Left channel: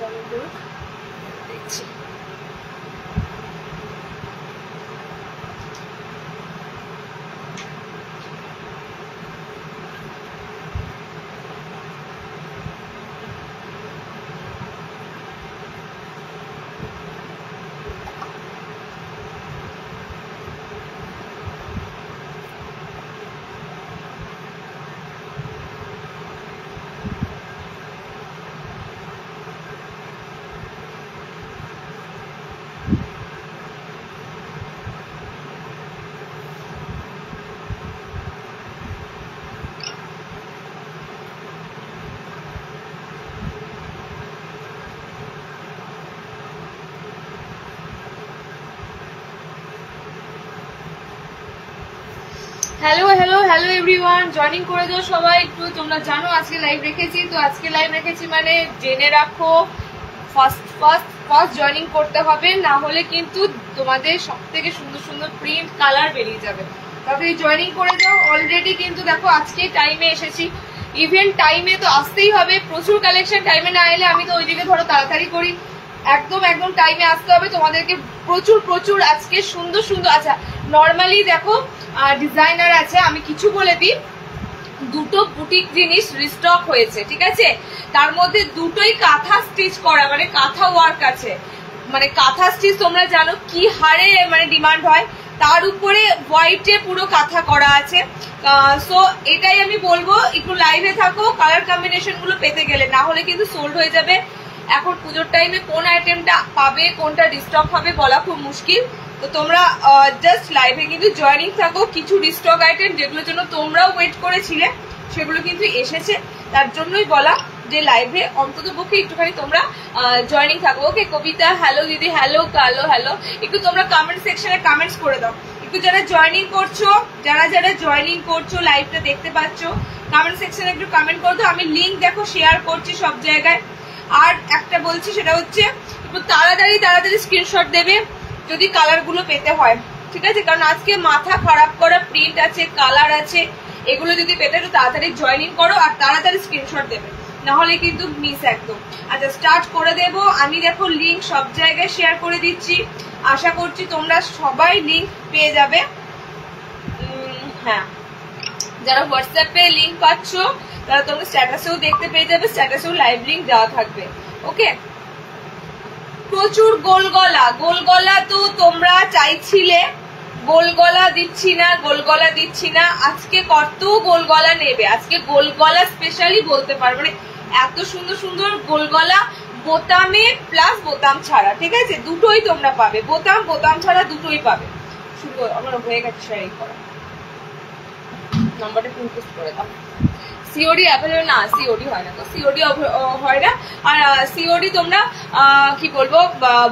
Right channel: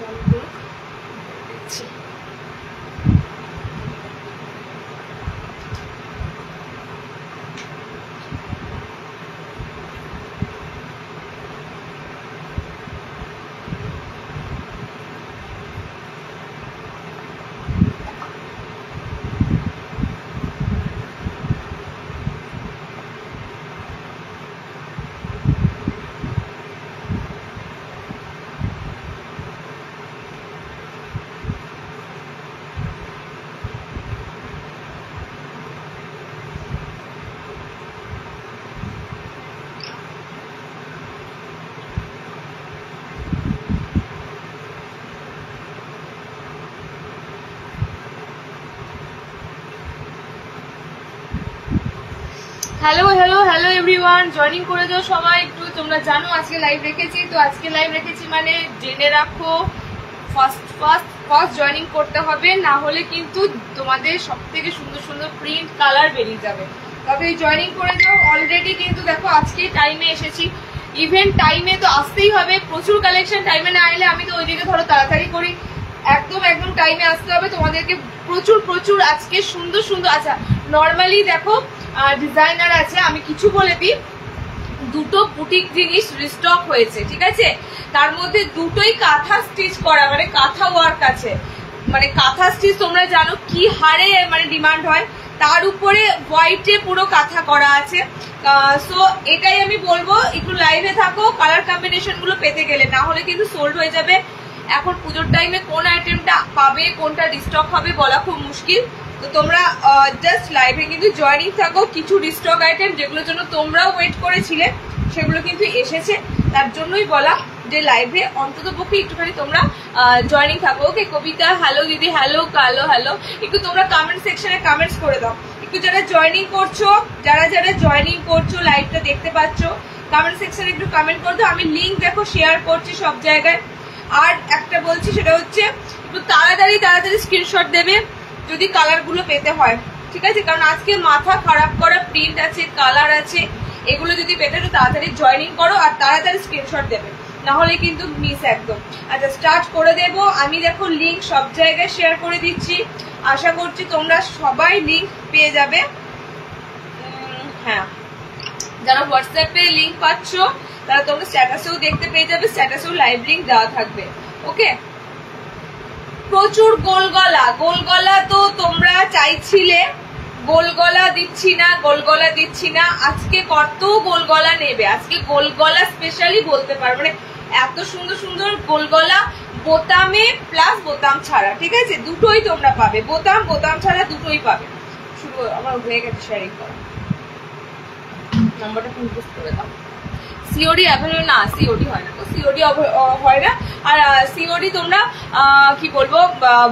চালু করুক, দেখছি। Hello hello hello everyone, joining করে যাও সবাই একটু। তোমরা জানো আজকে লাইভ রেখেছি, তো আজকে লাইভ রেখেছি মানে জেনে রাখো ফার্স্ট জয়েনিং করতে হবে, না হলে কিন্তু তোমাদের সব থেকে সুন্দর সুন্দর প্রিন্ট কালার বেরিয়ে যাবে। তাড়াতাড়ি জয়েনিং করে যাও। অলরেডি কিন্তু দেখো আজকে টাইমে এসেছি, ইভেন্ট টাইমে তো আসতেই হবে। প্রচুর কালেকশন, টাইমে না এলে আমি তো ওইদিকে ধরো তাড়াতাড়ি করি, একদম একদম টাইমে আসতে হবে তোমাদেরকে। প্রচুর প্রচুর আজকে সুন্দর সুন্দর। আচ্ছা, নর্মালি দেখো ডিজাইনার আছে, আমি কিছু বলে দিই, দুটো বুটিক জিনিস রিস্টক হয়েছে, ঠিক আছে? তার মধ্যে দুটোই কাঁথা স্টিচ করা, মানে কাঁথা ওয়ার্ক আছে। মানে কাঁথা স্টিচ তোমরা জানো কি হারে মানে ডিমান্ড হয়, তার উপরে হোয়াইটে পুরো কাঁথা করা আছে। সো এটাই আমি বলবো, একটু লাইভে থাকো কালার কম্বিনেশন গুলো পেতে গেলে, না হলে কিন্তু সোল্ড হয়ে যাবে। এখন পুজোর টাইমে কোন আইটেমটা পাবে, কোনটা রিস্টক হবে বলা খুব মুশকিল। তো তোমরা জাস্ট লাইভে কিন্তু জয়েনিং থাকো। কিছু রিস্টক আইটেম যেগুলোর জন্য তোমরাও ওয়েট করেছিলে সেগুলো কিন্তু এসেছে, তার জন্যই বলা যে লাইভে অন্তত পক্ষে একটুখানি তোমরা জয়েনিং থাকো। ওকে কবিতা, হ্যালো দিদি, হ্যালো কালো, হ্যালো। একটু তোমরা কমেন্ট সেকশনে কমেন্টস করে দাও একটু, যারা জয়েনিং করছো, যারা যারা জয়েনিং করছো, লাইভটা দেখতে পাচ্ছ, কমেন্ট সেকশনে একটু কমেন্ট করে দাও। আমি লিঙ্ক দেখো শেয়ার করছি সব জায়গায়। আর একটা বলছি, সেটা হচ্ছে একটু তাড়াতাড়ি তাড়াতাড়ি স্ক্রিনশট দেবে যদি কালার গুলো পেতে হয়, ঠিক আছে? কারণ আজকে মাথা খারাপ করা প্রিন্ট আছে, কালার আছে, এগুলো যদি পেতে একটু তাড়াতাড়ি জয়েনিং করো আর তাড়াতাড়ি স্ক্রিনশট দেবে, না হলে কিন্তু মিস একদম। আচ্ছা, স্টার্ট করে দেব আমি। দেখো লিঙ্ক সব জায়গায় শেয়ার করে দিচ্ছি, আশা করছি তোমরা সবাই লিঙ্ক পেয়ে যাবে। হ্যাঁ, যারা হোয়াটসঅ্যাপে লিঙ্ক পাচ্ছ তারা তোমরা স্ট্যাটাসেও দেখতে পেয়ে যাবে, স্ট্যাটাসেও লাইভ লিঙ্ক দেওয়া থাকবে। ওকে, প্রচুর গোলগলা, গোলগলা তো তোমরা চাইছিলে, গোলগলা দিচ্ছি না, গোলগলা দিচ্ছি না। আজকে কত গোলগলা নেবে, আজকে গোলগলা স্পেশালি বলতে পারবো, মানে এত সুন্দর সুন্দর গোলগলা, বোতামে প্লাস বোতাম ছাড়া, ঠিক আছে? দুটোই তোমরা পাবে, বোতাম বোতাম ছাড়া দুটোই পাবে। শুরু আমার হয়ে গেছে শেয়ারিং করা, নাম্বারটা ইনপুট করে দাও। সিওডি অ্যাভেলেবল না, সিওডি হয় না, তো সিওডি হয় না। আর সিওডি তোমরা কি বলবো,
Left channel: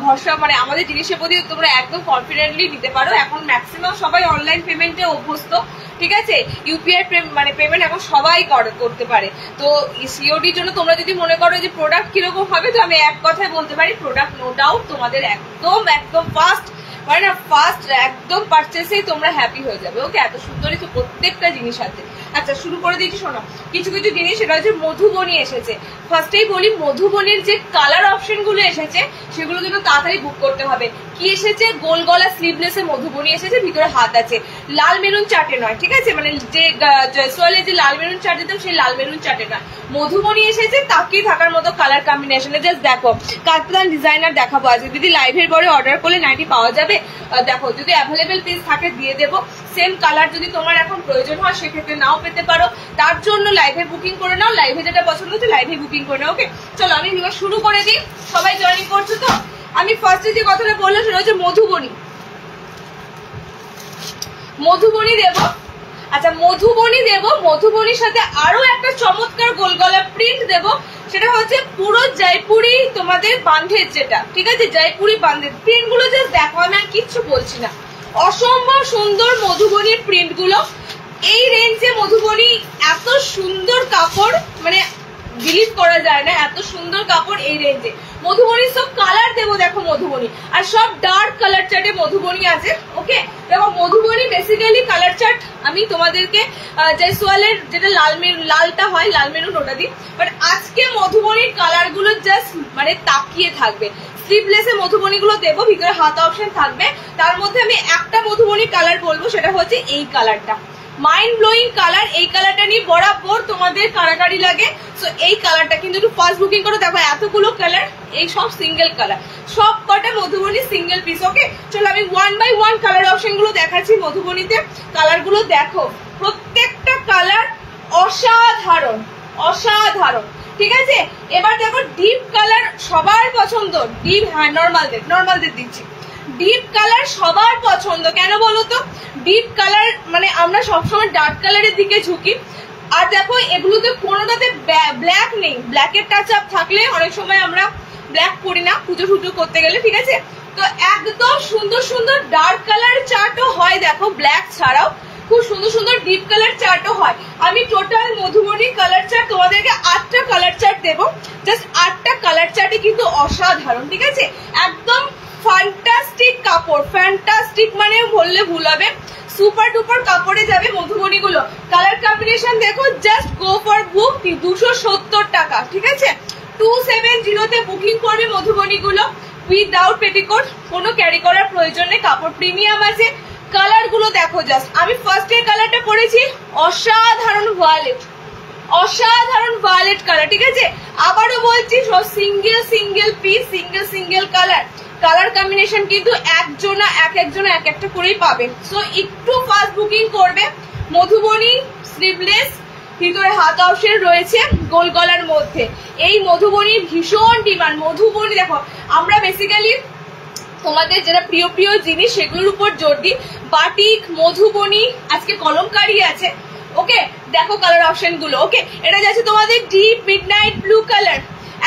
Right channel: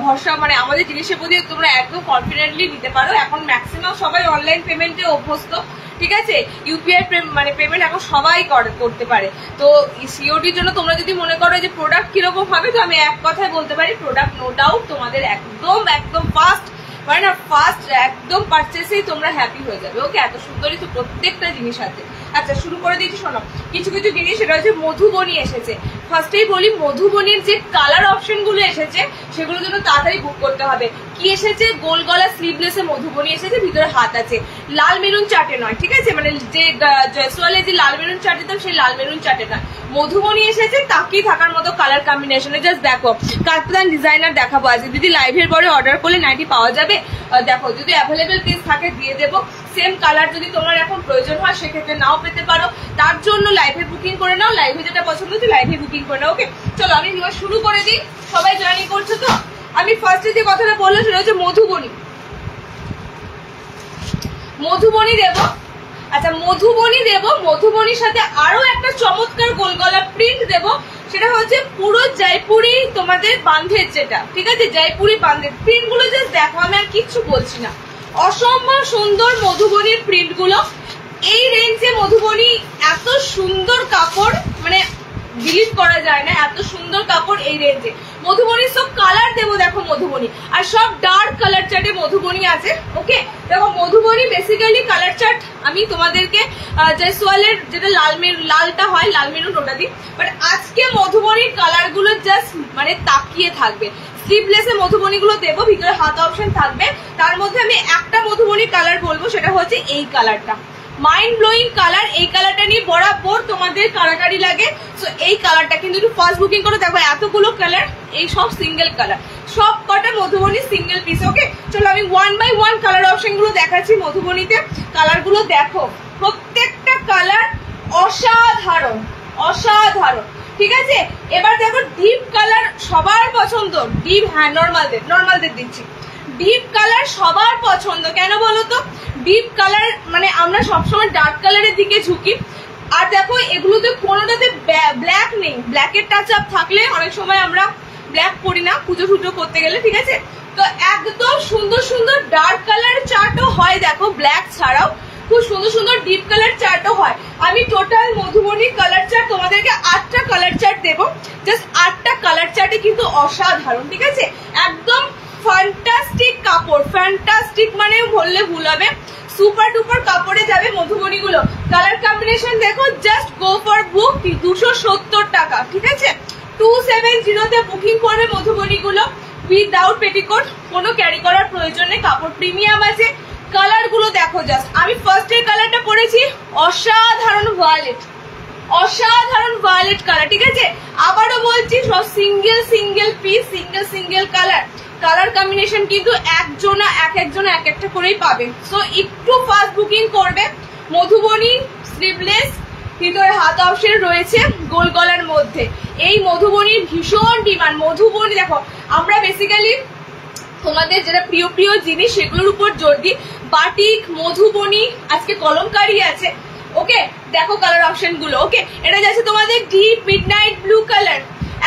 ভরসা মানে আমাদের জিনিসের প্রতি তোমরা একদম কনফিডেন্টলি নিতে পারো। এখন ম্যাক্সিমাম সবাই অনলাইন পেমেন্টে অভ্যস্ত, ঠিক আছে? ইউপিআই মানে পেমেন্ট এখন সবাই করতে পারে। তো সিওডির জন্য তোমরা যদি মনে করো যে প্রোডাক্ট কিরকম হবে, তো আমি এক কথায় বলতে পারি, প্রোডাক্ট নো ডাউট তোমাদের একদম একদম ফার্স্ট, মানে না ফার্স্ট একদম পারচেসেই তোমরা হ্যাপি হয়ে যাবে। ওকে, এত সুন্দরই তো প্রত্যেকটা জিনিস আছে। আচ্ছা, শুরু করে দিচ্ছি। শোনো, কিছু কিছু জিনিস সেটা হচ্ছে মধুবনী এসেছে। ফার্স্টেই বলি, মধুবনীর যে কালার অপশন গুলো এসেছে সেগুলোর জন্য তাড়াতাড়ি বুক করতে হবে। কি এসেছে? গোল গলা স্লিভলেসে মধুবনী এসেছে, ভিতরে হাত আছে, লাল মেরুন চাটে নয়, ঠিক আছে? মানে যে জয়সওয়ালে যে লাল মেরুন চাট দিতাম সেই লাল মেরুন চাটে না, মধুবনী এসেছে। তাকিয়ে থাকার মতো কালার কম্বিনেশনে, জাস্ট দেখো। কাপ্তান ডিজাইনার দেখাবো আজকে, যদি লাইভের পরে অর্ডার করলে নাইটি পাওয়া যাবে। দেখো, যদি অ্যাভেলেবেল পিস থাকে দিয়ে দেবো। সেম কালার যদি তোমার এখন প্রয়োজন হয় সেক্ষেত্রে নাও পেতে পারো, তার জন্য লাইভে বুকিং করে নাও। লাইভে যেটা পছন্দ হচ্ছে লাইভে বুকিং করে নাও। ওকে, চলো আমি শুরু করে দিই। সবাই জয়েনিং করছো তো? আমি ফার্স্টে যে কথাটা বললাম সেটা হচ্ছে মধুবনী, মধুবনী দেব। আচ্ছা, মধুবনী দেব, মধুবনীর সাথে আরো একটা চমৎকার গোলগলা প্রিন্ট দেব, সেটা হচ্ছে পুরো জয়পুরি তোমাদের বান্ধের যেটা, ঠিক আছে? জয়পুরি বান্ধের প্রিন্ট গুলো জাস্ট দেখো, আমি আর কিচ্ছু বলছি না, অসম্ভব সুন্দর মধুবনীর প্রিন্ট গুলো। এই রেঞ্জে মধুবনী এত সুন্দর কাপড়, মানে বিলিভ করা যায় না এত সুন্দর কাপড় এই রেঞ্জে। মধুবনী সব কালার দেবো, দেখো মধুবনী, আর সব ডার্ক কালার চার্টে মধুবনী আছে। ওকে, দেখো মধুবনী বেসিক্যালি কালার চার্ট আমি তোমাদেরকে জয়সওয়ালের যেটা লালটা হয়, লাল মেরুন, ওটা দিই। বাট আজকে মধুবনীর কালার গুলো জাস্ট মানে তাকিয়ে থাকবে। স্লিভলেসে মধুবনী গুলো দেবো, ভিতরে হাতা অপশন থাকবে। তার মধ্যে আমি একটা মধুবনী কালার বলবো, সেটা হচ্ছে এই কালারটা, মাইন্ড ব্লোয়িং কালার। এই কালারটা নিয়ে বরাবর তোমাদের কারাকারি লাগে। সো এই কালারটা কিন্তু একটু ফার্স্ট বুকিং করে দেখো, এতগুলো কালার, এই সব সিঙ্গেল কালার, সব কটা মধুবনী সিঙ্গেল পিস। ওকে, চলো আমি 1 বাই 1 কালার অপশন গুলো দেখাচ্ছি মধুবনীতে। কালার গুলো দেখো, প্রত্যেকটা কালার অসাধারণ অসাধারণ, ঠিক আছে। এবার দেখো ডিপ কালার সবার পছন্দ, ডিপ, হ্যাঁ নর্মালদের দিচ্ছি। ডিপ কালার সবার পছন্দ, কেন বলো তো? ডিপ কালার মানে আমরা সবসময় ডার্ক কালারের দিকে ঝুঁকি। আর দেখো এগুলোতে কোনোটাতে ব্ল্যাক নেই, ব্ল্যাকের টাচ আপ থাকলে অনেক সময় আমরা ব্ল্যাক করি না পুজো টুজো করতে গেলে, ঠিক আছে। তো একদম সুন্দর সুন্দর ডার্ক কালার চার্টও হয়, দেখো ব্ল্যাক ছাড়াও খুব সুন্দর সুন্দর ডিপ কালার চার্টও হয়। আমি টোটাল মধুবনী কালার চার্ট তোমাদেরকে 8টা কালার চার্ট দেবো, জাস্ট 8টা কালার চার্টে কিন্তু অসাধারণ, ঠিক আছে। একদম ফ্যান্টাস্টিক কাপড়, ফ্যান্টাস্টিক মানে বললে ভুল হবে, সুপার ডুপার কাপড়ে যাবে মধুবনী গুলো। কালার কম্বিনেশন দেখো, জাস্ট গো ফর বুক, 270 টাকা, ঠিক আছে। 270 বুকিং করবে মধুবনী গুলো উইদাউট পেটিকোট, কোনো ক্যারি করার প্রয়োজন নেই, কাপড় প্রিমিয়াম আছে। কালার গুলো দেখো জাস্ট, আমি ফার্স্ট এর কালারটা পরেছি অসাধারণ ভায়োলেট, অসাধারণ ভায়োলেট কালার, ঠিক আছে। আবারও বলছি সব single single piece, single single colour. Colour combination কিন্তু একজনা এক একটা করেই পাবে। সো একটু ফাস্ট বুকিং করবে। মধুবনী স্লিভলেস, ভিতরে হাত অপশন রয়েছে গোল গলার মধ্যে। এই মধুবনীর ভীষণ ডিমান্ড। মধুবনী দেখো, আমরা বেসিক্যালি তোমাদের যেটা প্রিয় প্রিয় জিনিস সেগুলোর উপর জোর দিই। বাটিক, মধুবনী, আজকে কলমকারি আছে। ওকে, দেখো কালার অপশন গুলো। ওকে, এটা যাচ্ছে তোমাদের ডিপ মিডনাইট ব্লু কালার,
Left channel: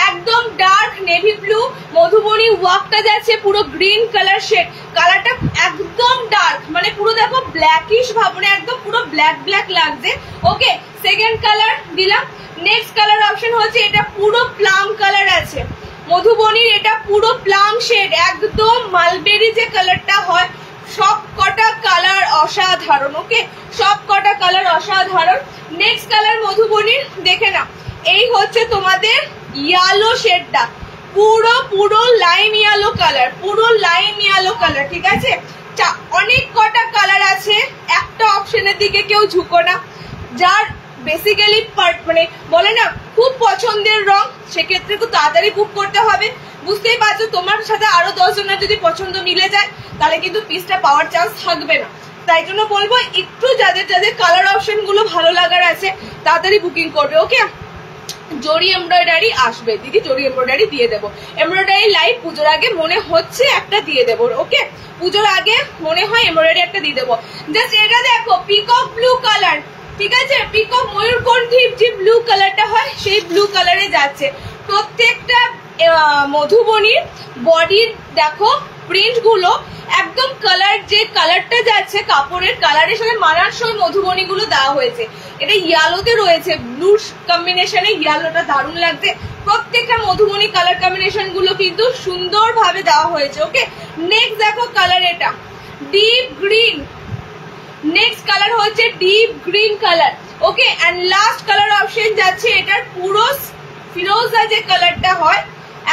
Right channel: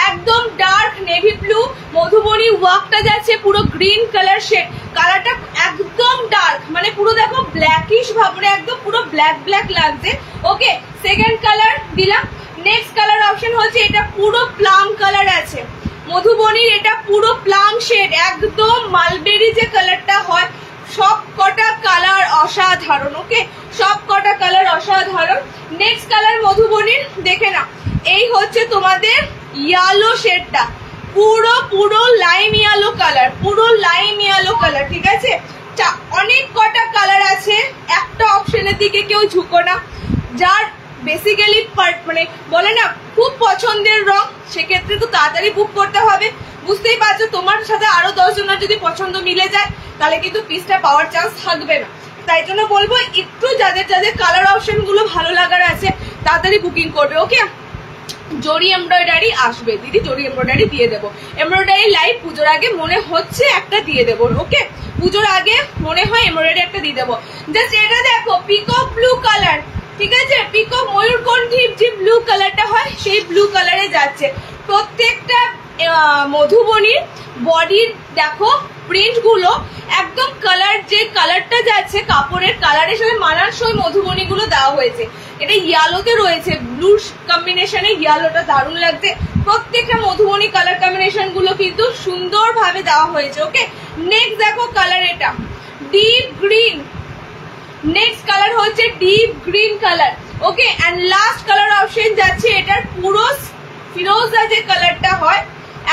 একদম ডার্ক নেভি ব্লু। মধুবনী ওয়ার্কটা যাচ্ছে পুরো গ্রিন কালার শেড, কালারটা একদম ডার্ক, মানে পুরো দেখো ব্ল্যাকিশ ভাবনে, একদম পুরো ব্ল্যাক ব্ল্যাক লাগছে। ওকে, সেকেন্ড কালার দিলাম। নেক্সট কালার অপশন হচ্ছে এটা পুরো প্লাম কালার আছে মধুবনীর, এটা পুরো প্লাম শেড, একদম মালবেরি যে কালারটা হয়। সব কটা কালার অসাধারণ। ওকে, সব কটা কালার অসাধারণ। নেক্সট কালার মধুবনীর দেখে না, এই হচ্ছে তোমাদের ইয়েলো শেডটা, পুরো পুরো লাইম ইয়েলো কালার, পুরো লাইম ইয়েলো কালার, ঠিক আছে। অনেক কটা কালার আছে, একটা অপশনের দিকে কেউ ঝুঁকো না। যার বেসিক্যালি মানে বলে না খুব পছন্দের রং, সেক্ষেত্রে তো তাড়াতাড়ি বুক করতে হবে। বুঝতেই পারছো, তোমার সাথে আরো 10 জনের যদি পছন্দ মিলে যায় তাহলে কিন্তু পিসটা পাওয়ার চান্স থাকবে না। তাই জন্য বলবো একটু যাদের যাদের কালার অপশন গুলো ভালো লাগার আছে তাড়াতাড়ি বুকিং করবে। ওকে, জরি এমব্রয়ডারি আসবে দিদি, জরি এমব্রয়ডারি দিয়ে দেবো। এমব্রয়ডারি লাইভ পুজোর আগে মনে হচ্ছে একটা দিয়ে দেবো। ওকে, পুজোর আগে মনে হয় এমব্রয়ডারি একটা দিয়ে দেবো। জাস্ট এটা দেখো পিকক ব্লু কালার, ঠিক আছে। পিকক ময়ূরকণ্ঠী যে ব্লু কালারটা হয় সেই ব্লু কালারে যাচ্ছে। প্রত্যেকটা মধুবনীর বডির দেখো প্রিন্ট গুলো একদম কালার, যে কালারটা যাচ্ছে কাপড়ের কালারের সাথে মানানসই মধুবনী গুলো দেওয়া হয়েছে। এটা ইয়ালোতে রয়েছে, ব্লু কম্বিনেশনে ইয়ালোটা দারুণ লাগছে। প্রত্যেকটা মধুবনী কালার কম্বিনেশন গুলো কিন্তু সুন্দর ভাবে দেওয়া হয়েছে। ওকে, নেক্সট দেখো কালার, এটা ডিপ গ্রিন। নেক্সট কালার হচ্ছে deep green colour. Okay, and last colour option যাচ্ছে এটার পুরো ফিরোজা যে কালারটা হয়,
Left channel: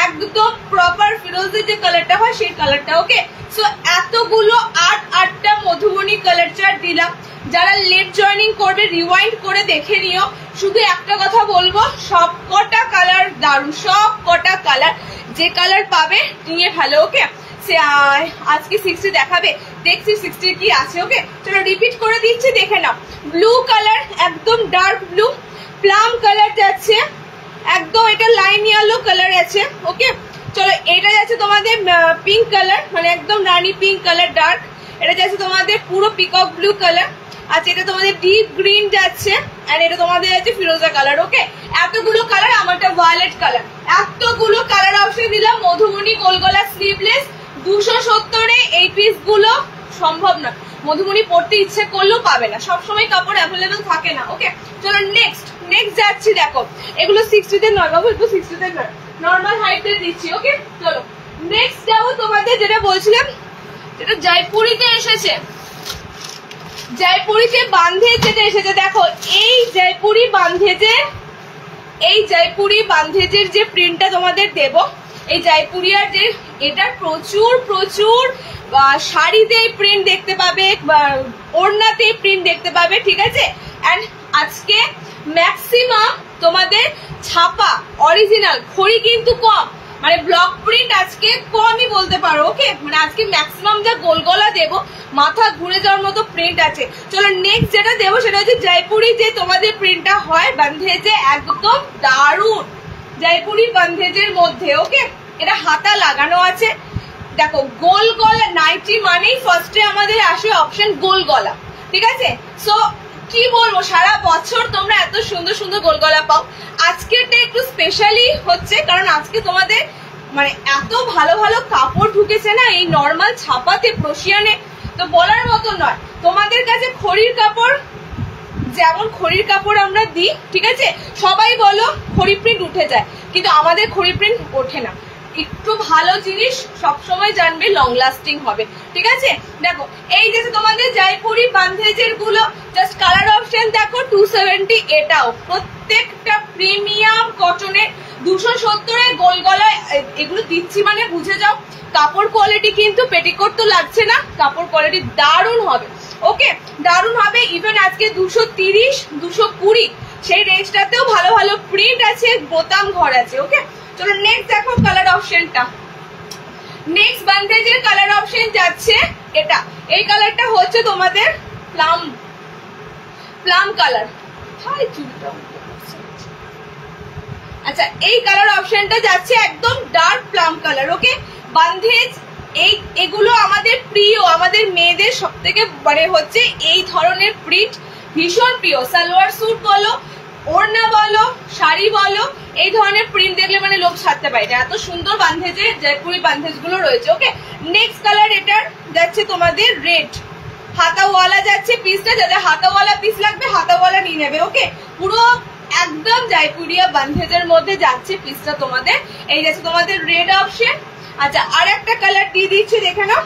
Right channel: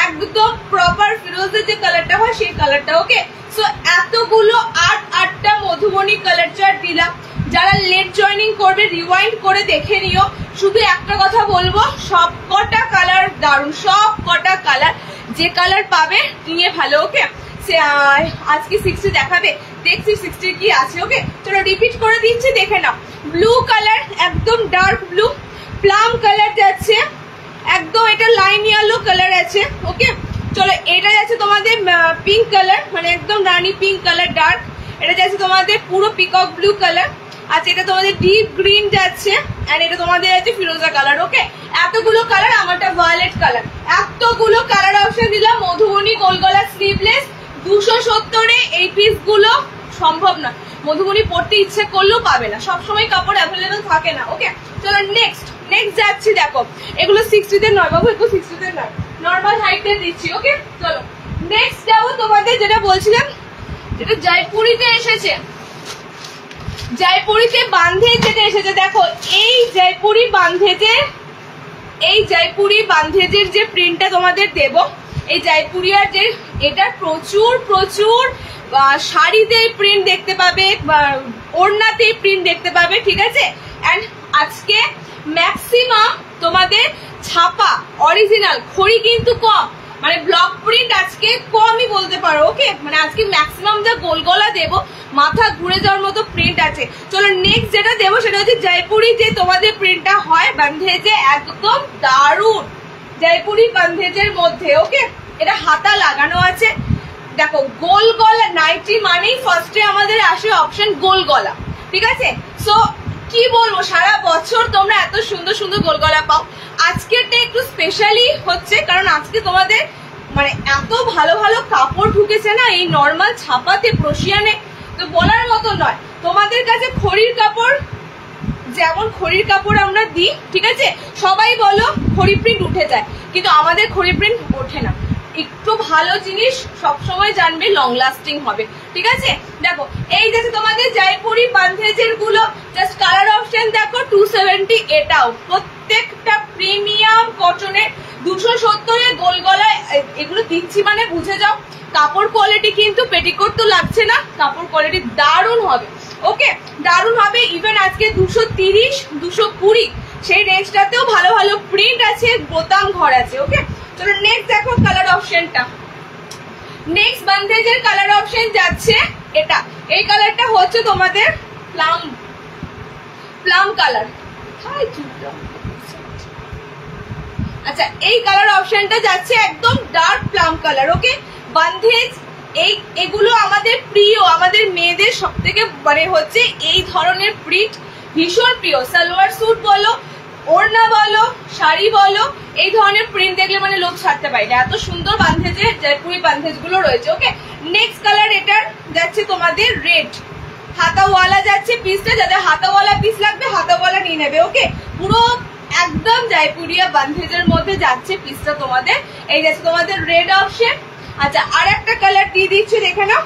একদম প্রপার ফিরোজা যে কালারটা হয় সেই কালারটা। ওকে, সো এতগুলো 8টা মধুবনী কালার চার্ট দিলাম। যারা লেট জয়নিং করবে রিওয়াইন্ড করে দেখে নিও। শুধু একটা কথা বলবো, সব কটা কালার দারুণ, সব কটা কালার, যে কালার পাবে নিয়ে ভালো। ওকে, আজকে 60 দেখাবে, দেখছি 60 কি আছে। ওকে, চলো রিপিট করে দিচ্ছি, দেখে নাও। ব্লু কালার, একদম ডার্ক ব্লু। প্লাম কালার যাচ্ছে একদম, এটা লাইম ইয়েলো কালার আছে। ওকে, চলো এটা যাচ্ছে তোমাদের পিঙ্ক কালার, মানে একদম রানী পিঙ্ক কালার ডার্ক। এটা যাচ্ছে তোমাদের পুরো পিকক ব্লু কালার। আচ্ছা, এটা তোমাদের ডিপ গ্রিন যাচ্ছে, এন্ড এটা তোমাদের যাচ্ছে ফিরোজা কালার। ওকে, এতগুলো কালার, আমারটা ভায়োলেট কালার। এতগুলো কালার অপশন দিলাম। মধুবনী গোলগলা স্লিভলেস 270-এ এই পিস গুলো সম্ভব না, মধুবনী পড়তে ইচ্ছে করলেও পাবে না, সবসময় কাপড় অ্যাভেলেবেল থাকে না। ওকে, চলো নেক্সট যাচ্ছি, দেখো এগুলো 60 নয় বাবু, এগুলো 60 নয়, নর্মাল হাইটে দিচ্ছি। ওকে চলো নেক্সট যাবো তোমাদের, যেটা বলছিলাম যেটা জয়পুরিতে এসেছে, জয়পুরিতে বান্ধে যেটা এসেছে। দেখো এই জয়পুরি বান্ধেজের যে প্রিন্টটা তোমাদের দেব, এই জয়পুরিয়ার যে এটা প্রচুর প্রচুর শাড়িতে প্রিন্ট দেখতে পাবে, ওড়নাতে প্রিন্ট দেখতে পাবে, ঠিক আছে। এন্ড আজকে ম্যাক্সিমাম তোমাদের ছাপা অরিজিনাল, খড়ি কিন্তু কম, মানে ব্লক প্রিন্ট আজকে কমই বলতে পারো। ওকে মানে আজকে ম্যাক্সিমাম যা গোল গলা দেবো মাথা ঘুরে যাওয়ার মতো প্রিন্ট আছে। চলো নেক্সট যেটা দেবো সেটা হচ্ছে জয়পুরি যে তোমাদের প্রিন্টটা হয় বান্ধেজে, একদম দারুণ জয়পুরি বান্ধেজের মধ্যে। ওকে এটা হাতা লাগানো আছে, দেখো গোল গলা, নাইটি মানেই ফার্স্টে আমাদের আসে অপশন গোল গলা, ঠিক আছে। সো কি বলবো, সারা বছর তোমরা এত সুন্দর সুন্দর গোল গলা পাও, আজকেরটা একটু স্পেশালি হচ্ছে কারণ আজকে তোমাদের মানে এত ভালো ভালো কাপড় ঢুকেছে না এই নর্মাল ছাপাতে প্রশিয়ানে, তো বলার মতো নয়। তোমাদের কাছে খড়ির কাপড়, যেমন খড়ির কাপড় আমরা দিই, ঠিক আছে, সবাই বলো খড়ি প্রিন্ট উঠে যায়, কিন্তু আমাদের খড়ি প্রিন্ট ওঠে না। একটু ভালো জিনিস সবসময় জানবে লং লাস্টিং হবে, ঠিক আছে। দেখো এই যে তোমাদের জয়পুরি বান্ধেজের গুলো জাস্ট কালার অপশন দেখো 270, এটাও প্রত্যেকটা প্রিমিয়াম কটনের 270 গোল গলায় এগুলো দিচ্ছি, মানে বুঝে যাও কাপড় কোয়ালিটি কিন্তু পেটিকোট তো লাগছে না, কাপড় কোয়ালিটি দারুণ হবে। ওকে দারুণ হবে, ইভেন আজকে 230 220 সেই রেঞ্জটাতেও ভালো ভালো প্রিন্ট আছে, বোতাম ঘর আছে। ওকে চলো নেক্সট দেখো কালার অপশনটা, নেক্সট বান্ধেজের কালার অপশন যাচ্ছে এটা, এই কালারটা হচ্ছে তোমাদের প্লাম কালার। আচ্ছা এই কালার অপশনটা যাচ্ছে একদম ডার্ক প্লাম কালার। ওকে বান্ধেজ এগুলো আমাদের প্রিয়, আমাদের মেয়েদের সব থেকে মানে হচ্ছে এই ধরনের প্রিন্ট ভীষণ প্রিয়, সালোয়ার স্যুট বলো, ওড়না বলো, শাড়ি বলো, এই ধরনের প্রিন্ট দেখলে মানে লোক ছাড়তে পারে না, এত সুন্দর বান্ধেজের জয়পুরি বান্ধেজ গুলো রয়েছে। ওকে নেক্সট কালার এটার যাচ্ছে তোমাদের রেড, হাতাওয়ালা যাচ্ছে পিসটা, যাদের হাতাওয়ালা পিস লাগবে হাতাওয়ালা নিয়ে নেবে। ওকে পুরো একদম জয়পুরিয়া বান্ধেজের মধ্যে যাচ্ছে পিসটা তোমাদের, এই যাচ্ছে তোমাদের রেড অপশন। আচ্ছা আর একটা কালার দিয়ে দিচ্ছি, দেখে নাও।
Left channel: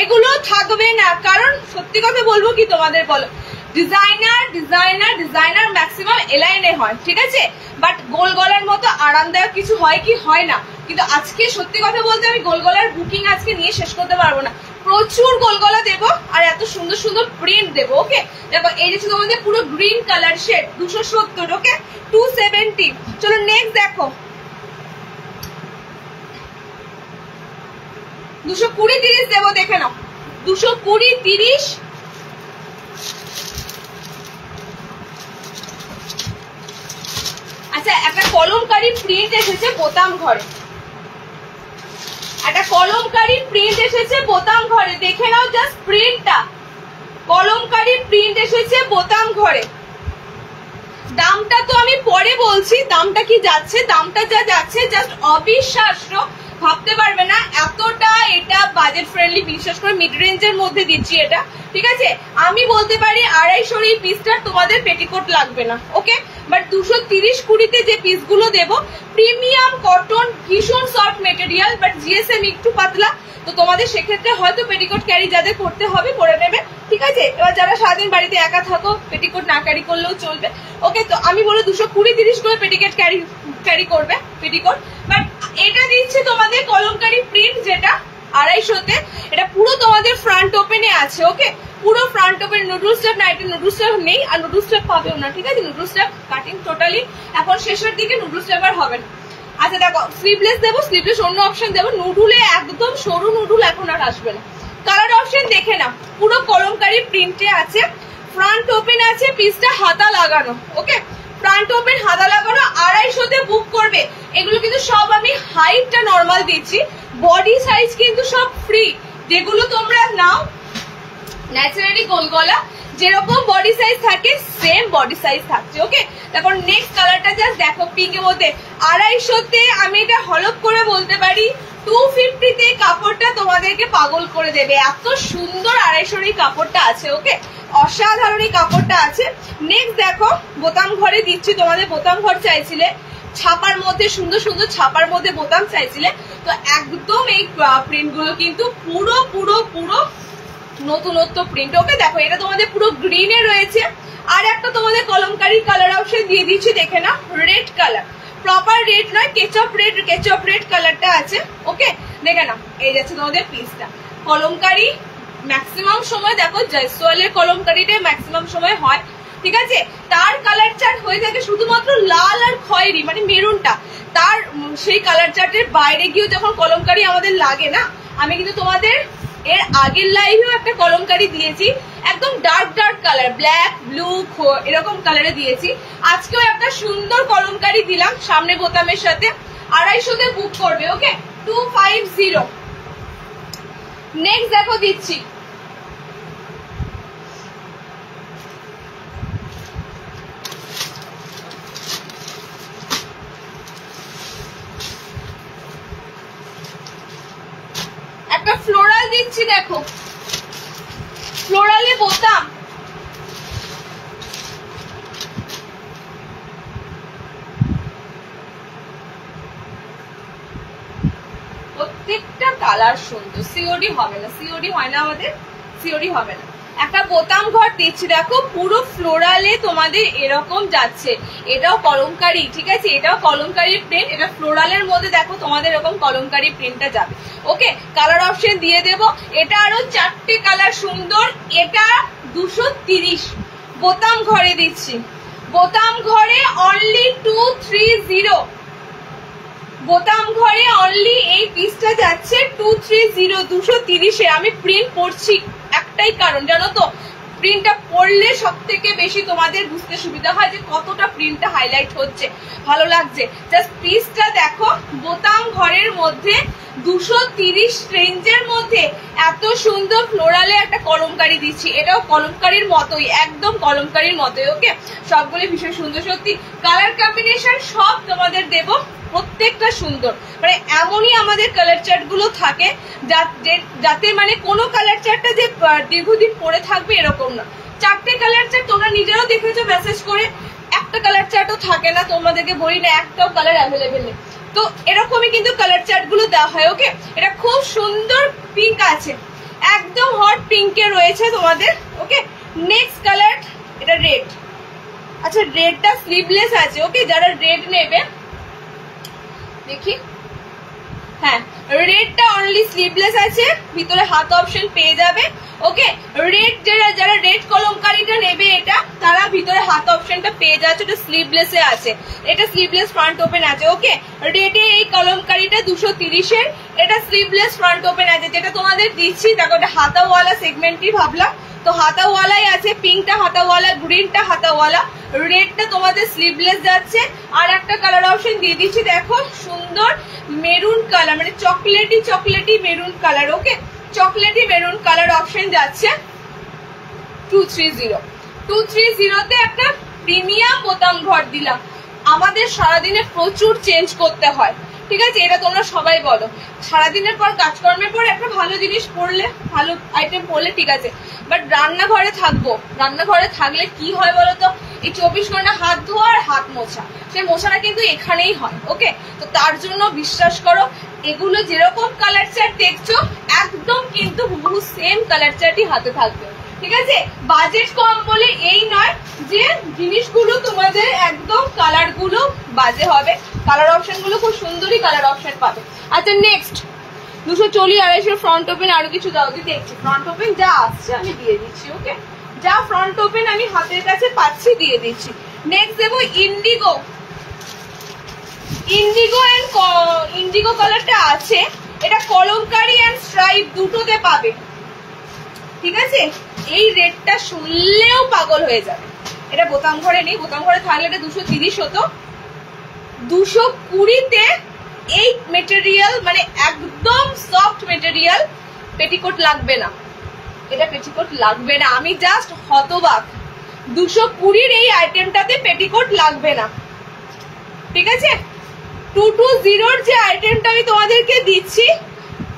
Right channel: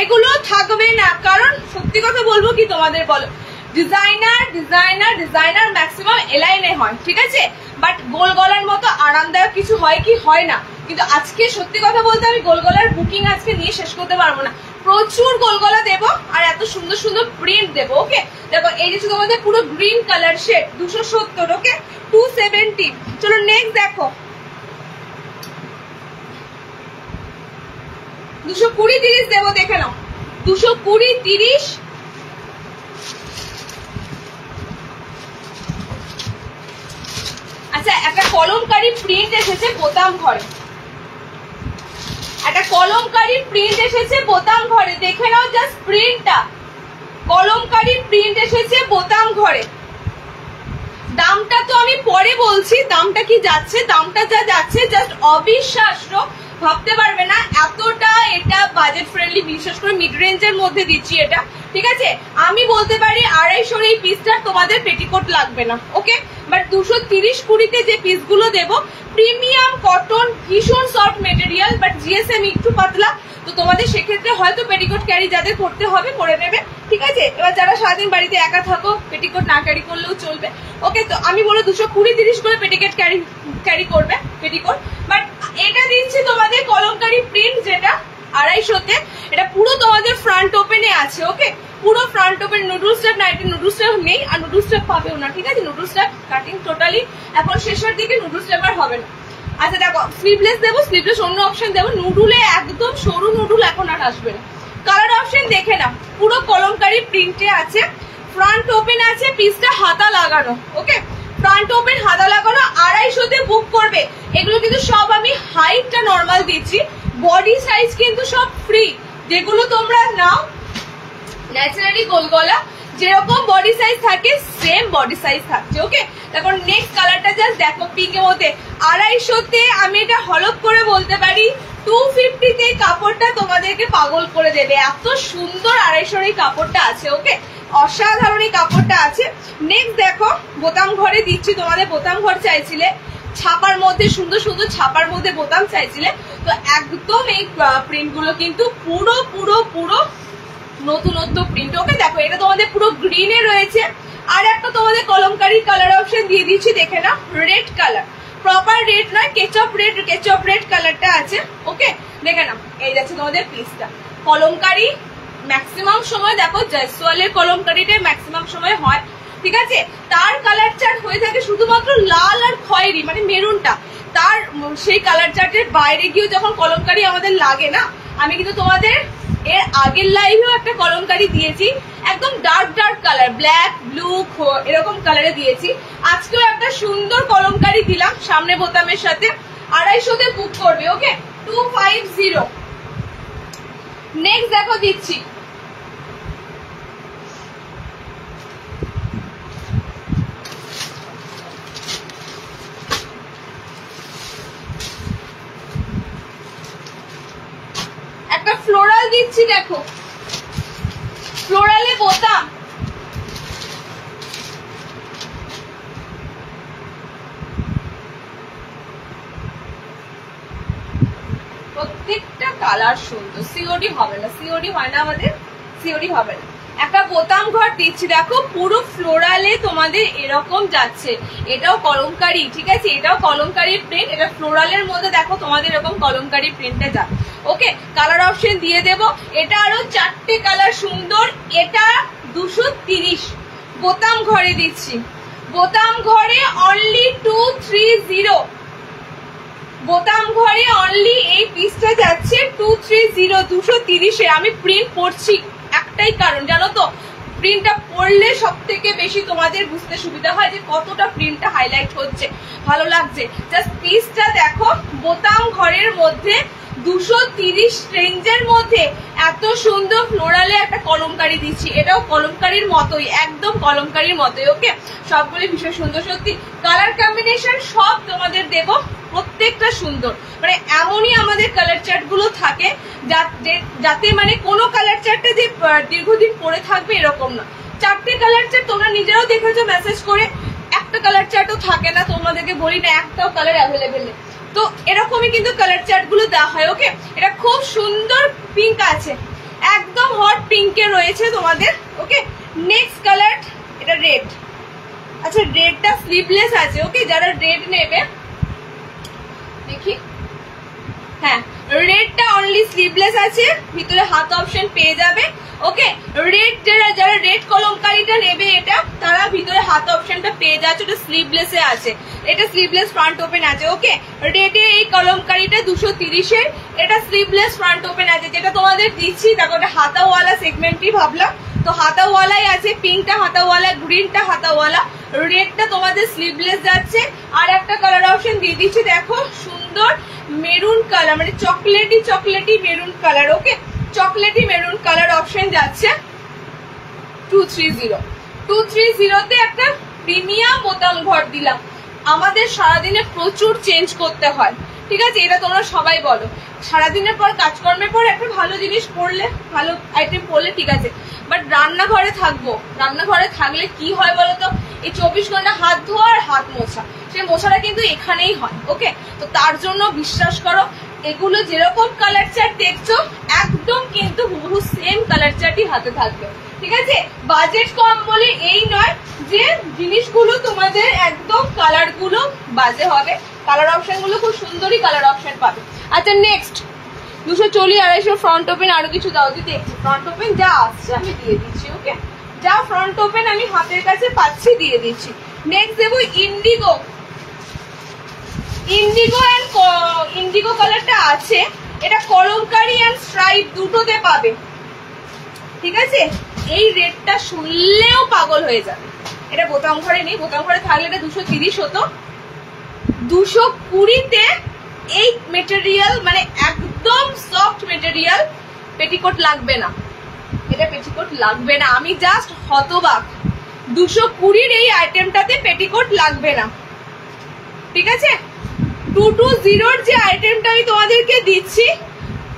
এগুলো থাকবে না, কারণ সত্যি কথা বলবো কি তোমাদের, বলো ডিজাইনার ম্যাক্সিমাম এলাইনে হয়, ঠিক আছে, বাট গোল গলার মতো আরামদায়ক কিছু হয় কি হয় না। কিন্তু আজকে সত্যি কথা বলতে আমি গোল গলার বুকিং আজকে নিয়ে শেষ করতে পারবো না, প্রচুর গোল গলা দেবো আর এত সুন্দর সুন্দর প্রিন্ট দেবো। ওকে দেখো এই যে তোমাদের পুরো গ্রিন কালার শেড 270, ওকে 270। চলো নেক্সট দেখো 220 30 দেবো, দেখে নাও 220 30। আচ্ছা একটা কলমকারী প্রিন্ট এসেছে বোতাম ঘরে, একটা কলমকারী প্রিন্ট এসেছে বোতাম ঘরে, দেখে নাও জাস্ট প্রিন্টটা, কলমকারী প্রিন্ট এসেছে বোতাম ঘরে। দামটা তো আমি পরে বলছি, দামটা কি যাচ্ছে, দামটা যা যাচ্ছে জাস্ট অবিশ্বাস্য, ভাবতে পারবে না এতটা এটা বাজেট ফ্রেন্ডলি, বিশেষ করে মিড রেঞ্জের মধ্যে দিচ্ছি এটা, ঠিক আছে। আমি বলতে পারি 250 এই পিসটার তোমাদের পেটিকোট লাগবে না। ওকে বাট 230-20 যে পিসগুলো দেবো প্রিমিয়াম কটন, ভীষণ সফট মেটেরিয়াল, বাট জিএসএম একটু পাতলা, তো তোমাদের সেক্ষেত্রে হয়তো পেটিকোট ক্যারি যাদের করতে হবে করে নেবে, ঠিক আছে। এবার যারা সারাদিন বাড়িতে একা থাকো পেটিকোট না ক্যারি করলেও চলবে। ওকে তো আমি বলো 220-30 করে পেটিকোট ক্যারি করবে পেটিকোট, বাট এটা দিচ্ছে তোমাদের কলমকারী প্রিন্ট যেটা 250-তে, এটা পুরো তোমাদের ফ্রন্ট ওপেনে আছে। ওকে পুরো ফ্রন্ট ওপেন, নুডল স্টেপ না, এটা নুডল স্টেপ নেই আর নুডল স্টেপ পাবেও না, ঠিক আছে। নুডল স্টেপ কাটিং টোটালি এখন শেষের দিকে, নুডল স্টেপ আর হবে না। আচ্ছা দেখো স্লিভলেস দেবো, স্লিভলেস অন্য অপশন দেবো, নুডুলে একদম সরু নুডুল এখন আর আসবে না। কালার অপশন দেখে না, পুরো কলমকারী প্রিন্টে আছে, ফ্রন্ট ওপেন আছে, পিসটা হাতা লাগানো। ওকে ফ্রন্ট ওপেন হাতা লাগানো, 250-তে বুক করবে। এগুলো কিন্তু সব আমি হাইটটা নর্মাল দিচ্ছি, বডি সাইজ কিন্তু সব ফ্রি, যেগুলো তোমরা নাও ন্যাচারালি গোল গলা যেরকম বডি সাইজ থাকে সেম বডি সাইজ থাকছে। ওকে তারপর নেক্সট কালারটা জাস্ট দেখো পিঙ্কের মধ্যে 250-তে, আমি এটা হলপ করে বলতে পারি 250 কাপড়টা তোমাদেরকে পাগল করে দেবে, এত সুন্দর 250 এই কাপড়টা আছে। ওকে, অসাধারণ এই কাপড়টা আছে। নেক্সট দেখো, বোতাম ঘরে দিচ্ছি তোমাদের, বোতাম ঘর চাইছিলে, ছাপার মধ্যে সুন্দর সুন্দর ছাপার মধ্যে বোতাম চাইছিলে, তো একদম এই প্রিন্ট গুলো কিন্তু পুরো পুরো পুরো নতুনত্ব প্রিন্ট। ওকে, দেখো এটা তোমাদের পুরো গ্রিনে রয়েছে, আর একটা তোমাদের কলমকারী কালার অপশন দিয়ে দিচ্ছি, দেখে না, রেড কালার, প্রপার রেড নয়, কেচপ রেড কালারটা আছে। ওকে, দেখে না, এই যাচ্ছে তোমাদের পিসটা। কলমকারী ম্যাক্সিমাম সময় দেখো জয়সওয়ালের কলমকারীটাই ম্যাক্সিমাম সময় হয়, ঠিক আছে। তার কালার চার্ট হয়ে থাকে শুধুমাত্র লাল আর খয়েরি, মানে মেরুনটা, তার সেই কালার চার্টের বাইরে গিয়েও যখন কলমকারী আমাদের লাগে না, আমি কিন্তু তোমাদের এর আগের লাইভেও একটা কলমকারী দিয়েছি, একদম ডার্ক কালার, ব্ল্যাক ব্লু এরকম কালারে দিয়েছি। আজকেও একটা সুন্দর কলমকারী দিলাম সামনে বোতামের সাথে, 250 বুক করবে। ওকে, 250। নেক্সট দেখো দিচ্ছি একটা ফ্লোরাল দিচ্ছি, দেখো ফ্লোরালে বোতাম, প্রত্যেকটা কালার সুন্দর। সিওডি হবে না, সিওডি হয় না আমাদের, সিওডি হবে না। একটা বোতাম ঘর দিচ্ছি, দেখো পুরো ফ্লোরালে তোমাদের এরকম যাচ্ছে, এটাও কলমকারী, ঠিক আছে, এটাও কলমকারী প্রিন্ট, এটা ফ্লোরালের মধ্যে দেখো তোমাদের এরকম কলমকারী প্রিন্টটা যাবে। ওকে, কালার অপশন দিয়ে দেব, এটা আরো 4টে কালার সুন্দর, এটা 230। বোতাম ঘরে দিচ্ছি, বোতাম ঘরে অনলি 230, বোতাম ঘরে অনলি এই পিসটা যাচ্ছে 230, 230-এ। আমি প্রিন্ট পড়ছি একটাই কারণ, জানো তো, প্রিন্টটা পড়লে সব থেকে বেশি তোমাদের বুঝতে সুবিধা হয় যে কতটা প্রিন্টটা হাইলাইট হচ্ছে, ভালো লাগছে। জাস্ট পিসটা দেখো, বোতাম ঘরের মধ্যে 230 রেঞ্জের মধ্যে এত সুন্দর ফ্লোরালে একটা কলমকারী দিচ্ছি, এটাও কলমকারীর মতোই, একদম কলমকারীর মতোই। ওকে, সবগুলি ভীষণ সুন্দর, সত্যি কালার কম্বিনেশন সব তোমাদের দেব, প্রত্যেকটা সুন্দর, মানে এমনই আমাদের কালার চার্ট গুলো থাকে যাতে মানে কোনো কালার চার্টটা যে দীর্ঘদিন পরে থাকবে এরকম না। 4টে কালার চার্ট তোমরা নিজেরাও দেখেছো মেসেজ করে, একটা কালার চার্টও থাকে না, তোমাদেরকে বলি না একটাও কালার অ্যাভেলেবেল নেই, তো এরকমই কিন্তু কালার চার্ট গুলো দেওয়া হয়। ওকে, এটা খুব সুন্দর পিঙ্ক আছে, একদম হট পিঙ্কে রয়েছে তোমাদের। ওকে, নেক্সট কালার, এটা রেড। আচ্ছা, রেডটা স্লিভলেস আছে। ওকে, যারা রেড নেবে দেখি, হ্যাঁ রেডটা অনলি স্লিভলেস আছে, ভিতরে হাত অপশন পেয়ে যাবে। ওকে, রেড যারা রেড কলমকারীটা নেবে এটা, তারা ভিতরে হাত অপশনটা পেয়ে যাচ্ছে, এটা স্লিভলেসে আছে, এটা স্লিভলেস ফ্রন্ট ওপেন আছে। ওকে, রেডে এই কলমকারীটা 230-এর, এটা স্লিভলেস ফ্রন্ট ওপেন আছে, যেটা তোমাদের দিচ্ছি। দেখো, এটা হাতাওয়ালা সেগমেন্টই ভাবলাম, তো হাতাওয়ালাই আছে, পিঙ্কটা হাতাওয়ালা, গ্রিনটা হাতাওয়ালা, রেডটা তোমাদের স্লিভলেস যাচ্ছে। আর একটা কালার অপশন দিয়ে দিচ্ছি, দেখো সুন্দর মেরুন কালার, মানে চকলেটি মেরুন কালার। ওকে, চকলেটি মেরুন কালার অপশন যাচ্ছে 230-তে একটা প্রিমিয়াম বোতাম ঘর দিলাম। আমাদের সারাদিনে প্রচুর চেঞ্জ করতে হয়, ঠিক আছে, এটা তোমরা সবাই বলো, সারাদিনের পর কাজকর্মের পর একটা ভালো জিনিস পরলে, ভালো আইটেম পরলে ঠিক আছে, বাট রান্নাঘরে থাকবো, রান্নাঘরে থাকলে কি হয় বলতো, এই 24 ঘন্টা হাত ধোয়া আর হাত মোছা, সেই মোছাটা কিন্তু এখানেই হয়। ওকে, তো তার জন্য বিশ্বাস করো, এগুলো যেরকম কালার চার্ট দেখছো একদম কিন্তু হুবহু সেম কালার চার্টই হাতে থাকবে, ঠিক আছে। বাজেট কম বলে এই নয় যে জিনিসগুলো তোমাদের একদম কালার গুলো বাজে হবে, কালার অপশন গুলো খুব সুন্দরই কালার অপশন পাবে। আচ্ছা, নেক্সট 240, 250 ফ্রন্ট ওপেন, আরো কিছু দাও দিতে, ফ্রন্ট ওপেন যা আসছে আমি দিয়ে দিচ্ছি। ওকে, যা ফ্রন্ট ওপেন আমি হাতের কাছে পাচ্ছি দিয়ে দিচ্ছি। নেক্সট দেবো ইন্ডিগো, ইন্ডিগো কালারটা আছে, এটা কলমকারী এন্ড স্ট্রাইপ দুটোতে পাবে, ঠিক আছে। এই রেটটা শুনলেও পাগল হয়ে যাবে, এটা বোতাম ঘরে নেই, বোতাম ঘরে থাকলে এটা 230 হতো, 220-তে এই মেটেরিয়াল, মানে একদম সফট মেটেরিয়াল, পেটিকোট লাগবে না, এটা পেটিকোট লাগবে না, আমি জাস্ট হতবাক, 220-র এই আইটেমটাতে পেটিকোট লাগবে না, ঠিক আছে। 220 যে আইটেমটা আমি তোমাদেরকে দিচ্ছি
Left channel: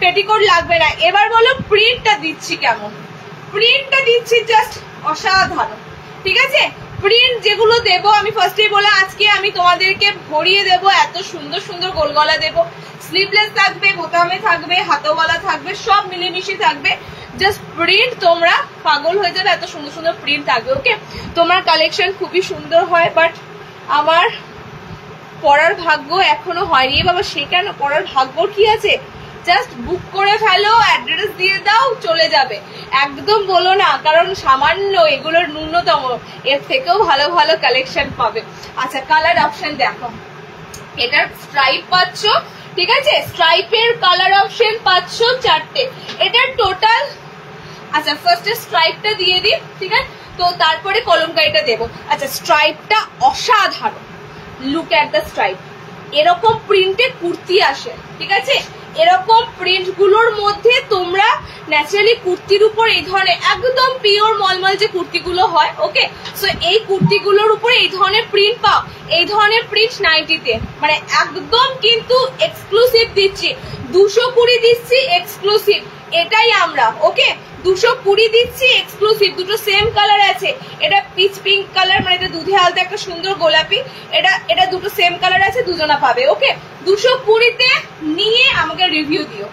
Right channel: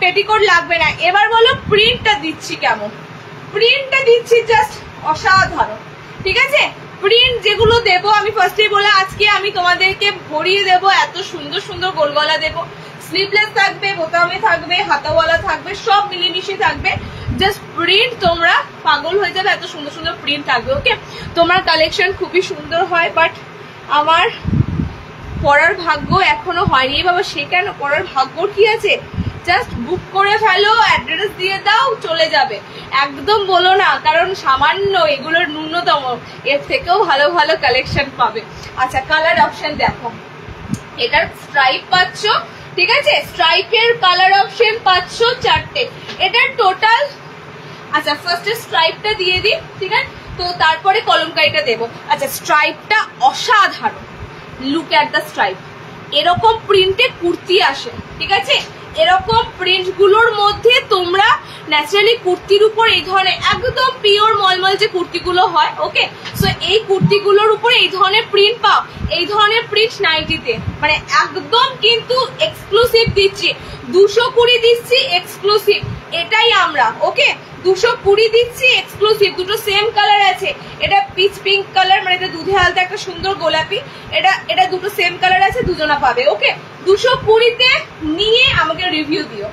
পেটিকোট লাগবে না। এবার বলো প্রিন্টটা দিচ্ছি কেমন। প্রিন্টটা দিচ্ছি জাস্ট অসাধারণ, ঠিক আছে। প্রিন্ট যেগুলো দেবো আমি ফার্স্টে বলে আজকে আমি তোমাদেরকে ভরিয়ে দেবো, এত সুন্দর সুন্দর গোলগলা দেবো। স্লিভলেস থাকবে, বোতামে থাকবে, হাতাওয়ালা থাকবে, সব মিলেমিশে থাকবে। জাস্ট প্রিন্ট তোমরা পাগল হয়ে যাবে, এত সুন্দর সুন্দর প্রিন্ট থাকবে। ওকে, তোমার কালেকশন খুবই সুন্দর হয়, বাট আমার পড়ার ভাগ্য এখনো হয়নি বাবা। সে কেন, পড়ার ভাগ্য কি আছে, জাস্ট বুক করে ফেলো, অ্যাড্রেস দিয়ে দাও, চলে যাবে। একদম বলো না, কারণ সামান্য এগুলোর ন্যূনতম, এর থেকেও ভালো ভালো কালেকশন পাবে। আচ্ছা, কালার অপশন দেখো, এটার স্ট্রাইপ পাচ্ছ, ঠিক আছে। স্ট্রাইপের কালার অপশন পাচ্ছ 4টে, এটার টোটাল। আচ্ছা, ফার্স্টে স্ট্রাইপটা দিয়ে দিই, ঠিক আছে, তো তারপরে কলমকারিটা দেবো। আচ্ছা, স্ট্রাইপটা অসাধারণ, লুক অ্যাট দ্য স্ট্রাইপ। এরকম প্রিন্টে কুর্তি আসে, ঠিক আছে। এরকম প্রিন্ট গুলোর মধ্যে তোমরা ন্যাচারালি কুর্তির উপর এই ধরনের একদম পিওর মলমল যে কুর্তিগুলো হয়, ওকে, সো এই কুর্তিগুলোর উপর এই ধরনের প্রিন্ট পাও। এই ধরনের প্রিন্ট নাইটিতে মানে একদম কিন্তু এক্সক্লুসিভ দিচ্ছি, 220 দিচ্ছি এক্সক্লুসিভ, এটাই আমরা। ওকে, 220 দিচ্ছি এক্সক্লুসিভ। দুটো সেম কালার আছে, এটা পিচ পিঙ্ক কালার, মানে এটা দুধে হালকা একটা সুন্দর গোলাপি, এটা দুটো সেম কালার আছে, দুজনা পাবে। ওকে, 220-তে নিয়ে আমাকে রিভিউ দিও।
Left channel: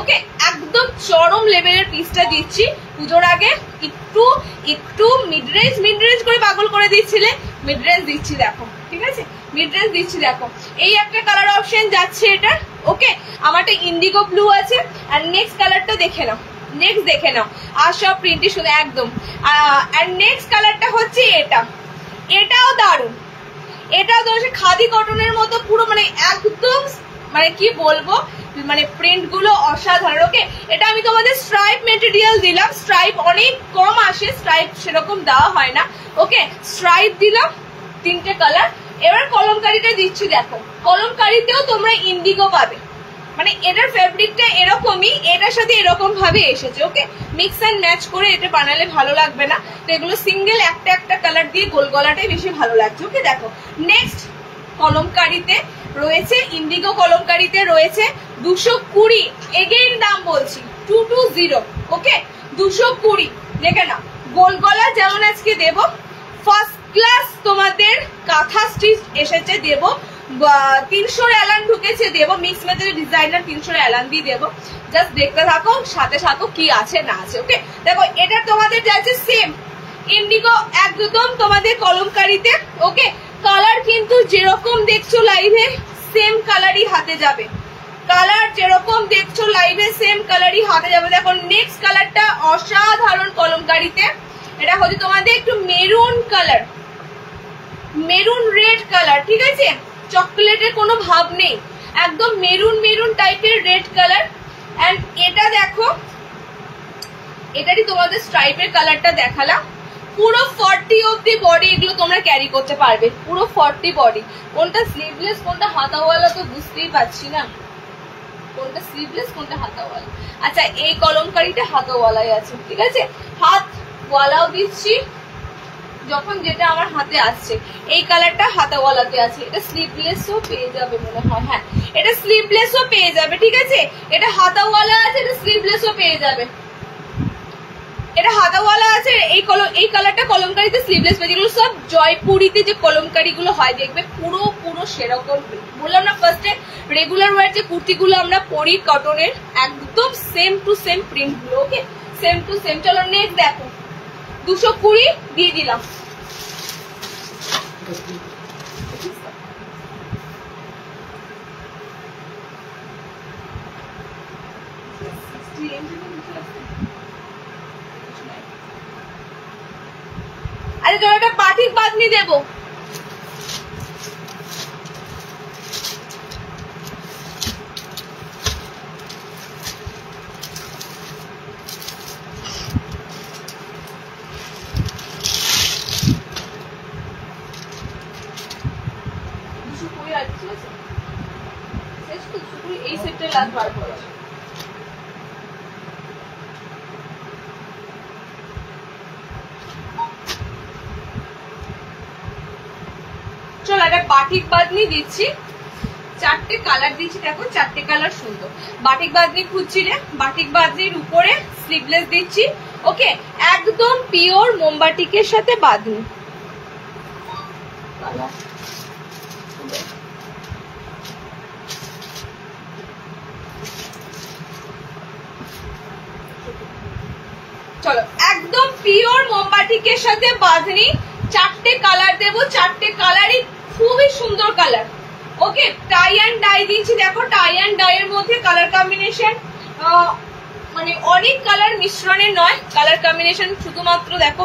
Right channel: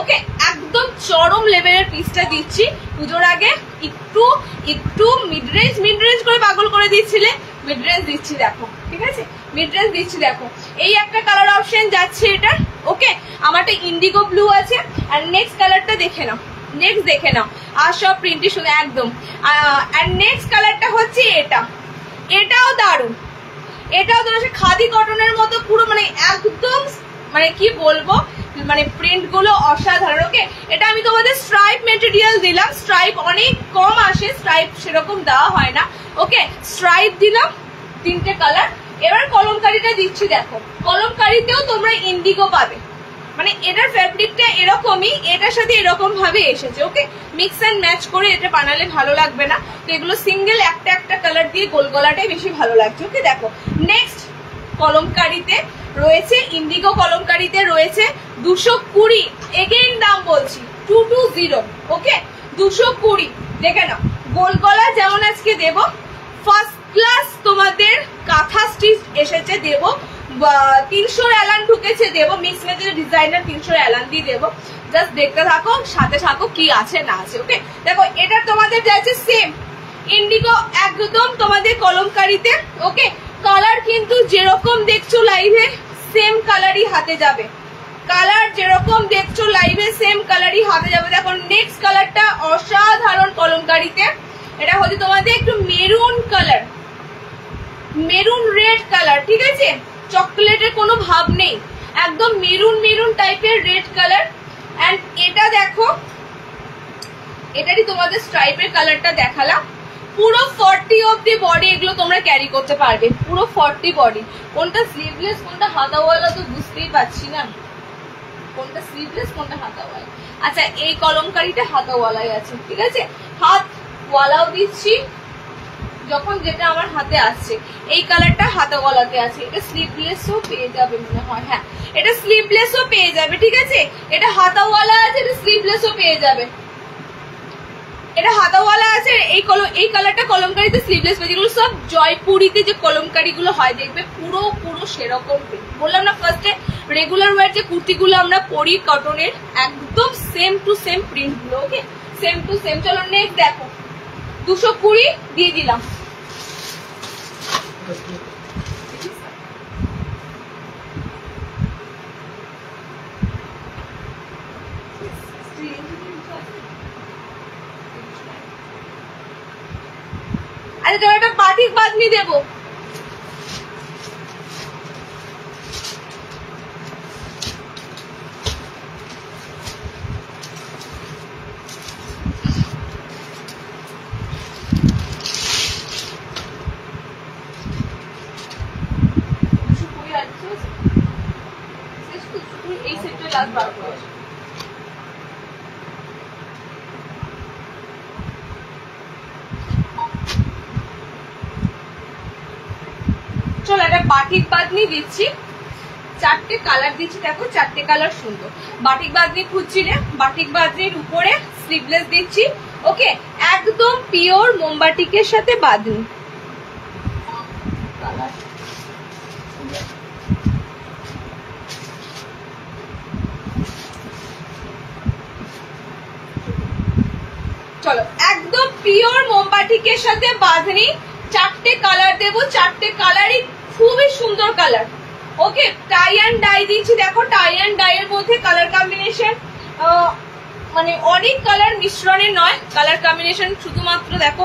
ওকে, একদম চরম লেভেলের পিসটা দিচ্ছি। পুজোর আগে একটু মিড রেঞ্জ করে পাগল করে দিচ্ছিলে, মিড রেঞ্জ দিচ্ছি দেখো, ঠিক আছে, মিড রেঞ্জ দিচ্ছি দেখো। এই একটা কালার অপশন যাচ্ছে এটা। ওকে, আমারটা ইন্ডিগো ব্লু আছে। আর নেক্সট কালারটা দেখে নাও, নেক্সট দেখে নাও, আর সব প্রিন্টই শুনে একদম। আর নেক্সট কালারটা হচ্ছে এটা, এটাও দারুণ, এটাও ধরো খাদি কটনের মতো পুরো, মানে একদম, মানে কি বলবো, মানে প্রিন্ট গুলো অসাধারণ। ওকে, এটা আমি তোমাদের স্ট্রাইপ মেটেরিয়াল দিলাম, স্ট্রাইপ অনেক কম আসে, স্ট্রাইপ সেরকম দেওয়া হয় না। ওকে, স্ট্রাইপ দিলাম 3টে কালার। এবার কলমকারিটা দিচ্ছি দেখো, কলমকারিতেও তোমরা ইন্ডিগো পাবে, মানে এটার ফ্যাব্রিকটা এরকমই, এটার সাথে এরকম ভাবে এসেছে। ওকে, মিক্স অ্যান্ড ম্যাচ করে এটা বানালে ভালো লাগবে না, তো এগুলো সিঙ্গেল একটা একটা কালার দিয়ে গোল গলাটাই বেশি ভালো লাগছে। ওকে, দেখো নেক্সট কলমকারিতে রয়েছে, ইন্ডিগো কলমকারিতে রয়েছে 220, এগেইন দাম বলছি 220। ওকে, 220 দেখে নাও। গোল গলা যেমন আজকে দেব, ফার্স্ট ক্লাস তোমাদের কাঁথা স্টিচ এসেছে দেব, 300 অ্যালান ঢুকেছে দেব, মিক্স মেথডের ডিজাইনার 300 অ্যালান দিয়ে দেবো। জাস্ট দেখতে থাকো, সাথে থাকো কি আছে না আছে। ওকে, দেখো এটা তোমাদের যাচ্ছে সেম ইন্ডিগো একদম তোমাদের কলমকারিতে। ওকে, কালার কিন্তু যেরকম দেখছো লাইভে সেম কালারই হাতে যাবে, কালার যেরকম দেখছো লাইভে সেম কালারই হাতে যাবে। দেখো নেক্সট কালারটা অসাধারণ কলমকারিতে, এটা হচ্ছে তোমাদের একটু maroon colour, maroon red colour, ঠিক আছে, চকলেটের কোনো ভাব নেই, একদম মেরুন মেরুন টাইপের রেড কালার। এন্ড এটা দেখো, এটারই তোমাদের স্ট্রাইপের কালারটা দেখালাম। পুরো 40 অব্দি বডি এগুলো তোমরা ক্যারি করতে পারবে, পুরো 40 বডি। কোনটা স্লিভলেস কোনটা হাতাওয়ালা তো বুঝতেই পারছি না, কোনটা স্লিভলেস কোনটা হাতাওয়ালা। আচ্ছা, এই কলমকারিটা হাতাওয়ালাই আছে, ঠিক আছে, হাত ওয়ালাও দিচ্ছি যখন যেটা আমার হাতে আসছে। এই কালারটা হাতাওয়ালাতে আছে, এটা স্লিভলেসও পেয়ে যাবে মনে হয়, হ্যাঁ এটা স্লিভলেসও পেয়ে যাবে, ঠিক আছে, এটা হাতাওয়ালা আছে, এটা স্লিভলেসও পেয়ে যাবে, এটা হাতাওয়ালা আছে। এই কালারটা কলমকারিতে স্লিভলেস পেয়ে, যেগুলো সব জয়পুরিতে যে কলমকারি গুলো হয় দেখবে পুরো পুরো সেরকম। বললাম না ফার্স্টে, রেগুলার ওয়ার যে কুর্তিগুলো আমরা পরি কটনের, একদম সেম টু সেম প্রিন্ট গুলো। ওকে, সেম টু সেম। চলো নেক্সট দেখো, 220 দিয়ে দিলাম। আরে তোর একটা বাটিক বাঁধনি দেবো, এই সেটটা লাস্ট বার করে। চলো একটা বাটিক বাঁধনি দিচ্ছি, চারটে কালার দিচ্ছি, দেখো চারটে কালার সুন্দর। বাটিক বাঁধনি খুঁজছি রে, বাটিক বাঁধনির উপরে স্লিভলেস দিচ্ছি। ওকে, একদম পিওর মোমবাটিকের সাথে বাঁধনি। চলো, একদম পিওর মোমবাটিকের সাথে বাঁধনি, চারটে কালার দেবো, চারটে কালারই খুবই সুন্দর colour. Okay, tie and die দিচ্ছি, দেখো টাই অ্যান্ড ডাই এর মধ্যে কালার কম্বিনেশন মানে অনেক কালার মিশ্রণে নয়, কালার কম্বিনেশন শুধুমাত্র দেখো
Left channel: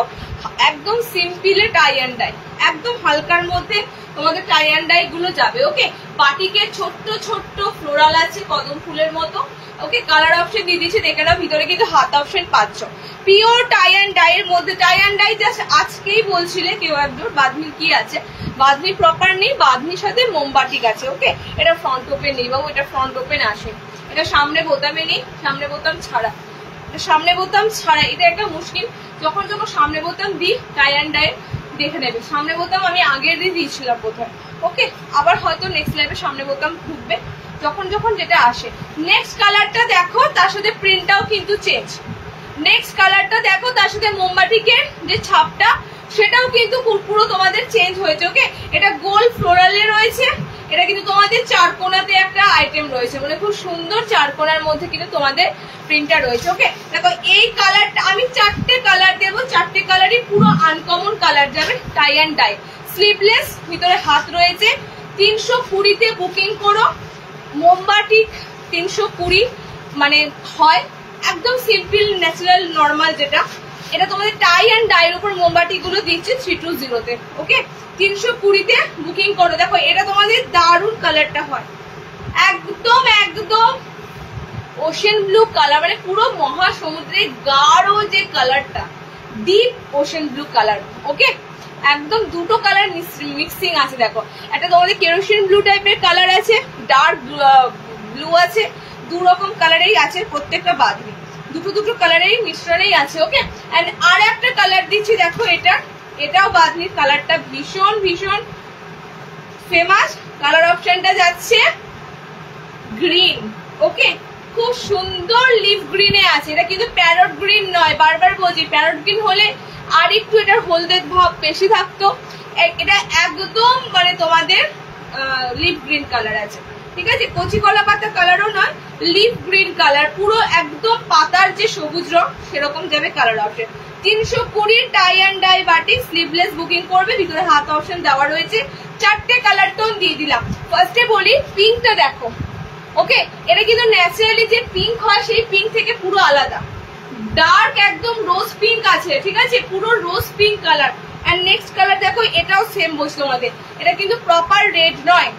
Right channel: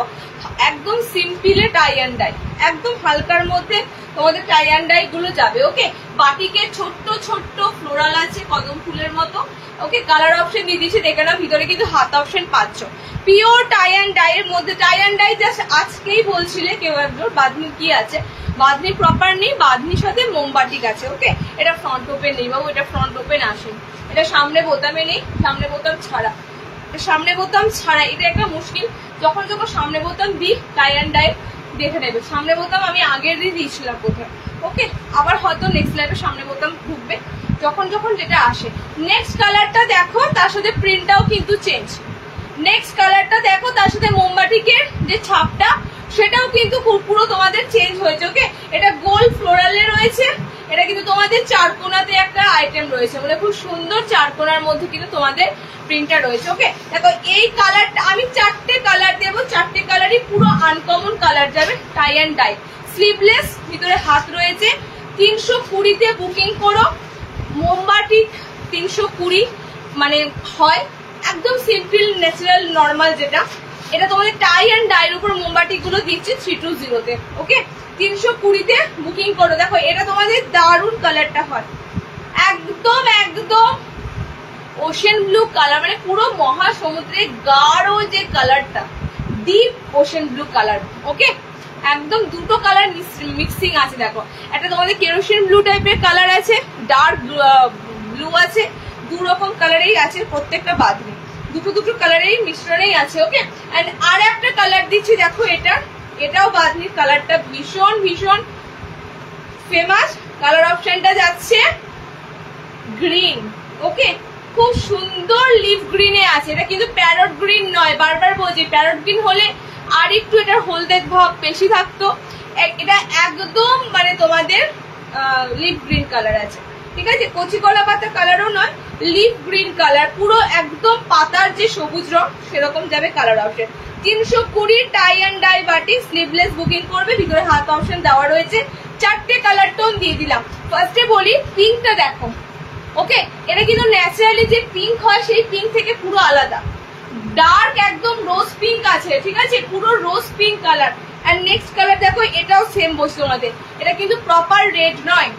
একদম সিম্পলে টাই অ্যান্ড ডাই, একদম হালকার মধ্যে তোমাদের টাই অ্যান্ড ডাই গুলো যাবে। ওকে, বাটিকের ছোট্ট ছোট্ট ফ্লোরাল আছে কদম ফুলের মতো। ওকে, কালার অপশন দিয়ে দিচ্ছি, দেখে না ভিতরে কিন্তু হাত অপশন পাচ্ছ। পিওর টাই অ্যান্ড ডাই এর মধ্যে, টাই অ্যান্ড ডাই জাস্ট আজকেই বলছিলে কেউ একজন বাঁধনির কি আছে, বাঁধনি প্রপার নেই, বাঁধনির সাথে মোমবাটিক আছে। ওকে, এটা ফ্রন্ট ওপেন নেই বাবু, এটা ফ্রন্ট ওপেন আসে, এটা সামনে বোতামে নেই, সামনে বোতাম ছাড়া, সামনে বোতাম ছাড়া, এটা একটা মুশকিল। যখন যখন সামনে বোতাম দিই টাই অ্যান্ড ডাই দেখে নেবে, সামনে বোতাম আমি আগের দিয়ে দিয়েছিলাম বোধহয়। ওকে, আবার হয়তো নেক্সট লাইভে সামনে বোতাম ঢুকবে যখন যখন যেটা আসে। নেক্সট কালারটা দেখো, তার সাথে প্রিন্টটাও কিন্তু চেঞ্জ। নেক্সট কালারটা দেখো, তার সাথে মোমবাটিকের যে ছাপটা সেটাও কিন্তু পুরো তোমাদের চেঞ্জ হয়েছে। ওকে, এটা গোল ফ্লোরালে রয়েছে, এটা কিন্তু তোমাদের চার কোনাতে একটা আইটেম রয়েছে, মানে খুব সুন্দর চার কোনার মধ্যে কিন্তু তোমাদের প্রিন্টটা রয়েছে। ওকে, দেখো এই কালারটা আমি চারটে কালার দেবো, চারটে কালারই পুরো আনকমন কালার যাবে, টাই অ্যান্ড ডাই, স্লিভলেস, ভিতরে হাত রয়েছে। 320-তে বুকিং করো, মোমবাটিক 320 মানে হয় একদম সিম্পল ন্যাচারাল নর্মাল যেটা, এটা তোমাদের টাই অ্যান্ড ডাইয়ের উপর মোমবাটি গুলো দিচ্ছে 320-তে। ওকে, 320-তে বুকিং করো। দেখো এটা তোমাদের দারুণ কালারটা হয়, একদম একদম ওশেন ব্লু কালার, মানে পুরো মহাসমুদ্রের গাঢ় যে কালারটা, ডিপ ওশেন ব্লু কালার। ওকে, একদম দুটো কালার মিক্সিং আছে। দেখো একটা তোমাদের কেরোসিন ব্লু টাইপের কালার আছে, ডার্ক ব্লু আছে, দু রকম কালারেই আছে প্রত্যেকটা বাঁধনি, দুটো দুটো কালারেই মিশ্রণেই আছে। ওকে, এন্ড আর একটা কালার দিচ্ছি, দেখো এটাও বাঁধনির কালারটা ভীষণ ভীষণ ফেমাস। কালার অপশনটা যাচ্ছে গ্রিন। ওকে, খুব সুন্দর লিভ গ্রিনে আছে, এটা কিন্তু প্যারট গ্রিন নয়, বারবার বলছি প্যারট গ্রিন হলে আর একটু এটার হলদের ভাব বেশি থাকতো, এটা একদম মানে তোমাদের লিভ গ্রিন কালার আছে। ঠিক আছে, কচি কলা পাতা কালারও নয়, লিভ গ্রিন কালার, পুরো একদম পাতার যে সবুজ রং সেরকম যাবে colour option. 320 tie and dye batik, sleeveless booking করবে, ভিতরে হাত অপশন দেওয়া রয়েছে। চারটে কালার টোন দিয়ে দিলাম। ফার্স্টে বলি পিঙ্কটা দেখো। ওকে, এটা কিন্তু ন্যাচারালি যে পিঙ্ক হয় সেই পিঙ্ক থেকে পুরো আলাদা, ডার্ক একদম রোজ পিঙ্ক আছে। ঠিক আছে, পুরো rose pink colour. And next colour দেখো, এটাও সেম বসছে তোমাদের, এটা কিন্তু প্রপার রেড নয়,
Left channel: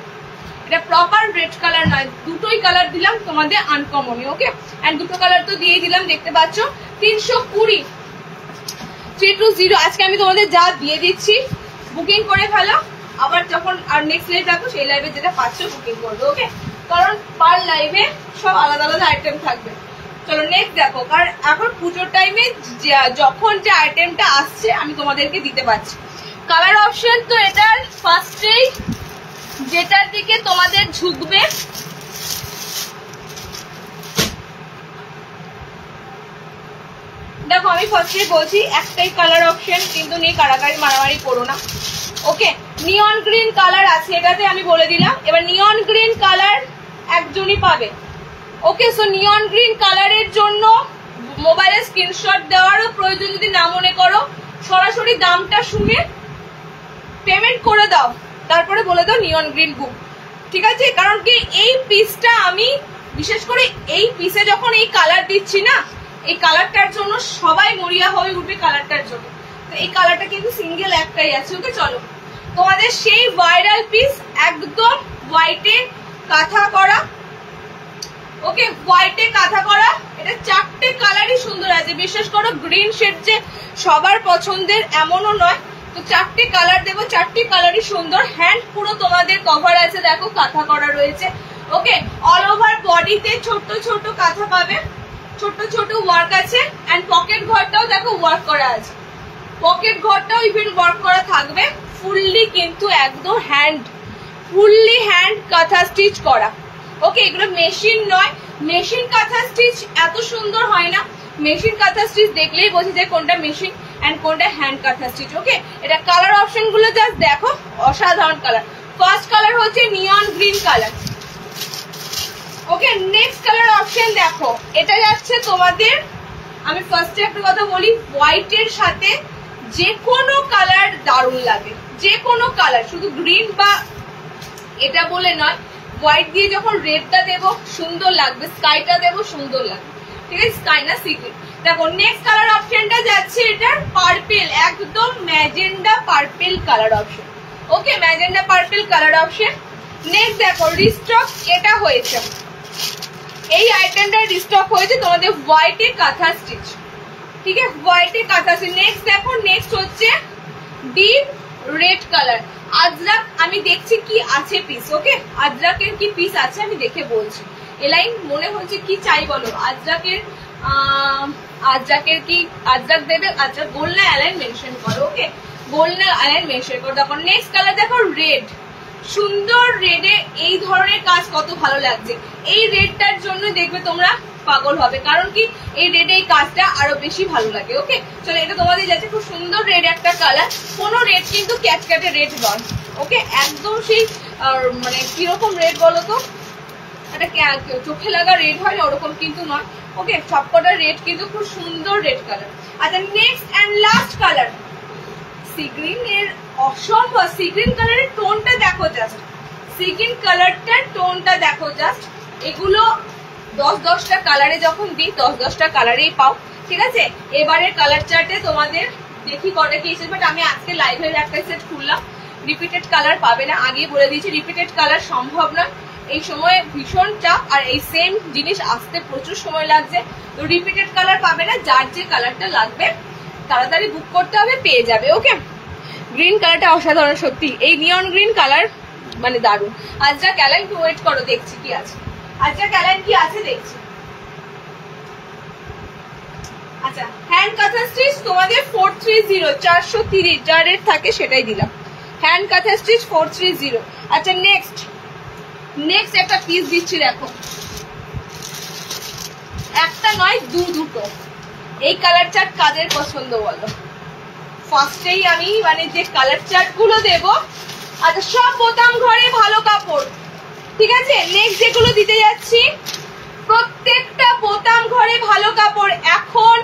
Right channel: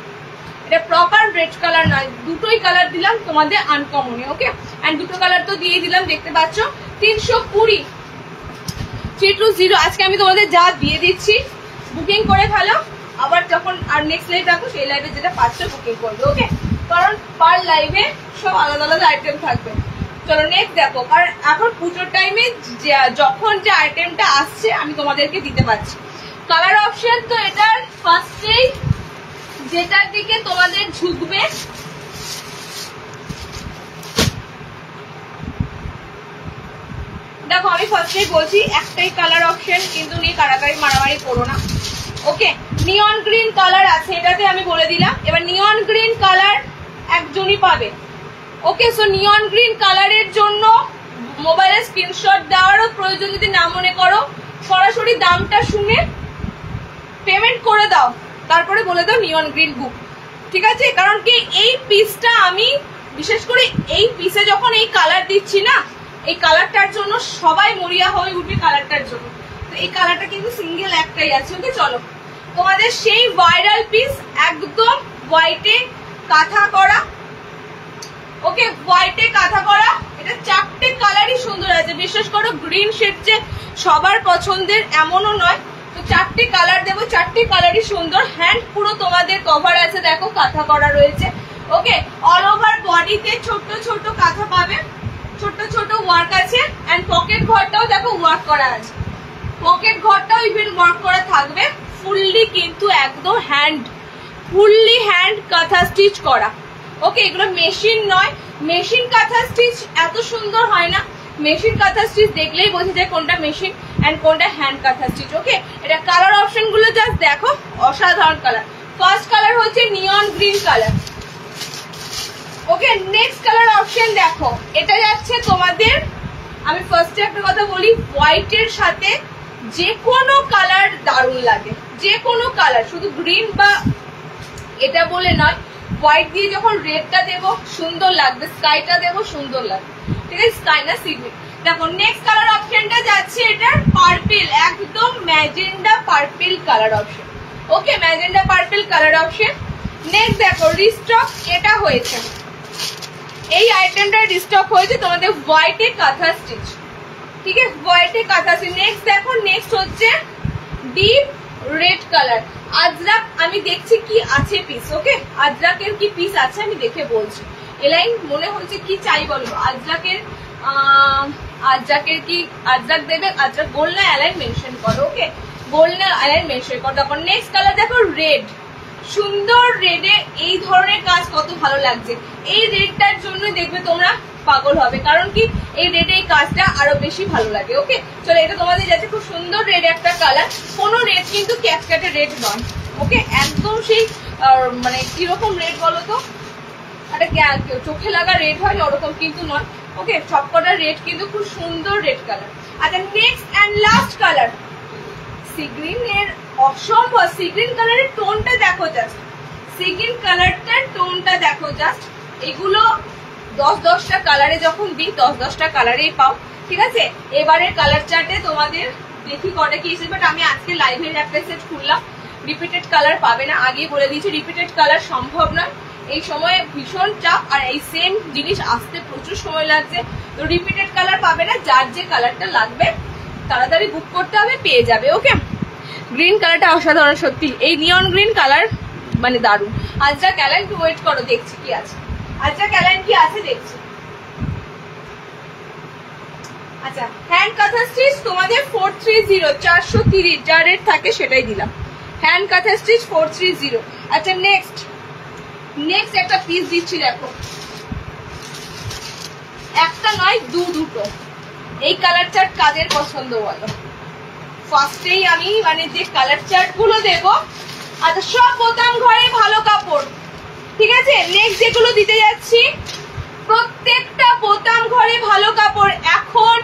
এটা প্রপার রেড কালার নয়, দুটোই কালার দিলাম তোমাদের আনকমনে। ওকে, এন্ড দুটো কালার তো দিয়ে দিলাম, দেখতে পাচ্ছ। 320 320 আজকে আমি তোমাদের যা দিয়ে দিচ্ছি, বুকিং করে ফেলো, আবার যখন আর নেক্সট লাইভ রাখো সেই লাইভে যেটা পাচ্ছ বুকিং করবে। ওকে, কারণ পার লাইভে সব আলাদা আলাদা আইটেম থাকবে। চলো নেক্সট দেখো, কারণ এখন পুজোর টাইমে যখন যে আইটেমটা আসছে আমি তোমাদেরকে দিতে পারছি। কালার অপশন তো এটার ফার্স্টেই যেটার দিকে তোমাদের ঝুঁকবে, দেখো আমি ফার্স্টেই বলছি একটাই কালার অপশন কিন্তু নেই, কারাকারি মারামারি করো না। ওকে, নিয়ন গ্রিন কালার আছে, এটাতে আমি বলে দিলাম। এবার নিয়ন গ্রিন কালার একজনই পাবে। ওকে, সো নিয়ন গ্রিন কালারের জন্য মোবাইলে স্ক্রিনশট দেওয়ারও প্রয়োজন যদি না মনে করো, সরাসরি দামটা শুনে পেমেন্ট করে দাও, তারপরে বলে দাও নিয়ন গ্রিন বুক। ঠিক আছে, কারণ কি এই পিসটা আমি বিশেষ করে এই পিসে যখন এই কালার দিচ্ছি না, এই কালারটার জন্য সবাই মরিয়া হয়ে উঠবে কালারটার জন্য, তো এই কালারটা কিন্তু সিঙ্গেল একটাই আছে। ওকে, চলো তোমাদের সেই ভাইরাল পিস একদম হোয়াইটে কাঁথা করা। ওকে, হোয়াইটে কাঁথা করা, এটা চারটে কালারই সুন্দর আছে। বিশ্বাস করো গ্রিন শেড যে সবার পছন্দের এমনও নয়, তো চারটে কালার দেবো, চারটে কালারই সুন্দর। হ্যান্ড পুরো তোমাদের কভার আছে, দেখো কাঁথা করা রয়েছে। ওকে, অল ওভার বডিতে ছোট ছোট কাঁথা পাবে, ছোট ছোট ওয়ার্ক আছে। এন্ড পকেট ঘরটাও দেখো ওয়ার্ক করা আছে, পকেট ঘরটাও ইভেন ওয়ার্ক করা থাকবে। ফুললি কিন্তু একদম ফুললি হ্যান্ড কাঁথা স্টিচ করা। ওকে, এগুলো মেশিন নয়, মেশিন কাঁথা স্টিচ এত সুন্দর হয় না। মেশিন কাঁথা স্টিচ দেখলেই বোঝা যায় কোনটা মেশিন এন্ড কোনটা হ্যান্ড কাঁথা স্টিচ। ওকে, এটা কালার অপশন গুলো জাস্ট দেখো, অসাধারণ কালার। ফার্স্ট কালার হচ্ছে নিয়ন গ্রিন কালার। ওকে, নেক্সট কালার অপশন দেখো, এটা যাচ্ছে তোমাদের, আমি ফার্স্টে একটা কথা বলি, হোয়াইটের সাথে যে কোনো কালার দারুণ লাগে, যে কোনো কালার, শুধু গ্রিন বা এটা বলে নয়, হোয়াইট দিয়ে যখন রেডটা দেবো সুন্দর লাগবে, স্কাইটা দেবো সুন্দর লাগবে। ঠিক আছে, স্কাই না সি গ্রিন। দেখো নেক্সট কালার অপশনটা যাচ্ছে এটা পার্পেল, একদম magenta purple colour option. Okay, magenta purple colour option. Next দেখো রিস্টক এটা হয়েছে, এই আইটেমটা রিস্টক হয়েছে তোমাদের হোয়াইটে কাঁথা স্টিচ। ঠিক আছে, হোয়াইটে কাঁথা স্টিচ। নেক্সট দেখো, নেক্সট হচ্ছে ডিপ রেড কালার আজরাক। আমি দেখছি কি আছে পিস। ওকে, আজরাকের কি পিস আছে আমি দেখে বলছি। এলাইন মনে হচ্ছে কি চাই বলো, আজরাকের কি আজরাক দেবে, আজরাক গোল না অ্যালাইন মেনশন করো। ওকে, গোল না অ্যালাইন মেনশন করো। দেখো নেক্সট কালার দেখো রেড, সুন্দর রেডে এই ধরনের কাজ কত ভালো লাগছে। এই রেডটার জন্য দেখবে তোমরা পাগল হবে, কারণ কি এই রেডে এই কাজটা আরো বেশি ভালো লাগে। ওকে, চলো এটা তোমাদের যাচ্ছে খুব সুন্দর রেড একটা কালার, কোনো রেড কিন্তু ক্যাটক্যাটে রেড নয়। ওকে, একদম সেই মানে কিরকম রেড বলো তো, একটা চোখে লাগা রেড হয় না ওরকম কিন্তু নয়। ওকে, সবকটা রেড কিন্তু খুব সুন্দর রেড কালার। আচ্ছা next and last colour sea green এর অসম্ভব, সি গ্রিন কালারের টোনটা দেখো জাস্ট, সি গ্রিন কালারটার টোনটা দেখো জাস্ট। এগুলো 10-10টা কালারে যখন দিই 10-10টা কালারেই পাও। ঠিক আছে, এবারের কালার চার্টে তোমাদের দেখি কটা কি এসেছে, বাট আমি আজকে লাইভের একটা সেট খুললাম, রিপিটেড কালার পাবে না, আগেই বলে দিয়েছি রিপিটেড কালার সম্ভব নয়, এই সময় ভীষণ চাপ, আর এই সেম জিনিস আসতে প্রচুর সময় লাগছে, তো রিপিটেড কালার পাবে না। যার যে কালারটা লাগবে তাড়াতাড়ি বুক করতে হবে, পেয়ে যাবে। ওকে, গ্রিন কালারটা অসাধারণ সত্যি, এই নিয়ন গ্রিন কালার মানে দারুণ। আজরা ক্যালাইন একটু ওয়েট করো, দেখছি কি আছে, আজরা ক্যালাইন কি আছে দেখছি। আচ্ছা, হ্যান্ড কাঁথা স্টিচ তোমাদের 430, 430 যা রেট থাকে সেটাই দিলাম, হ্যান্ড কাঁথা স্টিচ 430। আচ্ছা নেক্সট একটা পিস দিচ্ছি, দেখো একটা নয় দুটো। এই কালার চার্ট কাদের পছন্দ বলো? ফার্স্টেই আমি মানে যে কালার চার্ট গুলো দেবো, আচ্ছা সব বোতাম ঘরে ভালো কাপড়। ঠিক আছে, নেক্সট যেগুলো দিতে যাচ্ছি প্রত্যেকটা বোতাম ঘরে ভালো কাপড়। এখন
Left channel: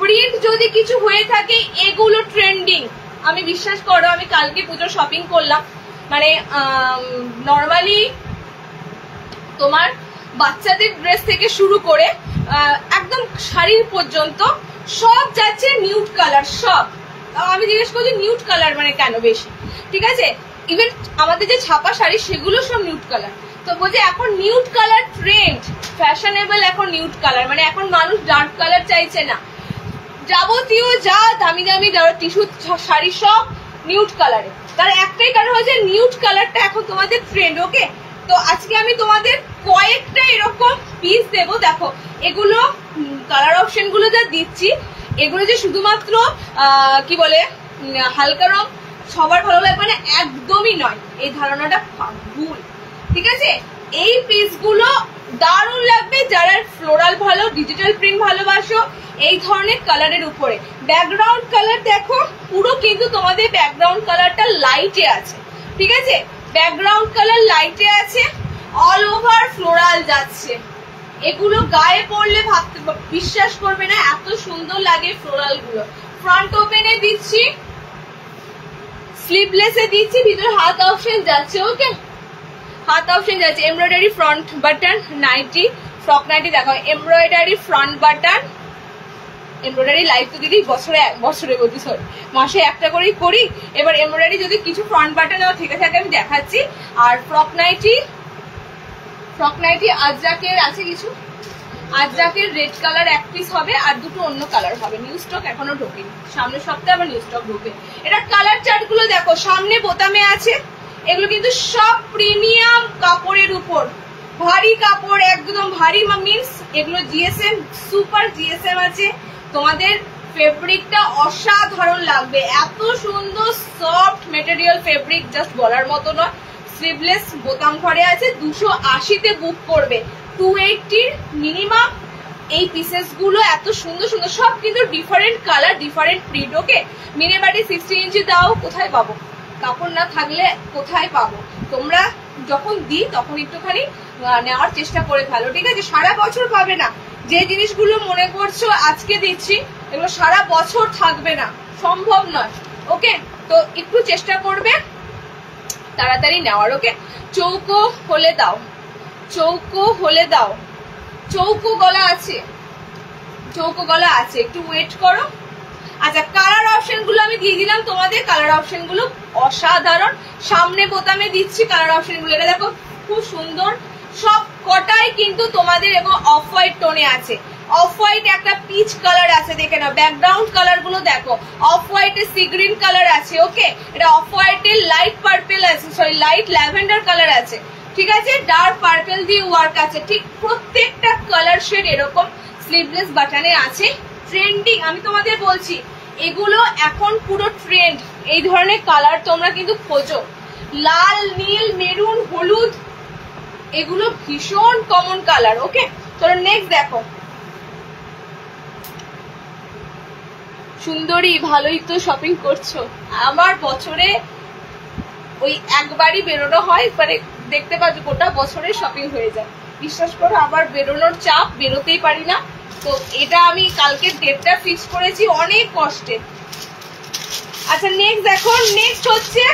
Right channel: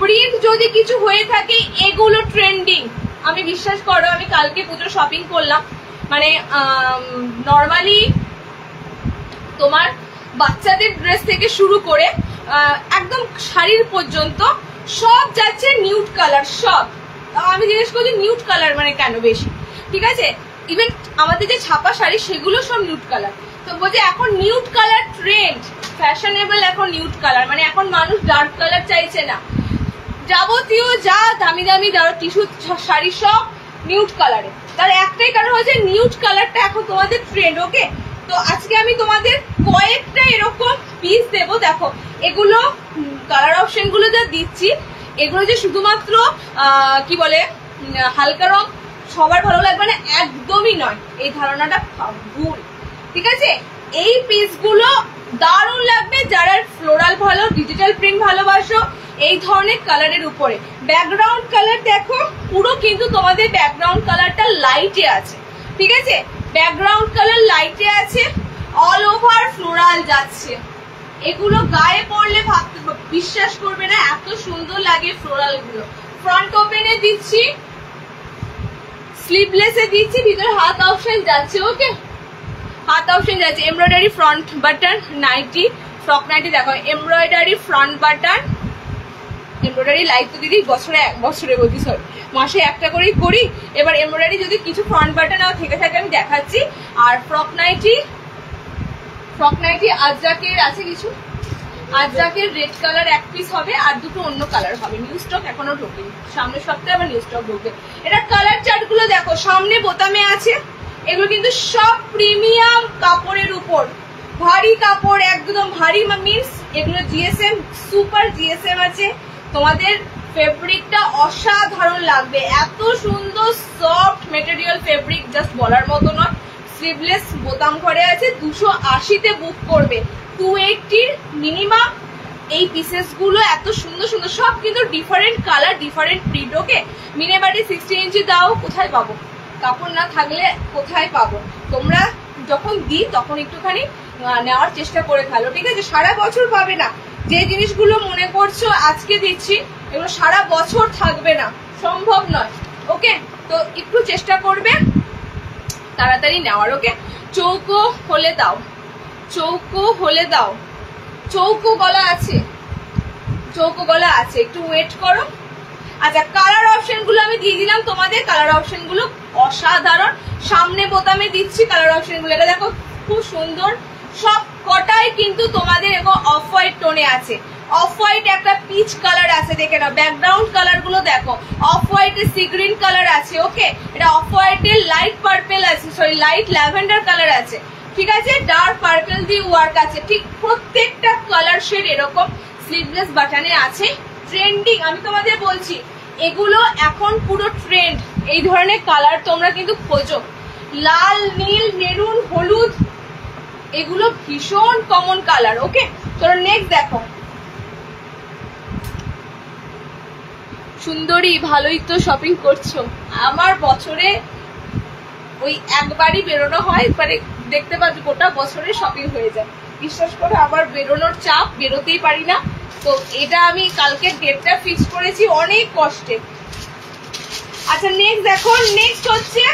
প্রিন্ট যদি কিছু হয়ে থাকে এগুলো ট্রেন্ডিং, আমি বিশ্বাস করো, আমি কালকে পুজোর শপিং করলাম, মানে নর্মালি তোমার বাচ্চাদের ড্রেস থেকে শুরু করে একদম শাড়ির পর্যন্ত সব যাচ্ছে নিউড কালার, সব। আমি জিজ্ঞেস করছি নিউড কালার মানে কেন বেশি? ঠিক আছে, ইভেন আমাদের যে ছাপা শাড়ি সেগুলো সব নিউড কালার। তো বলছে এখন নিউড কালার ট্রেন্ড, ফ্যাশনেবল এখন নিউড কালার, মানে এখন মানুষ ডার্ক কালার চাইছে না। যাবতীয় যা দামি দামি টিস্যু শাড়ি সব নিউড কালারে, তার একটাই কারণ হচ্ছে নিউড কালারটা এখন তোমাদের ট্রেন্ড। ওকে, তো আজকে আমি তোমাদের কয়েকটা এরকম পিস দেবো। দেখো এগুলো কালার অপশন গুলো যা দিচ্ছি, এগুলো যে শুধুমাত্র কি বলে হালকা রং সবার ভালো লাগবে না একদমই নয়, এই ধারণাটা ভুল। ঠিক আছে, এই পিসগুলো দারুণ লাগবে যারা ফ্লোরাল ভালো, ডিজিটাল প্রিন্ট ভালোবাসো, এই ধরনের কালারের উপরে। ব্যাকগ্রাউন্ড কালার দেখো পুরো কিন্তু তোমাদের ব্যাকগ্রাউন্ড কালারটা লাইটে আছে। ঠিক আছে, ব্যাকগ্রাউন্ড কালার লাইটে আছে, অল ওভার ফ্লোরাল যাচ্ছে। এগুলো গায়ে পড়লে ভাবতে বিশ্বাস করবে না এত সুন্দর লাগে ফ্লোরাল গুলো। ফ্রন্ট ওপেনে দিচ্ছি, স্লিভলেসে দিচ্ছি, ভিতরে হাত অপশন যাচ্ছে। ওকে, হাত অপশন যাচ্ছে, embroidery front button nightie, frock nightie দেখো embroidery front button. Embroidery live তো দিদি বছরে বলছি সরি মাসে একটা করেই করি, এবার এমব্রয়ডারি যদি কিছু ফ্রন্ট বাটন থেকে থাকে আমি দেখাচ্ছি। আর ফ্রক নাইটি আজরাকের আছে কিছু, আজরাকের রেড কালার এক পিস হবে আর দুটো অন্য কালার হবে, নিউ স্টক এখনো ঢোকেনি, সামনের সপ্তাহে আবার নিউ স্টক ঢোকে। এটা কালার চার্ট গুলো দেখো, সামনে বোতামে আছে, এগুলো কিন্তু সব প্রিমিয়াম কাপড়ের উপর, ভারী কাপড়, একদম ভারী মিন্স এগুলো জিএসএম, সুপার জিএসএম আছে। তোমাদের ফেব্রিকটা অসাধারণ লাগবে, এত সুন্দর সফট মেটেরিয়াল ফেব্রিক, জাস্ট বলার মতো নয়, স্লিভলেস বোতাম ঘরে আছে, 280-তে বুক করবে। 280 মিনিমাম। এই পিসেস গুলো এত সুন্দর সুন্দর, সব কিন্তু ডিফারেন্ট কালার, ডিফারেন্ট প্রিন্ট। ওকে, মিনে বাটি 60 ইঞ্চি দাও, কোথায় পাবো? কাপড় না থাকলে কোথায় পাবো? তোমরা যখন দিই তখন একটুখানি নেওয়ার চেষ্টা করে ফেলো, ঠিক আছে? সারা বছর পাবে না। যে জিনিসগুলো মনে করছো আজকে দিচ্ছি, এগুলো সারা বছর থাকবে না, সম্ভব নয়। ওকে, তো একটু চেষ্টা করবে তাড়াতাড়ি নেওয়ার। ওকে, চৌকো হলে দাও, চৌকো হলে দাও। চৌকো গলা আছে, চৌকো গলা আছে, একটু ওয়েট করো। আচ্ছা, কালার অপশন গুলো আমি দিয়ে দিলাম তোমাদের। কালার অপশন গুলো অসাধারণ। সামনে বোতামে দিচ্ছি কালার অপশন গুলো। এটা দেখো খুব সুন্দর, সব কটাই কিন্তু তোমাদের এবং অফ হোয়াইট টোনে আছে। অফ হোয়াইট একটা পিচ কালার আছে, দেখে নাও। ব্যাকগ্রাউন্ড কালার গুলো দেখো, অফ হোয়াইটে সি গ্রিন কালার আছে। ওকে, এটা অফ হোয়াইটে লাইট পার্পেল আছে, সরি লাইট ল্যাভেন্ডার কালার আছে, ঠিক আছে? ডার্ক পার্পেল দিয়ে ওয়ার্ক আছে। ঠিক প্রত্যেকটা কালার শেড এরকম স্লিভলেস বাটনে আছে। ট্রেন্ডিং, আমি তোমাদের বলছি এগুলো এখন পুরো ট্রেন্ড। এই ধরনের কালার তোমরা কিন্তু খোঁজো, লাল, নীল, মেরুন, হলুদ, এগুলো ভীষণ কমন কালার। ওকে, তো নেক্সট দেখো, সুন্দরী, ভালোই তো শপিং করছো। আমার বছরে ওই একবারই বেরোনো হয়, মানে দেখতে পাচ্ছ গোটা বছরে শপিং হয়ে যায়। বিশ্বাস করো, আবার বেরোনোর চাপ, বেরোতেই পারি না। তো এটা আমি কালকে ডেটটা ফিক্স করেছি অনেক কষ্টে। আচ্ছা, নেক্সট দেখো, নেক্সট হচ্ছে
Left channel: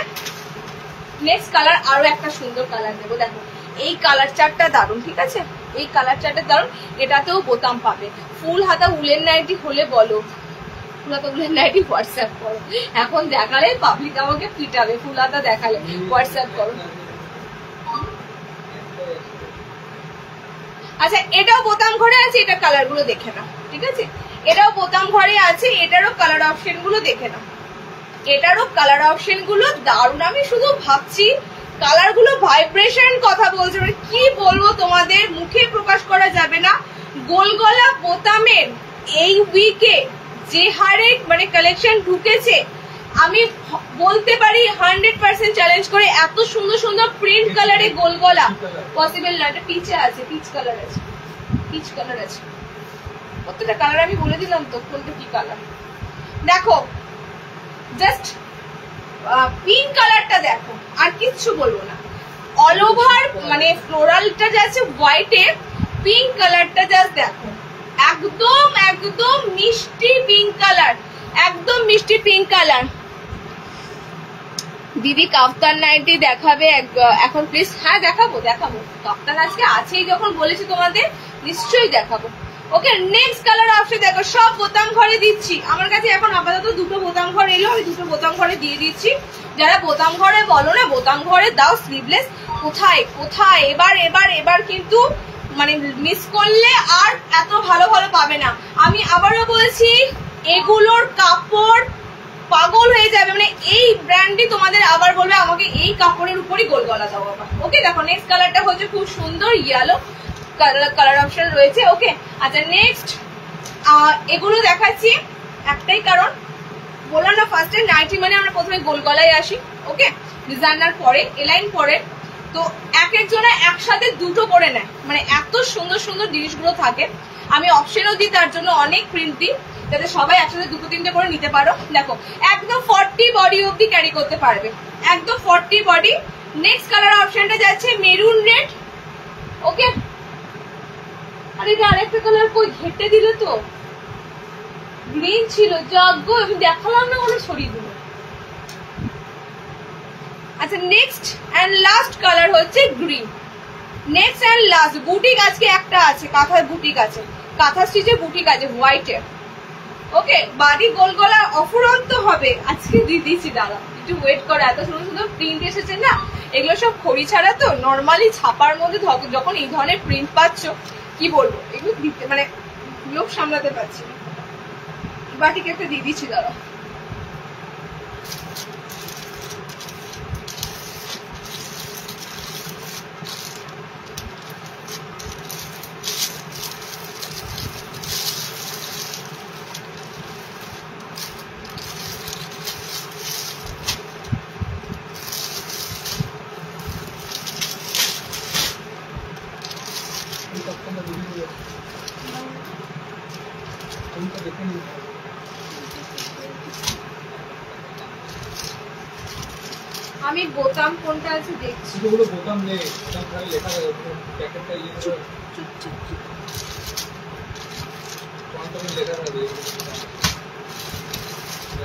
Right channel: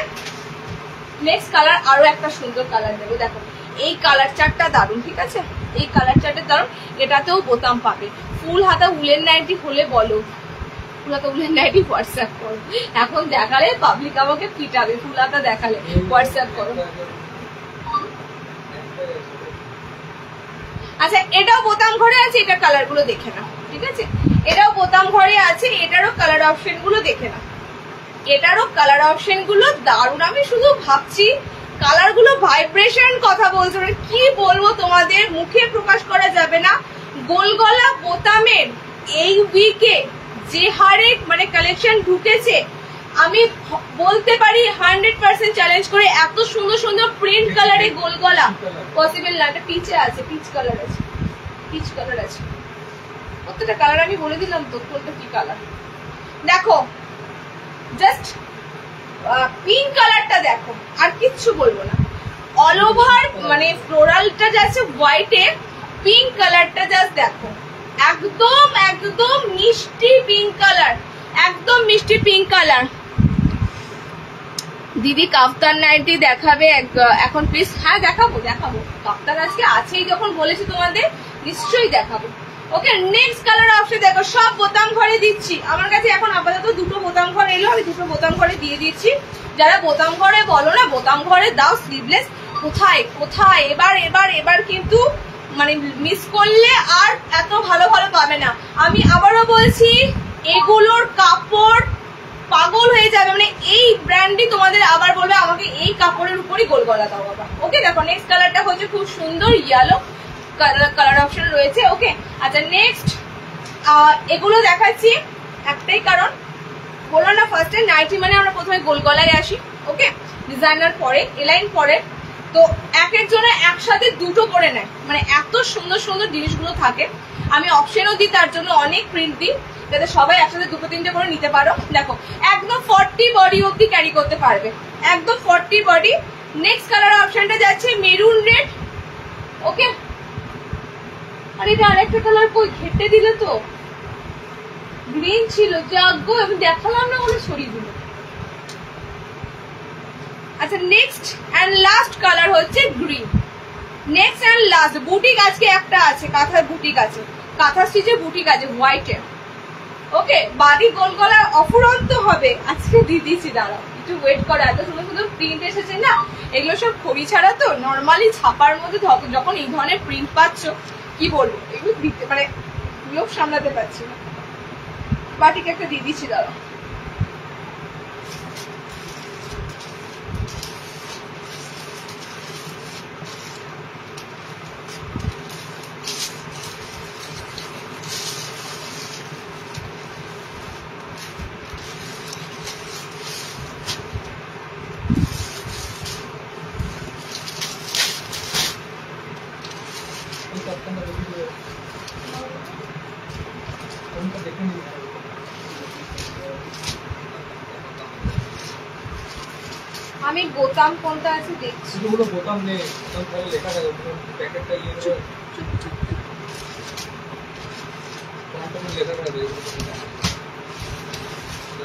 নেক্সট কালার, আরো একটা সুন্দর কালার দেবো। দেখো এই কালার চারটা দারুন, ঠিক আছে? এই কালার চারটা দারুন। এটাতেও বোতাম পাবে। ফুল হাতা উলের নাইটি হলে বলো, ফুল হাতা উলের নাইটি হোয়াটসঅ্যাপ করো। এখন দেখালে পাবলিক আমাকে পিটাবে, ফুল হাতা দেখালে হোয়াটসঅ্যাপ করো। আচ্ছা, এটাও বোতাম ঘরে আছে, এটা কালার গুলো দেখে না, ঠিক আছে? এটাও বোতাম ঘরে আছে, এটারও কালার অপশন গুলো দেখে না। এটারও কালার অপশন গুলো দারুণ। আমি শুধু ভাবছি কালার গুলো ভাইব্রেশন কথা বলছে, মানে কি বলবো তোমাদের, মুখে প্রকাশ করা যাবে না। গোলগলা বোতামের এই উইকে যে হারে মানে কালেকশন ঢুকেছে, আমি বলতে পারি 100% চ্যালেঞ্জ করে, এত সুন্দর সুন্দর প্রিন্ট কালারে গোলগলা পসিবল না। এটা পিচে আছে, পিচ কালার আছে, পিচ কালার আছে। প্রত্যেকটা কালার আমি বলে দিলাম তো কোনটা কি কালার। দেখো জাস্ট পিঙ্ক কালারটা দেখো, আর কিচ্ছু বলবো না। অল ওভার মানে ফ্লোরালটা যাচ্ছে হোয়াইটে, পিঙ্ক কালারটা জাস্ট দেখো, একদম একদম মিষ্টি পিঙ্ক কালার, একদম মিষ্টি পিঙ্ক কালার। দিদি কাফতান নাইটি দেখাবে এখন প্লিজ? হ্যাঁ দেখাবো, দেখাবো। কাফতান আজকে আছেই যখন বলেছি তোমাদের, নিশ্চয়ই দেখাবো। ওকে, নেক্সট কালার অপশন দেখো, সব বোতাম ঘরে দিচ্ছি। আমার কাছে এখন আপাতত দুটো বোতাম ঘরে এলো, আমি দুটো বোতাম ঘরে দিয়ে দিচ্ছি। যারা বোতাম ঘরে বলো না, বোতাম ঘরে দাও স্লিভলেস। কোথায় কোথায় এবার এবার এবার কিন্তু মানে মিস করলে আর এত ভালো ভালো পাবে না। আমি আবারও বলছি, এগুলোর কাপড় পাগল হয়ে যাবে। মানে এই ব্র্যান্ডই তোমাদের আবার বলবে আমাকে এই কাপড়ের উপরই গোল গলা দাও আবার। ওকে, দেখো নেক্সট কালারটা হচ্ছে খুব সুন্দর ইয়েলো কালার অপশন রয়েছে। ওকে, আচ্ছা নেক্সট এগুলো দেখাচ্ছি একটাই কারণ, বললাম না ফার্স্টে নাইটি মানে আমরা প্রথমে গোল গলায় আসি। ওকে, ডিজাইনার পরে, এলাইন পরে, তো এক একজনে একসাথে দুটো করে নেয়, মানে এত সুন্দর সুন্দর জিনিসগুলো থাকে। আমি অপশনও দিই, তার জন্য অনেক প্রিন্ট দিই, যাতে সবাই একসাথে দুটো তিনটে করে নিতে পারো। দেখো একদম 40 বডি অব্দি ক্যারি করতে পারবে, একদম 40 বডি। নেক্সট কালার অপশনটা যাচ্ছে মেরুন রেড। ওকে, আর এটা আরেকটা কালার কই ঘেটে দিলে তো, গ্রিন ছিল যাগ্য, আমি দেখালাম না বলে ছড়িয়ে দিল। আচ্ছা নেক্সট এন্ড লাস্ট কালার হচ্ছে green. Next and last boutique আজকে একটা আছে, কাঁথার বুটিক আছে, কাঁথা স্টিচে বুটিক আছে হোয়াইটে। ওকে, বাড়ি গোল গলা অফুরন্ত হবে, আজকে দিয়ে দিচ্ছি, দাঁড়াও একটু ওয়েট করো। এত সুন্দর সুন্দর প্রিন্ট এসেছে না, এগুলো সব খড়ি ছাড়া তো। নর্মালি ছাপার মধ্যে যখন এই ধরনের প্রিন্ট পাচ্ছ, কি বলবো, এগুলো দিতে মানে লোক সামলাতে পারছি না। বাটিক একটা দিয়ে দিচ্ছি, দাঁড়াও। আমি বোতাম কোনটা আছে দেখছি। বোতাম নেই, লেখা থাকে প্যাকেটটা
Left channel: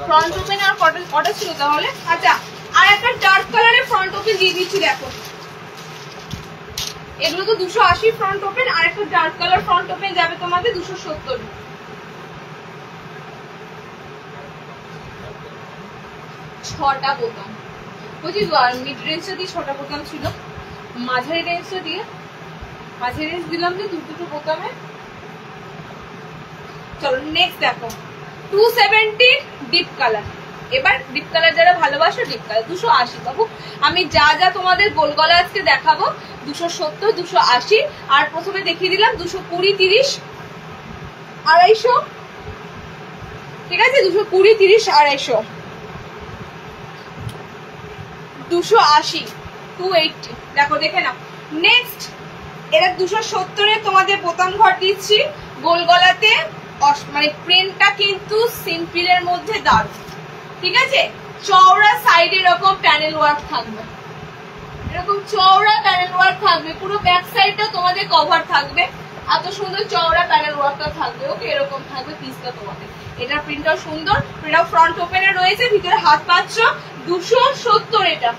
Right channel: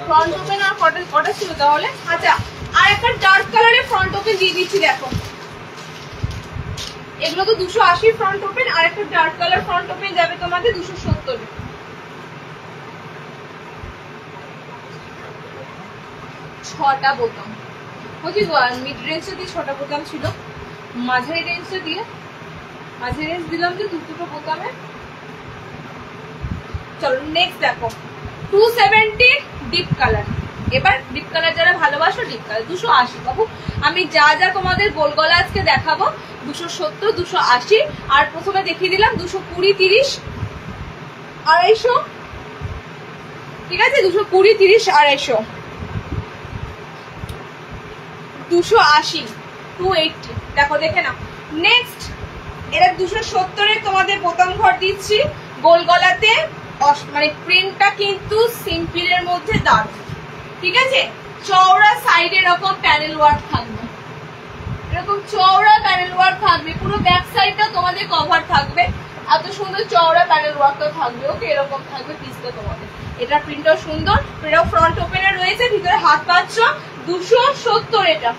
ফ্রন্ট ওপেন আর কটা ছিল তাহলে? আচ্ছা, আর একটা ডার্ক কালারের ফ্রন্ট ওপেন দিয়ে দিচ্ছি। দেখো এগুলো তো 280 ফ্রন্ট ওপেন, আর একটা ডার্ক কালার ফ্রন্ট ওপেন যাবে তোমাদের 270। 6টা বোতাম বুঝি, মিড রেঞ্জটা দিয়ে 6টা বোতাম ছিল, মাঝারি রেঞ্জটা দিয়ে মাঝারি রেঞ্জ দিলাম যে দুটো বোতামে। চলো নেক্সট দেখো 270 ডিপ কালার। এবার ডিপ কালার যারা ভালোবাসো ডিপ কালার 280 বাবু। আমি যা যা তোমাদের গোল গলা আজকে দেখাবো 270, 280, আর প্রথমে দেখিয়ে দিলাম 220, 30, 250। ঠিক আছে, 220, 30, 250, 280, 280। দেখো দেখে না। নেক্সট এটা 270-এ তোমাদের বোতাম ঘর দিচ্ছি গোল গলাতে, মানে প্রিন্টটা কিন্তু সিম্পলের মধ্যে দারুণ। ঠিক আছে, চওড়া সাইডে এরকম প্যানেল ওয়ার্ক থাকবে, এরকম চওড়া প্যানেল ওয়ার্ক থাকবে, পুরো ব্যাক সাইডটা তোমাদের কভার থাকবে, এত সুন্দর চওড়া প্যানেল ওয়ার্কটা থাকবে। ওকে, এরকম থাকবে পিসটা তোমাদের। এটা প্রিন্টটাও সুন্দর, এটাও ফ্রন্ট ওপেনে রয়েছে, ভিতরে হাত পাচ্ছ 270 এটা।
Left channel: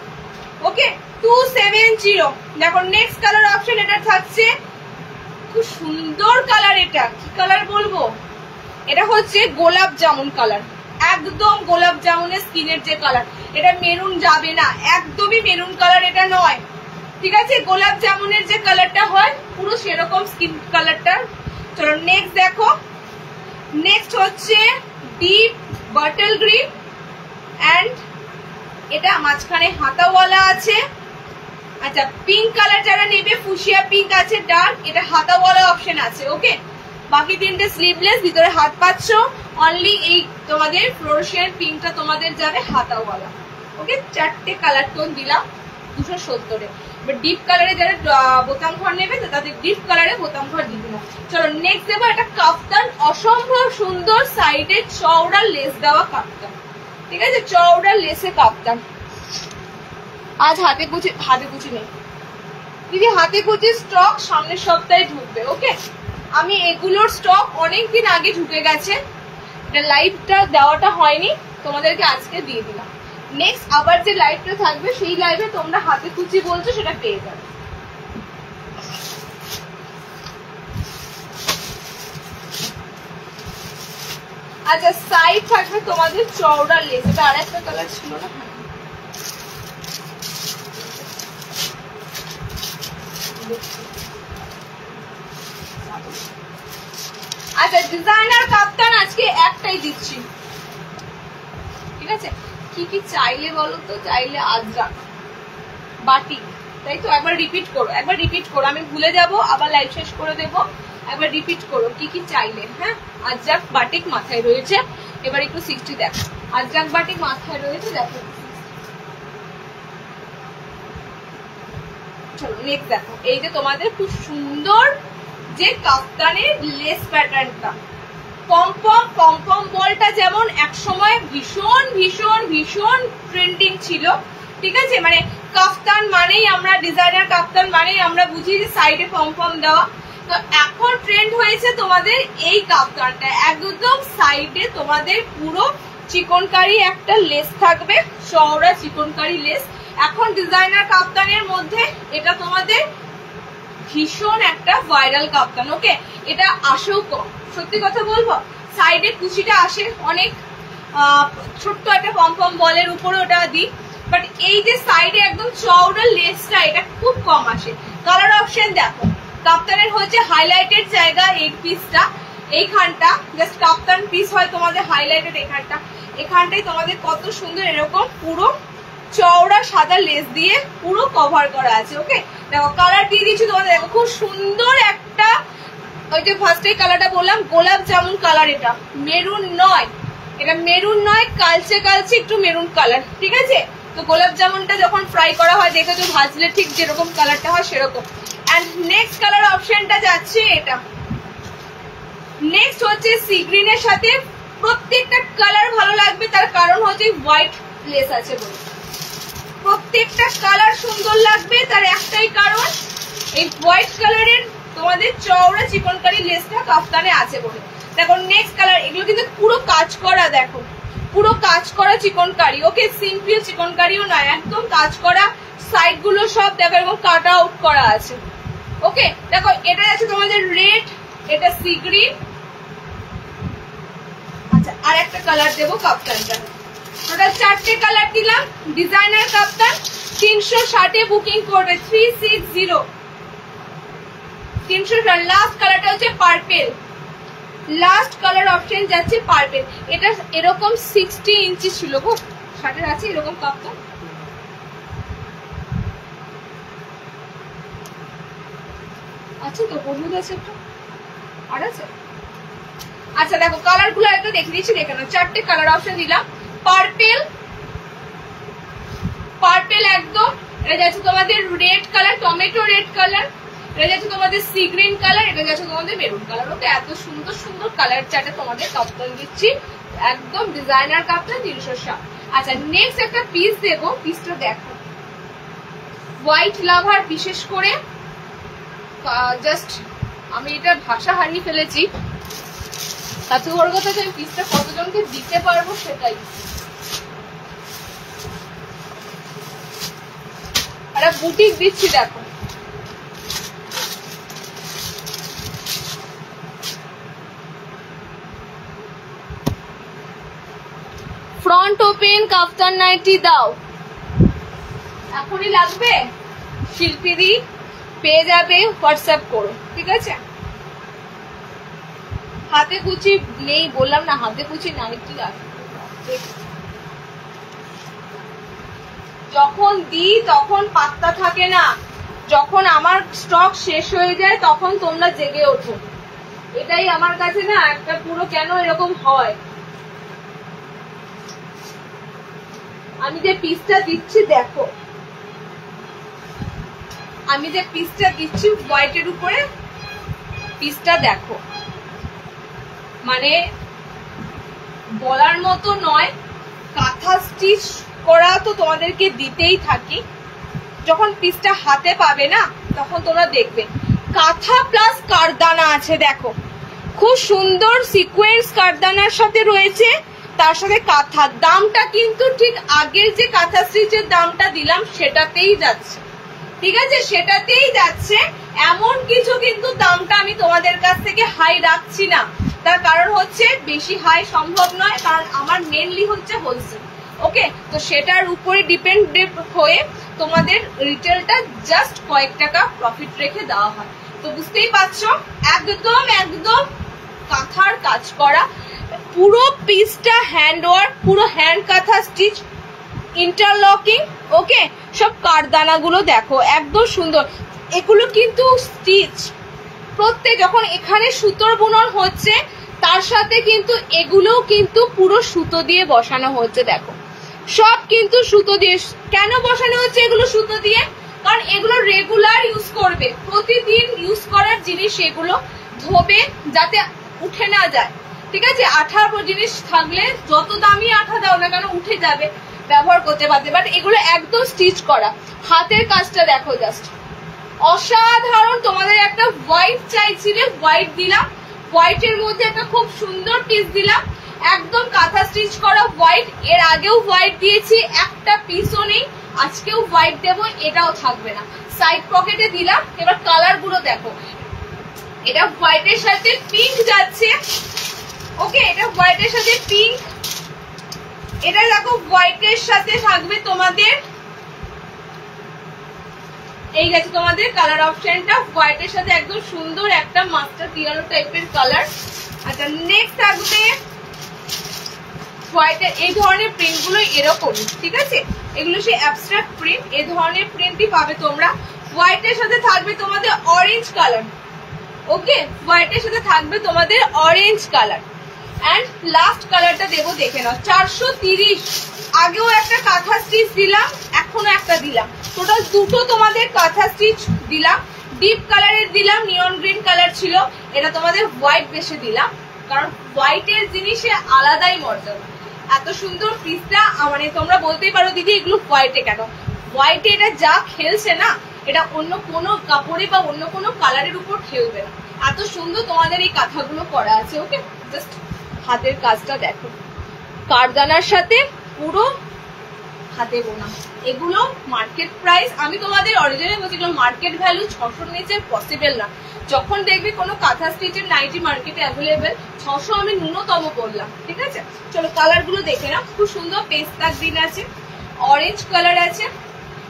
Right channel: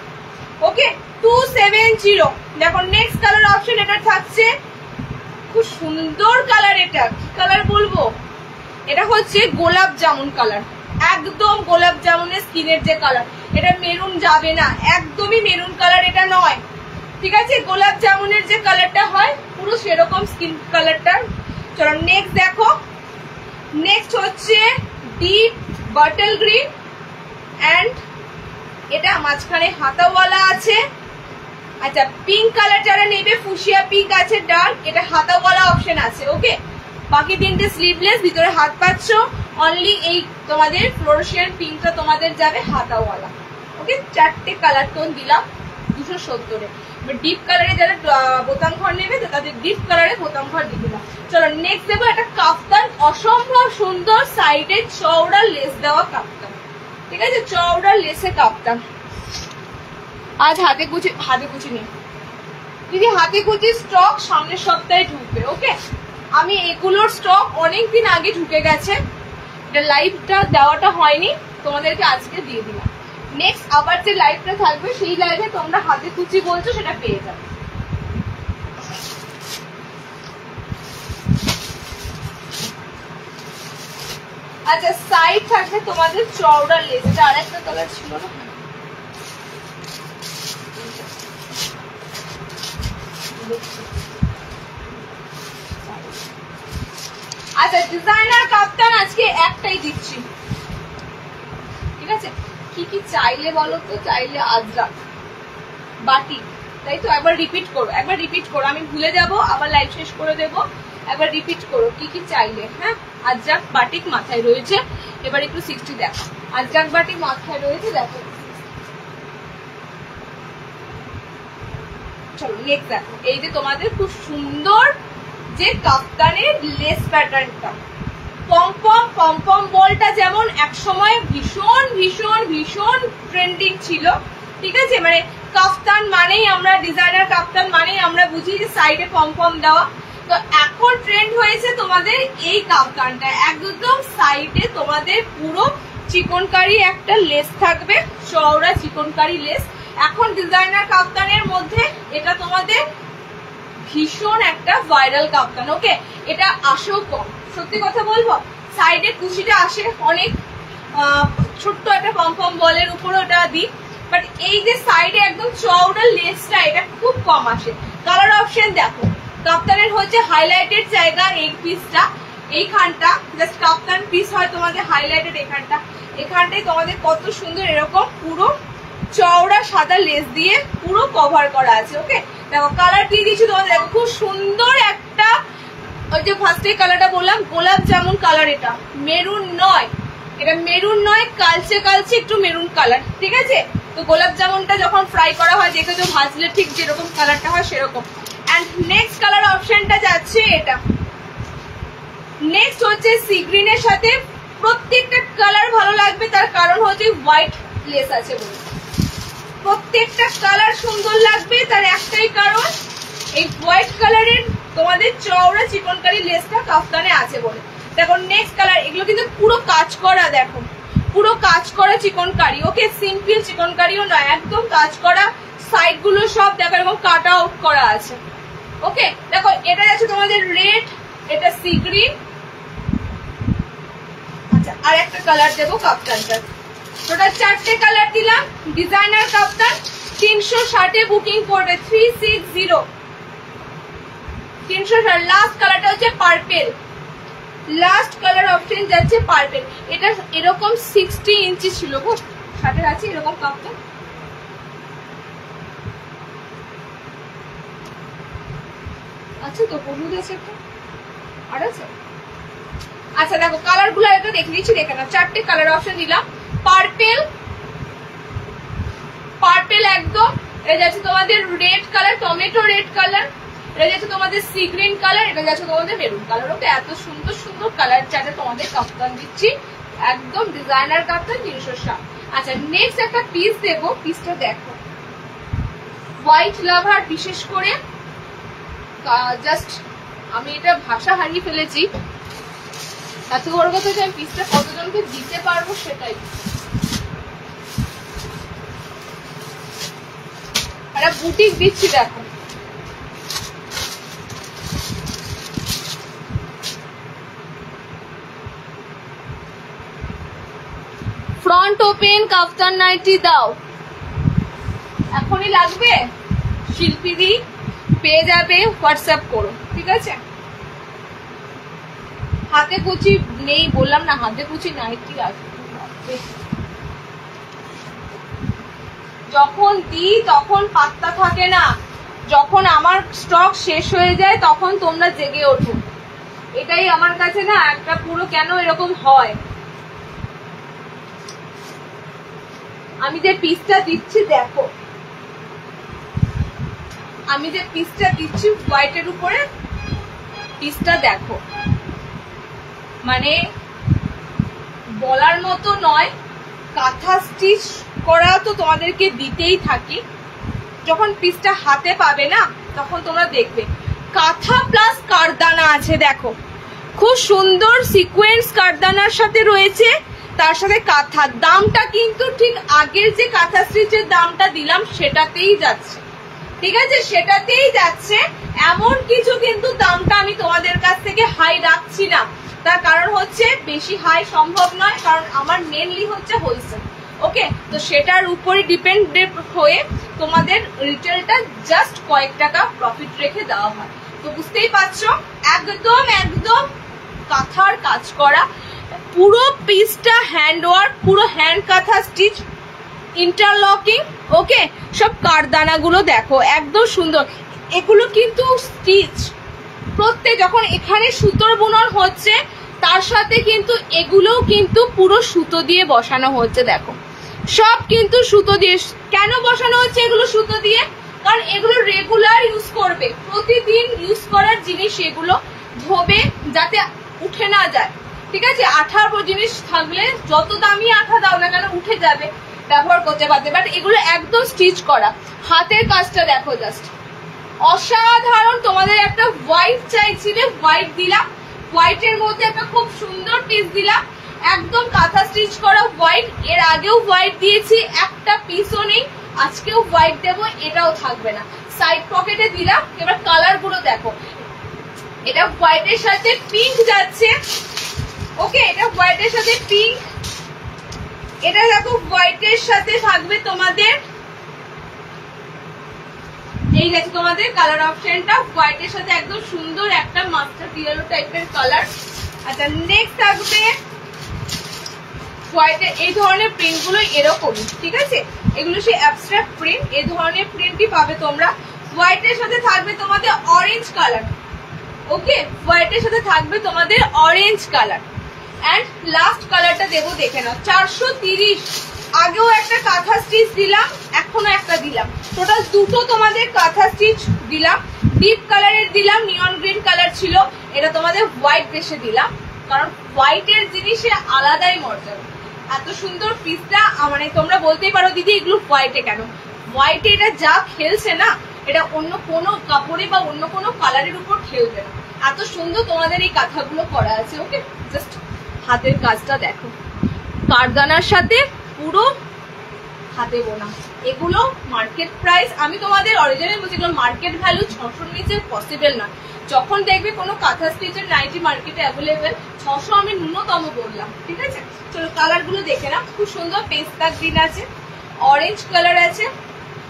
ওকে, 270। দেখো নেক্সট কালার অপশন এটা থাকছে, খুব সুন্দর কালার। এটা কি কালার বলবো, এটা হচ্ছে গোলাপ জামুন কালার, একদম গোলাপ জামুনের স্কিনের যে কালার। এটা মেরুন যাবে না, একদমই মেরুন কালার এটা নয়। ঠিক আছে, গোলাপ জামুনের যে কালারটা হয় পুরো সেরকম স্কিন কালারটা। চলো নেক্সট দেখো, নেক্সট হচ্ছে ডিপ বটল গ্রিন, অ্যান্ড এটা মাঝখানে হাতাওয়ালা আছে। আচ্ছা, পিঙ্ক কালার যারা নেবে, ফুশিয়া পিঙ্ক আছে ডার্ক, এটা হাতাওয়ালা অপশন আছে। ওকে, বাকি তিনটে স্লিভলেস, ভিতরে হাত পাচ্ছ। অনলি এই তোমাদের ফ্লোরোসিয়ান পিঙ্কটা তোমাদের যাবে হাতাওয়ালা। ওকে, 4টে কালার টোন দিলাম 270-এ। এবার ডিপ কালারে যারা বোতাম ঘর নেবে তাদের ডিপ কালারে বোতাম ঘর দিয়ে দিলাম। চলো নেক্সট দেবো একটা কাফতান, অসম্ভব সুন্দর সাইডে চওড়া লেস দেওয়া কাফতান। ঠিক আছে, চওড়া লেসে কাফতান। আজ হাতে কুচি নেই দিদি, হাতে কুচি স্টক সামনের সপ্তাহে ঢুকবে। ওকে, আমি এগুলোর স্টক অনেকদিন আগে ঢুকে গেছে, এটা লাইভটা দেওয়াটা হয়নি, তোমাদেরকে আজকে দিয়ে দিলাম। নেক্সট আবার যে লাইভটা থাকবে সেই লাইভে তোমরা হাতে কুচি বলছো সেটা পেয়ে যাবে। আচ্ছা, সাইড থাকবে তোমাদের চওড়া লেস, এটা আর একটা কালার ছিল না। আচ্ছা, ডিজাইনার কাপ্তান আজকে একটাই দিচ্ছি। ঠিক আছে, কি কি চাইলে বলো তো? চাইলে আজরাক, বাটিক, তাই তো? একবার রিপিট করো, আমি ভুলে যাব, আবার লাইভ শেষ করে দেবো। একবার রিপিট করো কি কি চাইলে। হ্যাঁ, আজরাক বাটিক মাথায় রয়েছে। এবার একটু 60 দেখো, আজরাক বাটিক মাথায় রয়েছে, দেখো। চলো নেক্সট দেখো, এই যে তোমাদের খুব সুন্দর যে কাফতানের লেস প্যাটার্নটা, পম বলটা যেমন একসময় ভীষণ ভীষণ ভীষণ ট্রেন্ডিং ছিল। ঠিক আছে, মানে কাফতান মানেই আমরা, ডিজাইনার কাফতান মানেই আমরা বুঝি যে সাইডে পম দেওয়া। তো এখন ট্রেন্ড হয়েছে তোমাদের এই কাফতানটা, একদম সাইডে তোমাদের পুরো চিকনকারি একটা লেস থাকবে, চওড়া চিকনকারি লেস। এখন ডিজাইনার কাফতানের মধ্যে এটা তোমাদের ভীষণ একটা ভাইরাল কাপ্তান। ওকে, এটা আসেও কম, সত্যি কথা বলবো। সাইডে কুচিটা আসে অনেক, ছোট্ট একটা পম বলের উপরে ওটা দিই, বাট এই যে সাইডে একদম চওড়া লেসটা এটা খুব কম আসে। কালার অপশন দেখো, কাপ্তানের হচ্ছে হাইলাইটেড জায়গা এই পিসটা, এইখানটা জাস্ট কাপ্তান পিস হয় তোমাদের হাইলাইটেড, এখানটাই তোমাদের কত সুন্দর এরকম পুরো চওড়া সাদা লেস দিয়ে পুরো কভার করা আছে। ওকে, দেখো কালার দিয়ে দিচ্ছি তোমাদের, দেখো খুব সুন্দর একটা, ওই যে ফার্স্টে কালারটা বললাম গোলাপ জামুন কালার, এটা মেরুন নয়, কালচে একটু মেরুন কালার। ঠিক আছে, তো গোলাপ জামুনটা যখন ফ্রাই করা হয় দেখেছো ভাজলে ঠিক যেরকম কালারটা হয় সেরকম। এন্ড নেক্সট কালার অপশনটা যাচ্ছে এটা। নেক্সট হচ্ছে সি গ্রিনের সাথে প্রত্যেকটা কালার ভালো লাগবে, তার কারণ হচ্ছে হোয়াইট লেস আছে বলে। প্রত্যেকটা কালার সুন্দর লাগবে তার একটাই কারণ, এই হোয়াইট কালারের তোমাদের চওড়া চিকনকারি লেসটা কাফতানে আছে বলে। দেখো নেক্সট কালার, এগুলো কিন্তু পুরো কাজ করা, দেখো পুরো কাজ করা চিকনকারি। ওকে, সিম্পল চিকনকারিও নয়, একদম কাজ করা। সাইড গুলো সব দেখো এরকম কাট আউট করা আছে। ওকে, দেখো এটা আছে তোমাদের রেড, এটা সি গ্রিন। আচ্ছা, আর একটা কালার দেবো কাপ্তানটা। টোটাল 4টে কালার দিলাম। ডিজাইনার কাপ্তান 360 বুকিং করবে, 360 360। লাস্ট কালারটা হচ্ছে পার্পেল, লাস্ট কালার অপশন যাচ্ছে পার্পেল। এটা এরকম 60 ইঞ্চি ছিল গো, 60 আছে এরকম কাপ্তান। আচ্ছা তো হলুদ আছে একটা, আর আছে। আচ্ছা দেখো কালার গুলো একটু দেখে দিচ্ছি, দেখে নাও। 4টে কালার অপশন দিলাম। পার্পেল, পার্পেল একদম। এটা যাচ্ছে তোমাদের red colour, tomato red colour. এটা যাচ্ছে তোমাদের সি গ্রিন কালার, এটা যাচ্ছে তোমাদের মেরুন কালার। ওকে, এত সুন্দর সুন্দর কালার চার্টে তোমাদের কাপ্তান দিচ্ছি, একদম ডিজাইনার কাপ্তান 360। আচ্ছা নেক্সট একটা পিস দেবো, পিসটা দেখো। হোয়াইট লাভার বিশেষ করে জাস্ট আমি এটা ভাষা হারিয়ে ফেলেছি। তার থেকে বড় কথা আমি পিসটা কতজনকে দিতে পারবো সেটাই। একটা বুটিক দিচ্ছি দেখো, ফ্রন্ট ওপেন কাফতান নাইটি দাও, এখনই লাগবে শিল্পীদি পেয়ে যাবে, হোয়াটসঅ্যাপ করো, ঠিক আছে। হাতে কুচি নেই বললাম না, হাতে কুচি নাইটি আছে। যখন দিই তখন পাত্তা থাকে না, যখন আমার স্টক শেষ হয়ে যায় তখন তোমরা জেগে ওঠো। এটাই আমার কাছে না একটা পুরো কেন এরকম হয়। আমি যে পিসটা দিচ্ছি দেখো, আমি যে পিসটা দিচ্ছি হোয়াইটের উপরে পিসটা দেখো, মানে বলার মতো নয়। কাঁথা স্টিচ করা তো তোমাদেরকে দিতেই থাকি, যখন পিসটা হাতে পাবে না তখন তোমরা দেখবে কাঁথা প্লাস কারদানা আছে। দেখো খুব সুন্দর সিকোয়েন্স কারদানার সাথে রয়েছে, তার সাথে কাঁথা। দামটা কিন্তু ঠিক আগের যে কাঁথা স্টিচের দামটা দিলাম সেটাতেই যাচ্ছে, ঠিক আছে, সেটাতেই যাচ্ছে। এমন কিছু কিন্তু দামটা আমি তোমাদের কাছ থেকে হাই রাখছি না, তার কারণ হচ্ছে বেশি হাই সম্ভব নয়, কারণ আমার মেনলি হচ্ছে হোলসেল। ওকে, তো সেটার উপরে ডিপেন্ড হয়ে তোমাদের রিটেলটা জাস্ট কয়েক টাকা প্রফিট রেখে দেওয়া হয়। তো বুঝতেই পারছো একদম একদম কাঁথার কাজ করা, পুরো পিসটা হ্যান্ড ওয়ার্ক, পুরো হ্যান্ড কাঁথা স্টিচ, ইন্টারলকিং। ওকে, সব কারদানা গুলো দেখো একদম সুন্দর। এগুলো কিন্তু স্টিচ প্রত্যেক, যখন এখানে সুতোর বুনন হচ্ছে তার সাথে কিন্তু এগুলোও কিন্তু পুরো সুতো দিয়ে বসানো হচ্ছে। দেখো সব কিন্তু সুতো দিয়ে। কেন বসানো হচ্ছে এগুলো সুতো দিয়ে? কারণ এগুলো রেগুলার ইউজ করবে, প্রতিদিন ইউজ করার জিনিস, এগুলো ধোবে যাতে উঠে না যায়, ঠিক আছে। আঠার জিনিস থাকলে যত দামি আঠা দাও না কেন উঠে যাবে, ব্যবহার করতে পারবে। বাট এগুলো একদম স্টিচ করা। হাতের কাজটা দেখো জাস্ট অসাধারণ। তোমাদের একটা হোয়াইট চাইছিলে, হোয়াইট দিলাম, হোয়াইটের মধ্যে একটা খুব সুন্দর পিস দিলাম, একদম কাঁথা স্টিচ করা হোয়াইট। এর আগেও হোয়াইট দিয়েছি, একটা পিসও নেই, আজকেও হোয়াইট দেবো, এটাও থাকবে না। সাইড পকেটে দিলাম। এবার কালার গুলো দেখো, এটা হোয়াইটের সাথে পিঙ্ক যাচ্ছে। ওকে, এটা হোয়াইটের সাথে পিঙ্ক, এটা দেখো হোয়াইটের সাথে থাকবে তোমাদের, এই গেছে তোমাদের কালার অপশনটা হোয়াইটের সাথে একদম সুন্দর একটা মাস্টার্ড ইয়েলো টাইপের কালার। আচ্ছা নেক্সট থাকবে হোয়াইটের এই ধরনের প্রিন্ট গুলো এরকম, ঠিক আছে, এগুলো সেই অ্যাবস্ট্রাক্ট প্রিন্ট, এই ধরনের প্রিন্টই পাবে তোমরা। হোয়াইটের সাথে থাকবে তোমাদের অরেঞ্জ কালার। ওকে, হোয়াইটের সাথে থাকবে তোমাদের অরেঞ্জ কালার। এন্ড লাস্ট কালারটা দেবো, দেখে নাও, 430 আগেও একটা কাঁথা স্টিচ দিলাম, এখনো একটা দিলাম, টোটাল দুটো তোমাদের কাঁথা স্টিচ দিলাম। ডিপ কালারের দিলাম, নিয়ন গ্রিন কালার ছিল, এটা তোমাদের হোয়াইট বেশে দিলাম, কারণ হোয়াইটের জিনিসে আলাদাই মর্যাদা। এত সুন্দর পিসটা মানে তোমরা বলতেই পারো দিদি এগুলো হোয়াইটে কেন, হোয়াইটে এটা যা খেলছে না এটা অন্য কোনো কাপড়ে বা অন্য কোনো কালারের উপর খেলবে না। এত সুন্দর তোমাদের এই কাঁথাগুলো করা আছে। ওকে, জাস্ট হাতের কাজটা দেখো, কারদানার সাথে পুরো হাতে বোনা। এগুলো মার্কেট প্রাইস, আমি তোমাদের অরিজিনাল বলছি, এগুলো মার্কেট ভ্যালু 600 নিচে পসিবল না। যখন দেখবে কোনো কাঁথা স্টিচের নাইটি মার্কেটে অ্যাভেলেবেল, 600 আমি ন্যূনতম বললাম, ঠিক আছে। চলো কালার গুলো দেখে না, খুব সুন্দর পেস্তা গ্রিন আছে, অরেঞ্জ কালার আছে,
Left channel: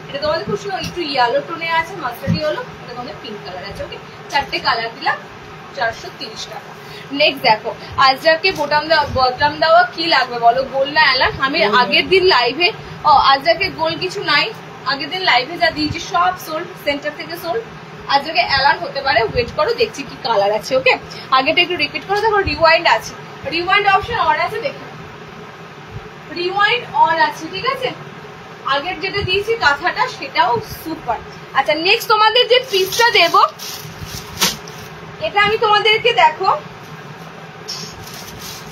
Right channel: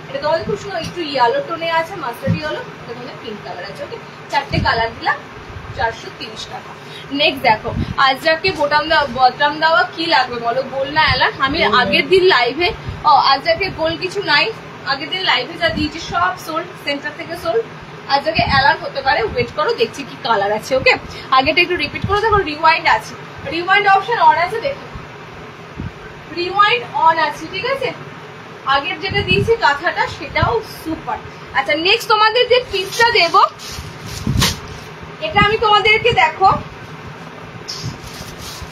এটা তোমাদের খুব সুন্দর একটু ইয়েলো টোনে আছে, মাস্টার্ড ইয়েলো, এটা তোমাদের পিঙ্ক কালার আছে। ওকে, 4টে কালার দিলাম, 430 টাকা। নেক্সট দেখো, আজরাকে বটম দেওয়া কি লাগবে বলো, গোল না এলান? আমি আগের দিন লাইভে, আজরাকে গোল কিছু নাই, আগের দিন লাইভে যা দিয়েছি সব সোল্ড, সেন্টার থেকে সোল্ড। আজরাকে এলান হতে পারে, ওয়েট করো দেখছি কি কালার আছে। ওকে, আগেটা একটু রিপিট করো। দেখো রিওয়াইন্ড আছে, রিওয়াইন্ড অপশন অন আছে, দেখো রিওয়াইন্ড অন আছে, ঠিক আছে। আগের যেটা দিয়েছি কাঁথাটা সেটাও সুপার। আচ্ছা নেক্সট তোমাদের যে পিসটা দেব, এটা আমি তোমাদেরকে দেখো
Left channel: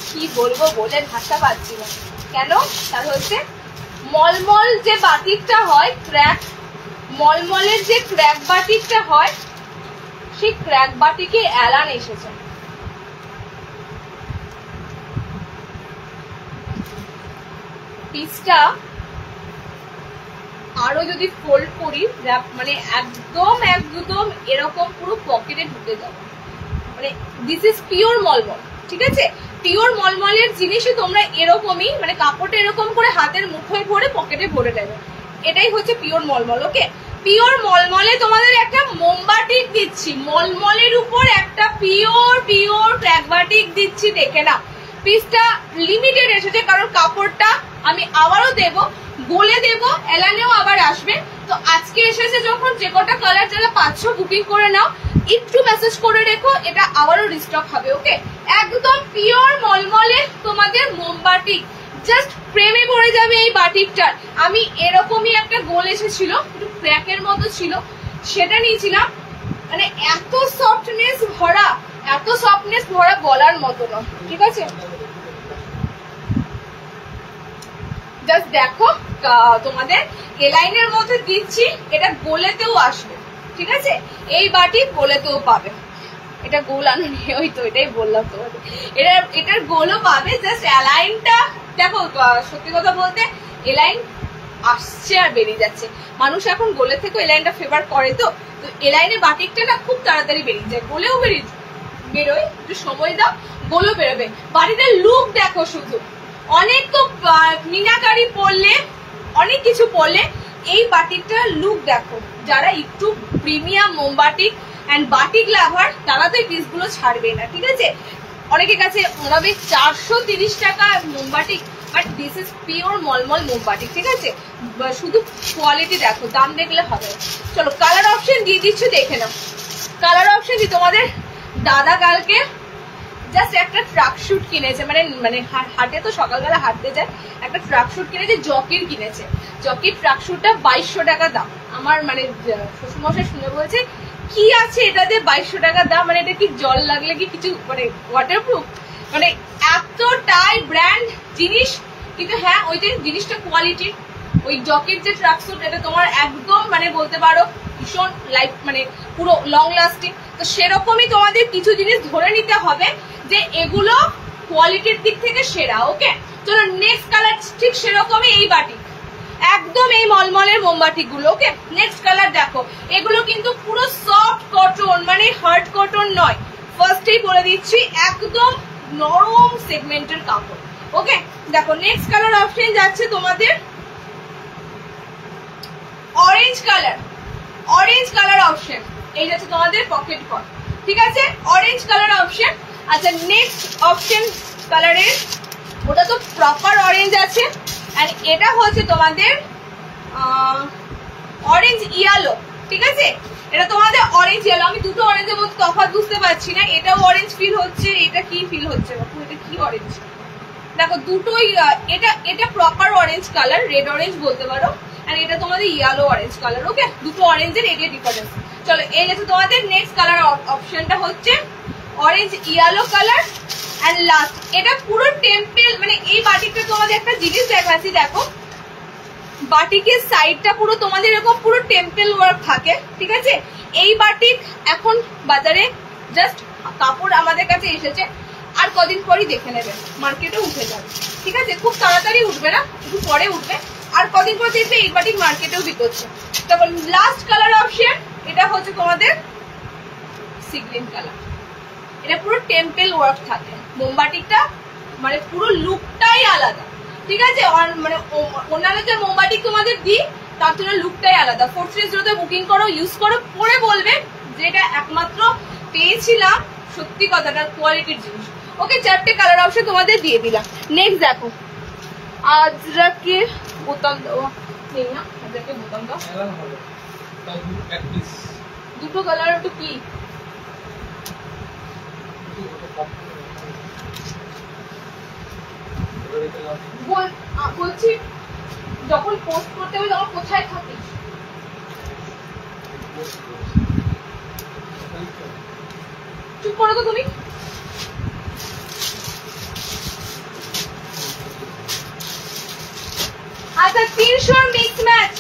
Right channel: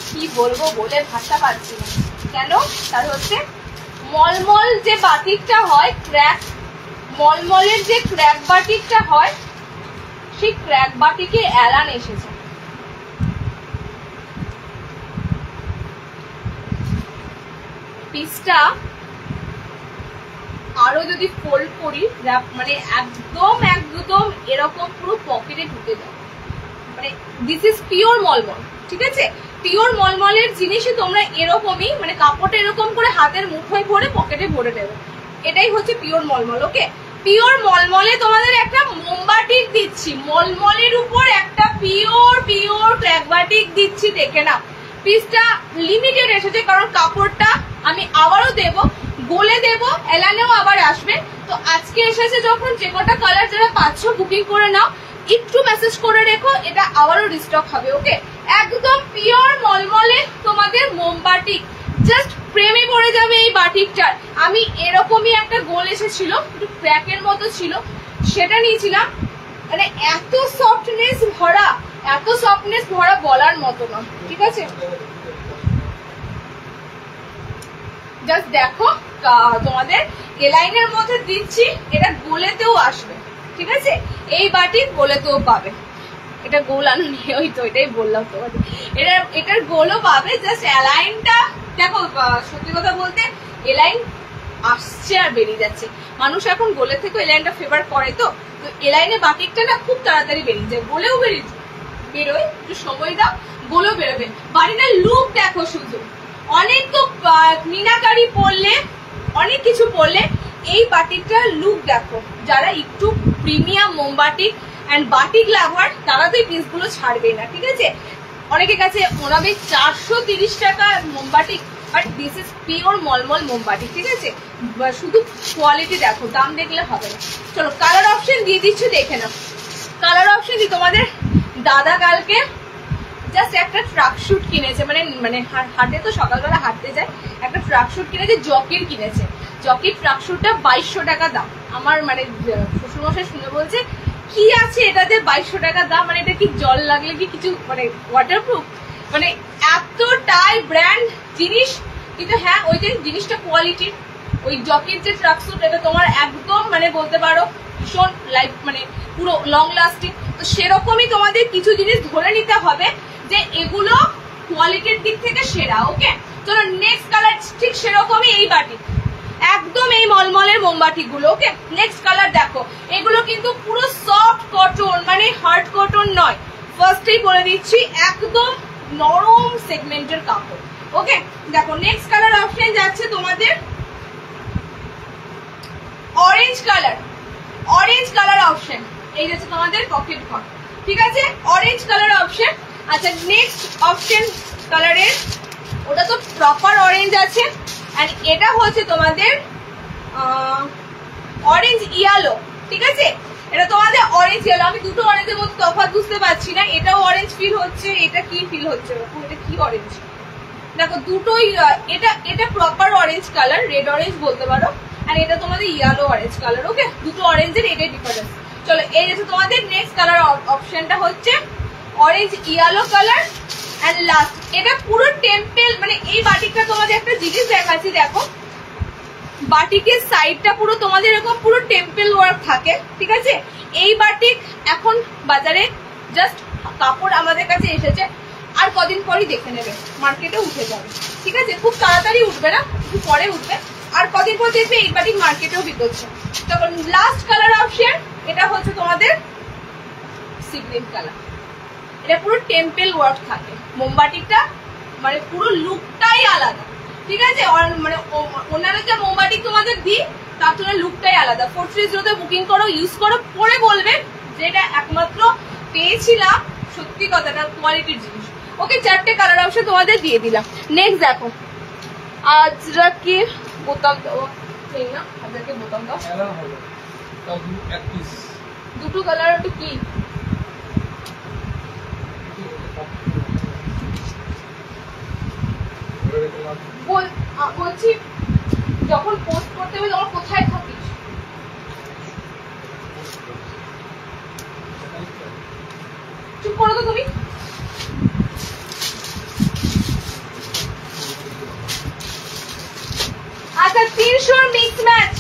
কি বলবো বলে ভাষা পাচ্ছি না কেন, তার হচ্ছে মলমল যে বাটিকটা হয়, ক্র্যাক মলমলের যে ক্র্যাক বাটিকটা হয়, সেই ক্র্যাক বাটিকে এলান এসেছে। পিসটা আরো যদি ফোল্ড করি, মানে একদম একদম এরকম পুরো পকেটে ঢুকে যাবে, মানে দিস ইজ পিওর মলমল, ঠিক আছে। পিওর মলমলের জিনিসই তোমরা এরকমই, মানে কাপড়টা এরকম করে হাতের মুঠোয় ভরে পকেটে ভরে দেবে, এটাই হচ্ছে পিওর মলমল। ওকে, পিওর মলমলে তোমাদের একটা মোমবাটিক দিচ্ছি, মলমলের উপর একটা পিওর ক্র্যাক বাটিক দিচ্ছি, দেখে না। পিসটা লিমিটেড এসেছে কারণ কাপড়টা আমি আবারও দেব, গোলে দেব, এলানেও আবার আসবে। তো আজকে এসেছে যখন, যে কটা কালার যারা পাচ্ছ বুকিং করে নাও, একটু মেসেজ করে রেখো, এটা আবারও রিস্টক হবে। ওকে, একদম পিওর মলমলে তোমাদের মোমবাটিক, জাস্ট প্রেমে পড়ে যাবে এই বাটিকটার। আমি এরকমই একটা গোল এসেছিল, একটু ক্র্যাকের মতো ছিল, সেটা নিয়েছিলাম, মানে এত সফটনেস ভরা, এত সফটনেস ভরা বলার মতো না, ঠিক আছে। জাস্ট দেখো তোমাদের এলাইনের মধ্যে দিচ্ছি, এটা গোলেতেও আসবে, ঠিক আছে। এই বাটি গোলেতেও পাবে, এটা গোল আনুনি, ওই তো এটাই বললাম তোমাদের, এটার গোলও পাবে। জাস্ট এলাইনটা দেখো, সত্যি কথা বলতে এলাইন আসছে আর বেরিয়ে যাচ্ছে, মানুষ এখন গোলে থেকে এলাইনটা ফেভার করে, তো এলাইনে বাটিকটা না খুব তাড়াতাড়ি বেরিয়ে যায়, গোলেও বেরোয়, একটু সময় দাও, গোলও বেরোবে। বাটিটার লুক দেখো শুধু, অনেক তো মিনাকারি পরলে, অনেক কিছু পরলে, এই বাটিকটার লুক দেখো। যারা একটু প্রিমিয়াম মোমবাটিক এন্ড বাটিক লাভার, তারা তো এই পিসগুলো ছাড়বে না, ঠিক আছে। অনেকের কাছে ওনাবে 430 টাকা মোমবাটিক, বাট দিস ইজ পিওর মলমল মোমবাটিক, ঠিক আছে। শুধু কোয়ালিটি দেখো, দাম দেখলে হবে না। চলো কালার অপশন দিয়ে দিচ্ছি, দেখে নাও। কালার অপশন দিয়ে তোমাদের দাদা কালকে জাস্ট একটা ট্রাক শুট কিনেছে, মানে হাটে তো সকালবেলা হাঁটতে যায়, একটা ট্রাক শুট কিনেছে, জকির কিনেছে, জকির ট্রাক শুটটা 2200 টাকা দাম। আমার মানে শ্বশুরমশাই শুনে বলছে কি আছে এটাতে 2200 টাকা দাম, মানে এটা কি জল লাগলে কি কিছু মানে ওয়াটারপ্রুফ, মানে এতটাই ব্র্যান্ড জিনিস, কিন্তু হ্যাঁ ওই যে জিনিসটা কোয়ালিটির। ওই জকির যে ট্রাক শুট, এটা তোমার একদম মানে বলতে পারো ভীষণ লাইফ, মানে পুরো লং লাস্টিং। তো সেরকমই তোমাদের কিছু জিনিস ধরে নিতে হবে যে এগুলো কোয়ালিটির দিক থেকে সেরা। ওকে, চলো নেক্সট কালার ঠিক সেরকমই এই বাটিক, একদম এই মলমলের মোমবাতি গুলো। ওকে, নেক্সট কালার দেখো, এগুলো কিন্তু পুরো সফট কটন, মানে হার্ড কটন নয়, ফার্স্টেই বলে দিচ্ছি, একদম নরম সেগমেন্টের কাপড়। ওকে, দেখো নেক্সট কালার অপশন যাচ্ছে তোমাদের orange colour, orange colour option, এই যাচ্ছে তোমাদের পকেট কট, ঠিক আছে, অরেঞ্জ কালার অপশন। আচ্ছা নেক্সট অপশন কালারের, ওটা তো প্রপার অরেঞ্জ আছে, আর এটা হচ্ছে তোমাদের অরেঞ্জ ইয়েলো, ঠিক আছে। এটা তোমাদের অরেঞ্জ ইয়েলো, আমি দুটো অরেঞ্জের মধ্যে তফাৎ বুঝতে পারছি না, এটাও অরেঞ্জ ফিল হচ্ছে, এটা কি ফিল হচ্ছে বাপু, এটা কি অরেঞ্জ দেখো দুটোই এটা proper orange colour, red orange বলতে পারো, আর এটা তোমাদের ইয়েলো অরেঞ্জ কালার। ওকে, দুটো অরেঞ্জের এটাই ডিফারেন্স। চলো এই যে তোমাদের নেক্সট কালার অপশনটা হচ্ছে orange yellow colour and last. এটা পুরো টেম্পল, মানে এই বাটিকটা তোমাদের একটা জিনিস দেখাচ্ছি, দেখো বাটিকের সাইডটা পুরো তোমাদের এরকম পুরো টেম্পল ওয়ার্ক থাকে, ঠিক আছে। এই বাটিক এখন বাজারে জাস্ট কাপড় আমাদের কাছে এসেছে, আর কদিন পরই দেখে নেবে মার্কেটে উঠে যাবে, ঠিক আছে। খুব তাড়াতাড়ি উঠবে না, একটু পরে উঠবে, আর কদিন পর দেখবে এই বাটিক মার্কেটেও বিকোচ্ছে। তখন লাস্ট কালার অপশন এটা হচ্ছে তোমাদের সি গ্রিন কালার। এটা পুরো টেম্পল ওয়ার্ক থাকে, মোমবাটিকটা মানে পুরো লুকটাই আলাদা, ঠিক আছে। মানে অন্যান্য যে মোমবাটিক তোমাদের দিই তার জন্য লুকটাই আলাদা। ফোর্থ যদি বুকিং করো, ইউজ করো, পরে বলবে যেটা একমাত্র পেয়েছিলাম, সত্যি কথাটা কোয়ালিটির জিনিস। ওকে, 4টে কালার অপশন তোমাদের দিয়ে দিলাম। নেক্সট দেখো আজরাকে বোতাম দেওয়া নেই না, আজরাকে বোতাম দাও, দুটো কালার। ওটা কি বলছি, যখন পোস্ট করতে হবে তখন কোথায় থাকিস? চুপ করো তো তুমি। আচ্ছা 300 মিক্স ম্যাচ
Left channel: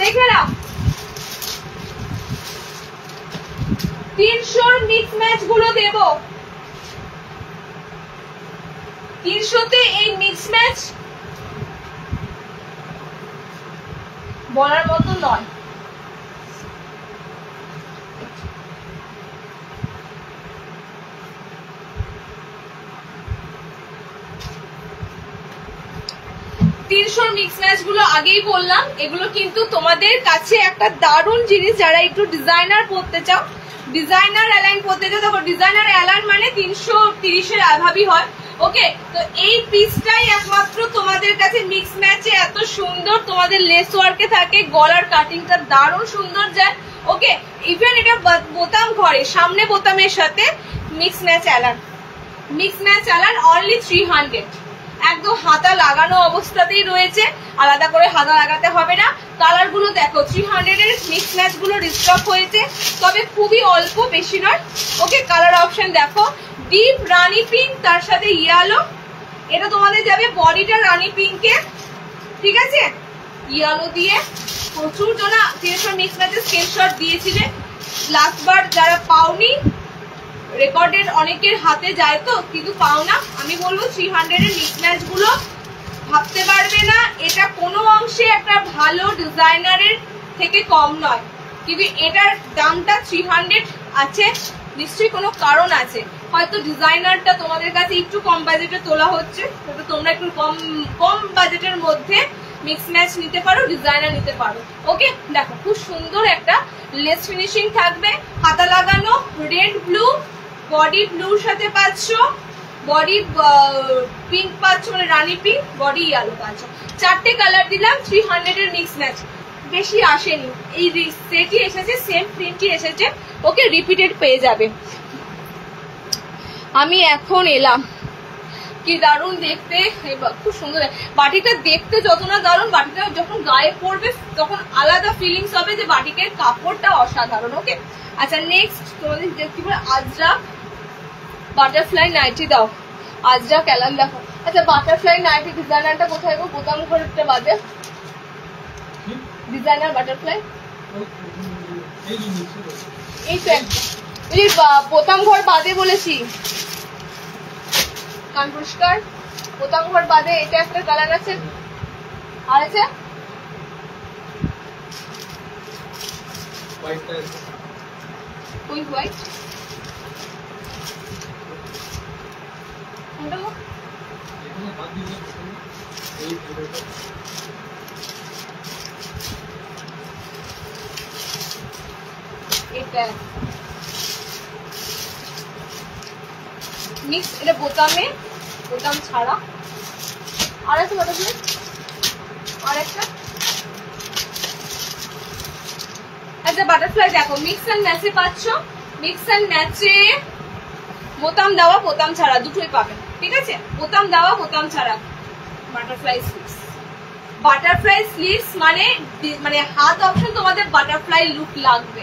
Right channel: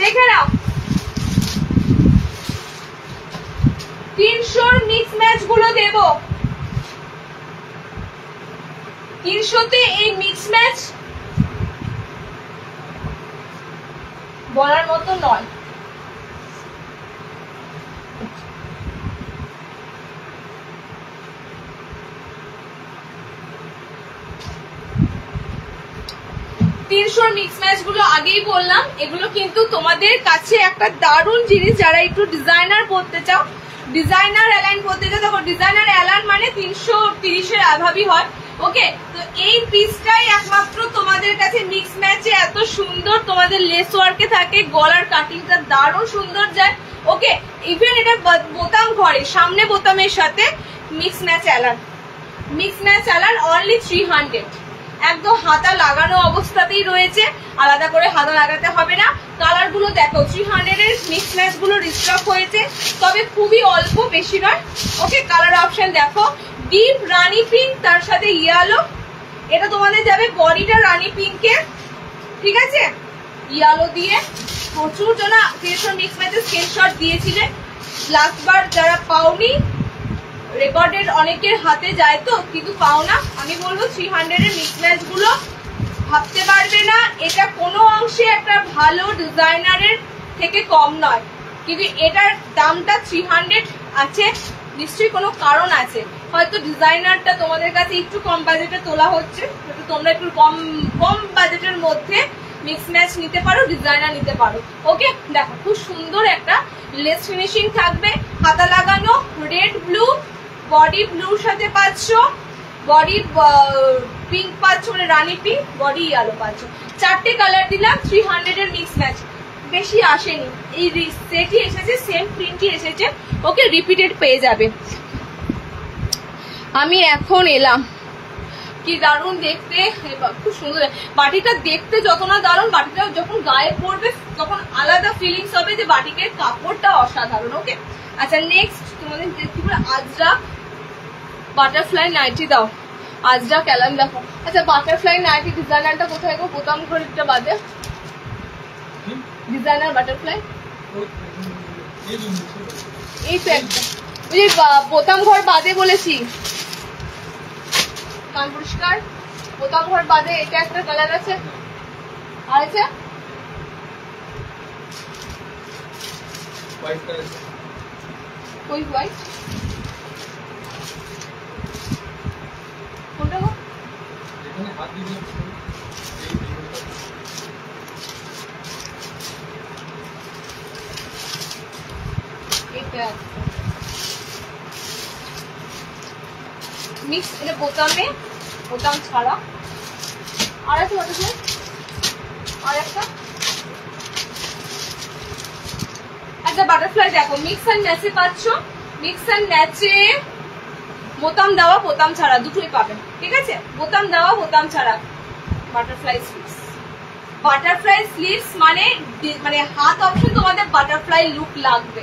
দেখে নাও, 300 মিক্স ম্যাচ গুলো দেব। 300তে এই মিক্স ম্যাচ বলার মতো নয়। মিক্স ম্যাচ গুলো আগেই বললাম, এগুলো কিন্তু তোমাদের কাছে একটা দারুণ জিনিস। যারা একটু ডিজাইনার পড়তে চাও, ডিজাইনার অ্যালাইন পড়তে চাও, তখন ডিজাইনার অ্যালাইন মানে 330-এর অ্যাভাবই হয়। ওকে, তো এই পিসটাই একমাত্র তোমাদের কাছে মিক্স ম্যাচে এত সুন্দর, তোমাদের লেস ওয়ার্কে থাকে, গলার কাটিংটা দারুণ সুন্দর যায়। ওকে, ইভেন এটা বোতাম ঘরে সামনে বোতামের সাথে মিক্স ম্যাচ অ্যালান অনলি 300, একদম হাতা লাগানো অবস্থাতেই রয়েছে, আলাদা করে হাতা লাগাতে হবে না। কালার গুলো দেখো, 300-এর মিক্স ম্যাচ গুলো রিস্টক হয়েছে, তবে খুবই অল্প, বেশি নয়। ওকে, কালার অপশন দেখো, ডিপ রানি পিঙ্ক, তার সাথে ইয়েলো। এটা তোমাদের যাবে বডিটা রানি পিঙ্কে, ঠিক আছে, ইয়েলো দিয়ে। প্রচুর জনা 300 মিক্স ম্যাচের স্ক্রিনশট দিয়েছিলে, লাস্টবার যারা পাওনি, রেকর্ডের অনেকের হাতে যায় তো কিন্তু পাও না, আমি বলবো 300-এর মিক্স ম্যাচ গুলো ভাবতে পারবে না। এটা কোনো অংশে একটা ভালো ডিজাইনারের থেকে কম নয়, কিন্তু এটার দামটা 300 আছে, নিশ্চয়ই কোনো কারণ আছে। হয়তো ডিজাইনারটা তোমাদের কাছে একটু কম বাজেটে তোলা হচ্ছে, তো তোমরা একটু কম বাজেটের মধ্যে মিক্স ম্যাচ নিতে পারো, ডিজাইনার নিতে পারো। ওকে, দেখো খুব সুন্দর একটা লেস ফিনিশিং থাকবে, হাতা লাগানো, রেড ব্লু, বডি ব্লুর সাথে পাচ্ছ, বডি পিঙ্ক পাচ্ছ, মানে রানি পিঙ্ক, বডি ইয়েলো পাচ্ছ। 4টে কালার দিলাম, 300-এর মিক্স ম্যাচ, বেশি আসেনি। এই সেটই এসেছে, সেম প্রিন্টই এসেছে। ওকে, রিপিটেড পেয়ে যাবে। আমি এখন এলাম, কি দারুণ দেখতে, খুব সুন্দর বাটিটা দেখতে, যত না দারুণ, বাটিটা যখন গায়ে পড়বে তখন আলাদা ফিলিংস হবে যে বাটিকের কাপড়টা অসাধারণ। ওকে, আচ্ছা নেক্সট তোমাদের দেখতে পাবে আজরা বাটারফ্লাই নাইটি দাও, আজরা ক্যালান দেখো। আচ্ছা বাটারফ্লাই নাইটি ডিজাইনারটা কোথায় গো? বোতাম ঘরেরটা বাদে ডিজাইনার বাটারফ্লাই এই তো একটা, ওই বোতাম ঘর বাদে বলেছি, কান পরিষ্কার, বোতাম ঘর বাদে এটা একটা কালার আছে, আর আছে ওই হোয়াইট, কোনটা গো? এটা মিক্স, এটা বোতামে, বোতাম ছাড়া। আর একটা বাটারফ্লাই, আর একটা। আচ্ছা বাটারফ্লাই দেখো, মিক্স অ্যান্ড ম্যাচে পাচ্ছ, মিক্স অ্যান্ড ম্যাচে বোতাম দেওয়া বোতাম ছাড়া দুটোই পাবেন, ঠিক আছে? বোতাম দেওয়া বোতাম ছাড়া বাটারফ্লাই স্লিভস। বাটারফ্লাই স্লিভস মানে হাত অপশন তোমাদের বাটারফ্লাই লুক লাগবে,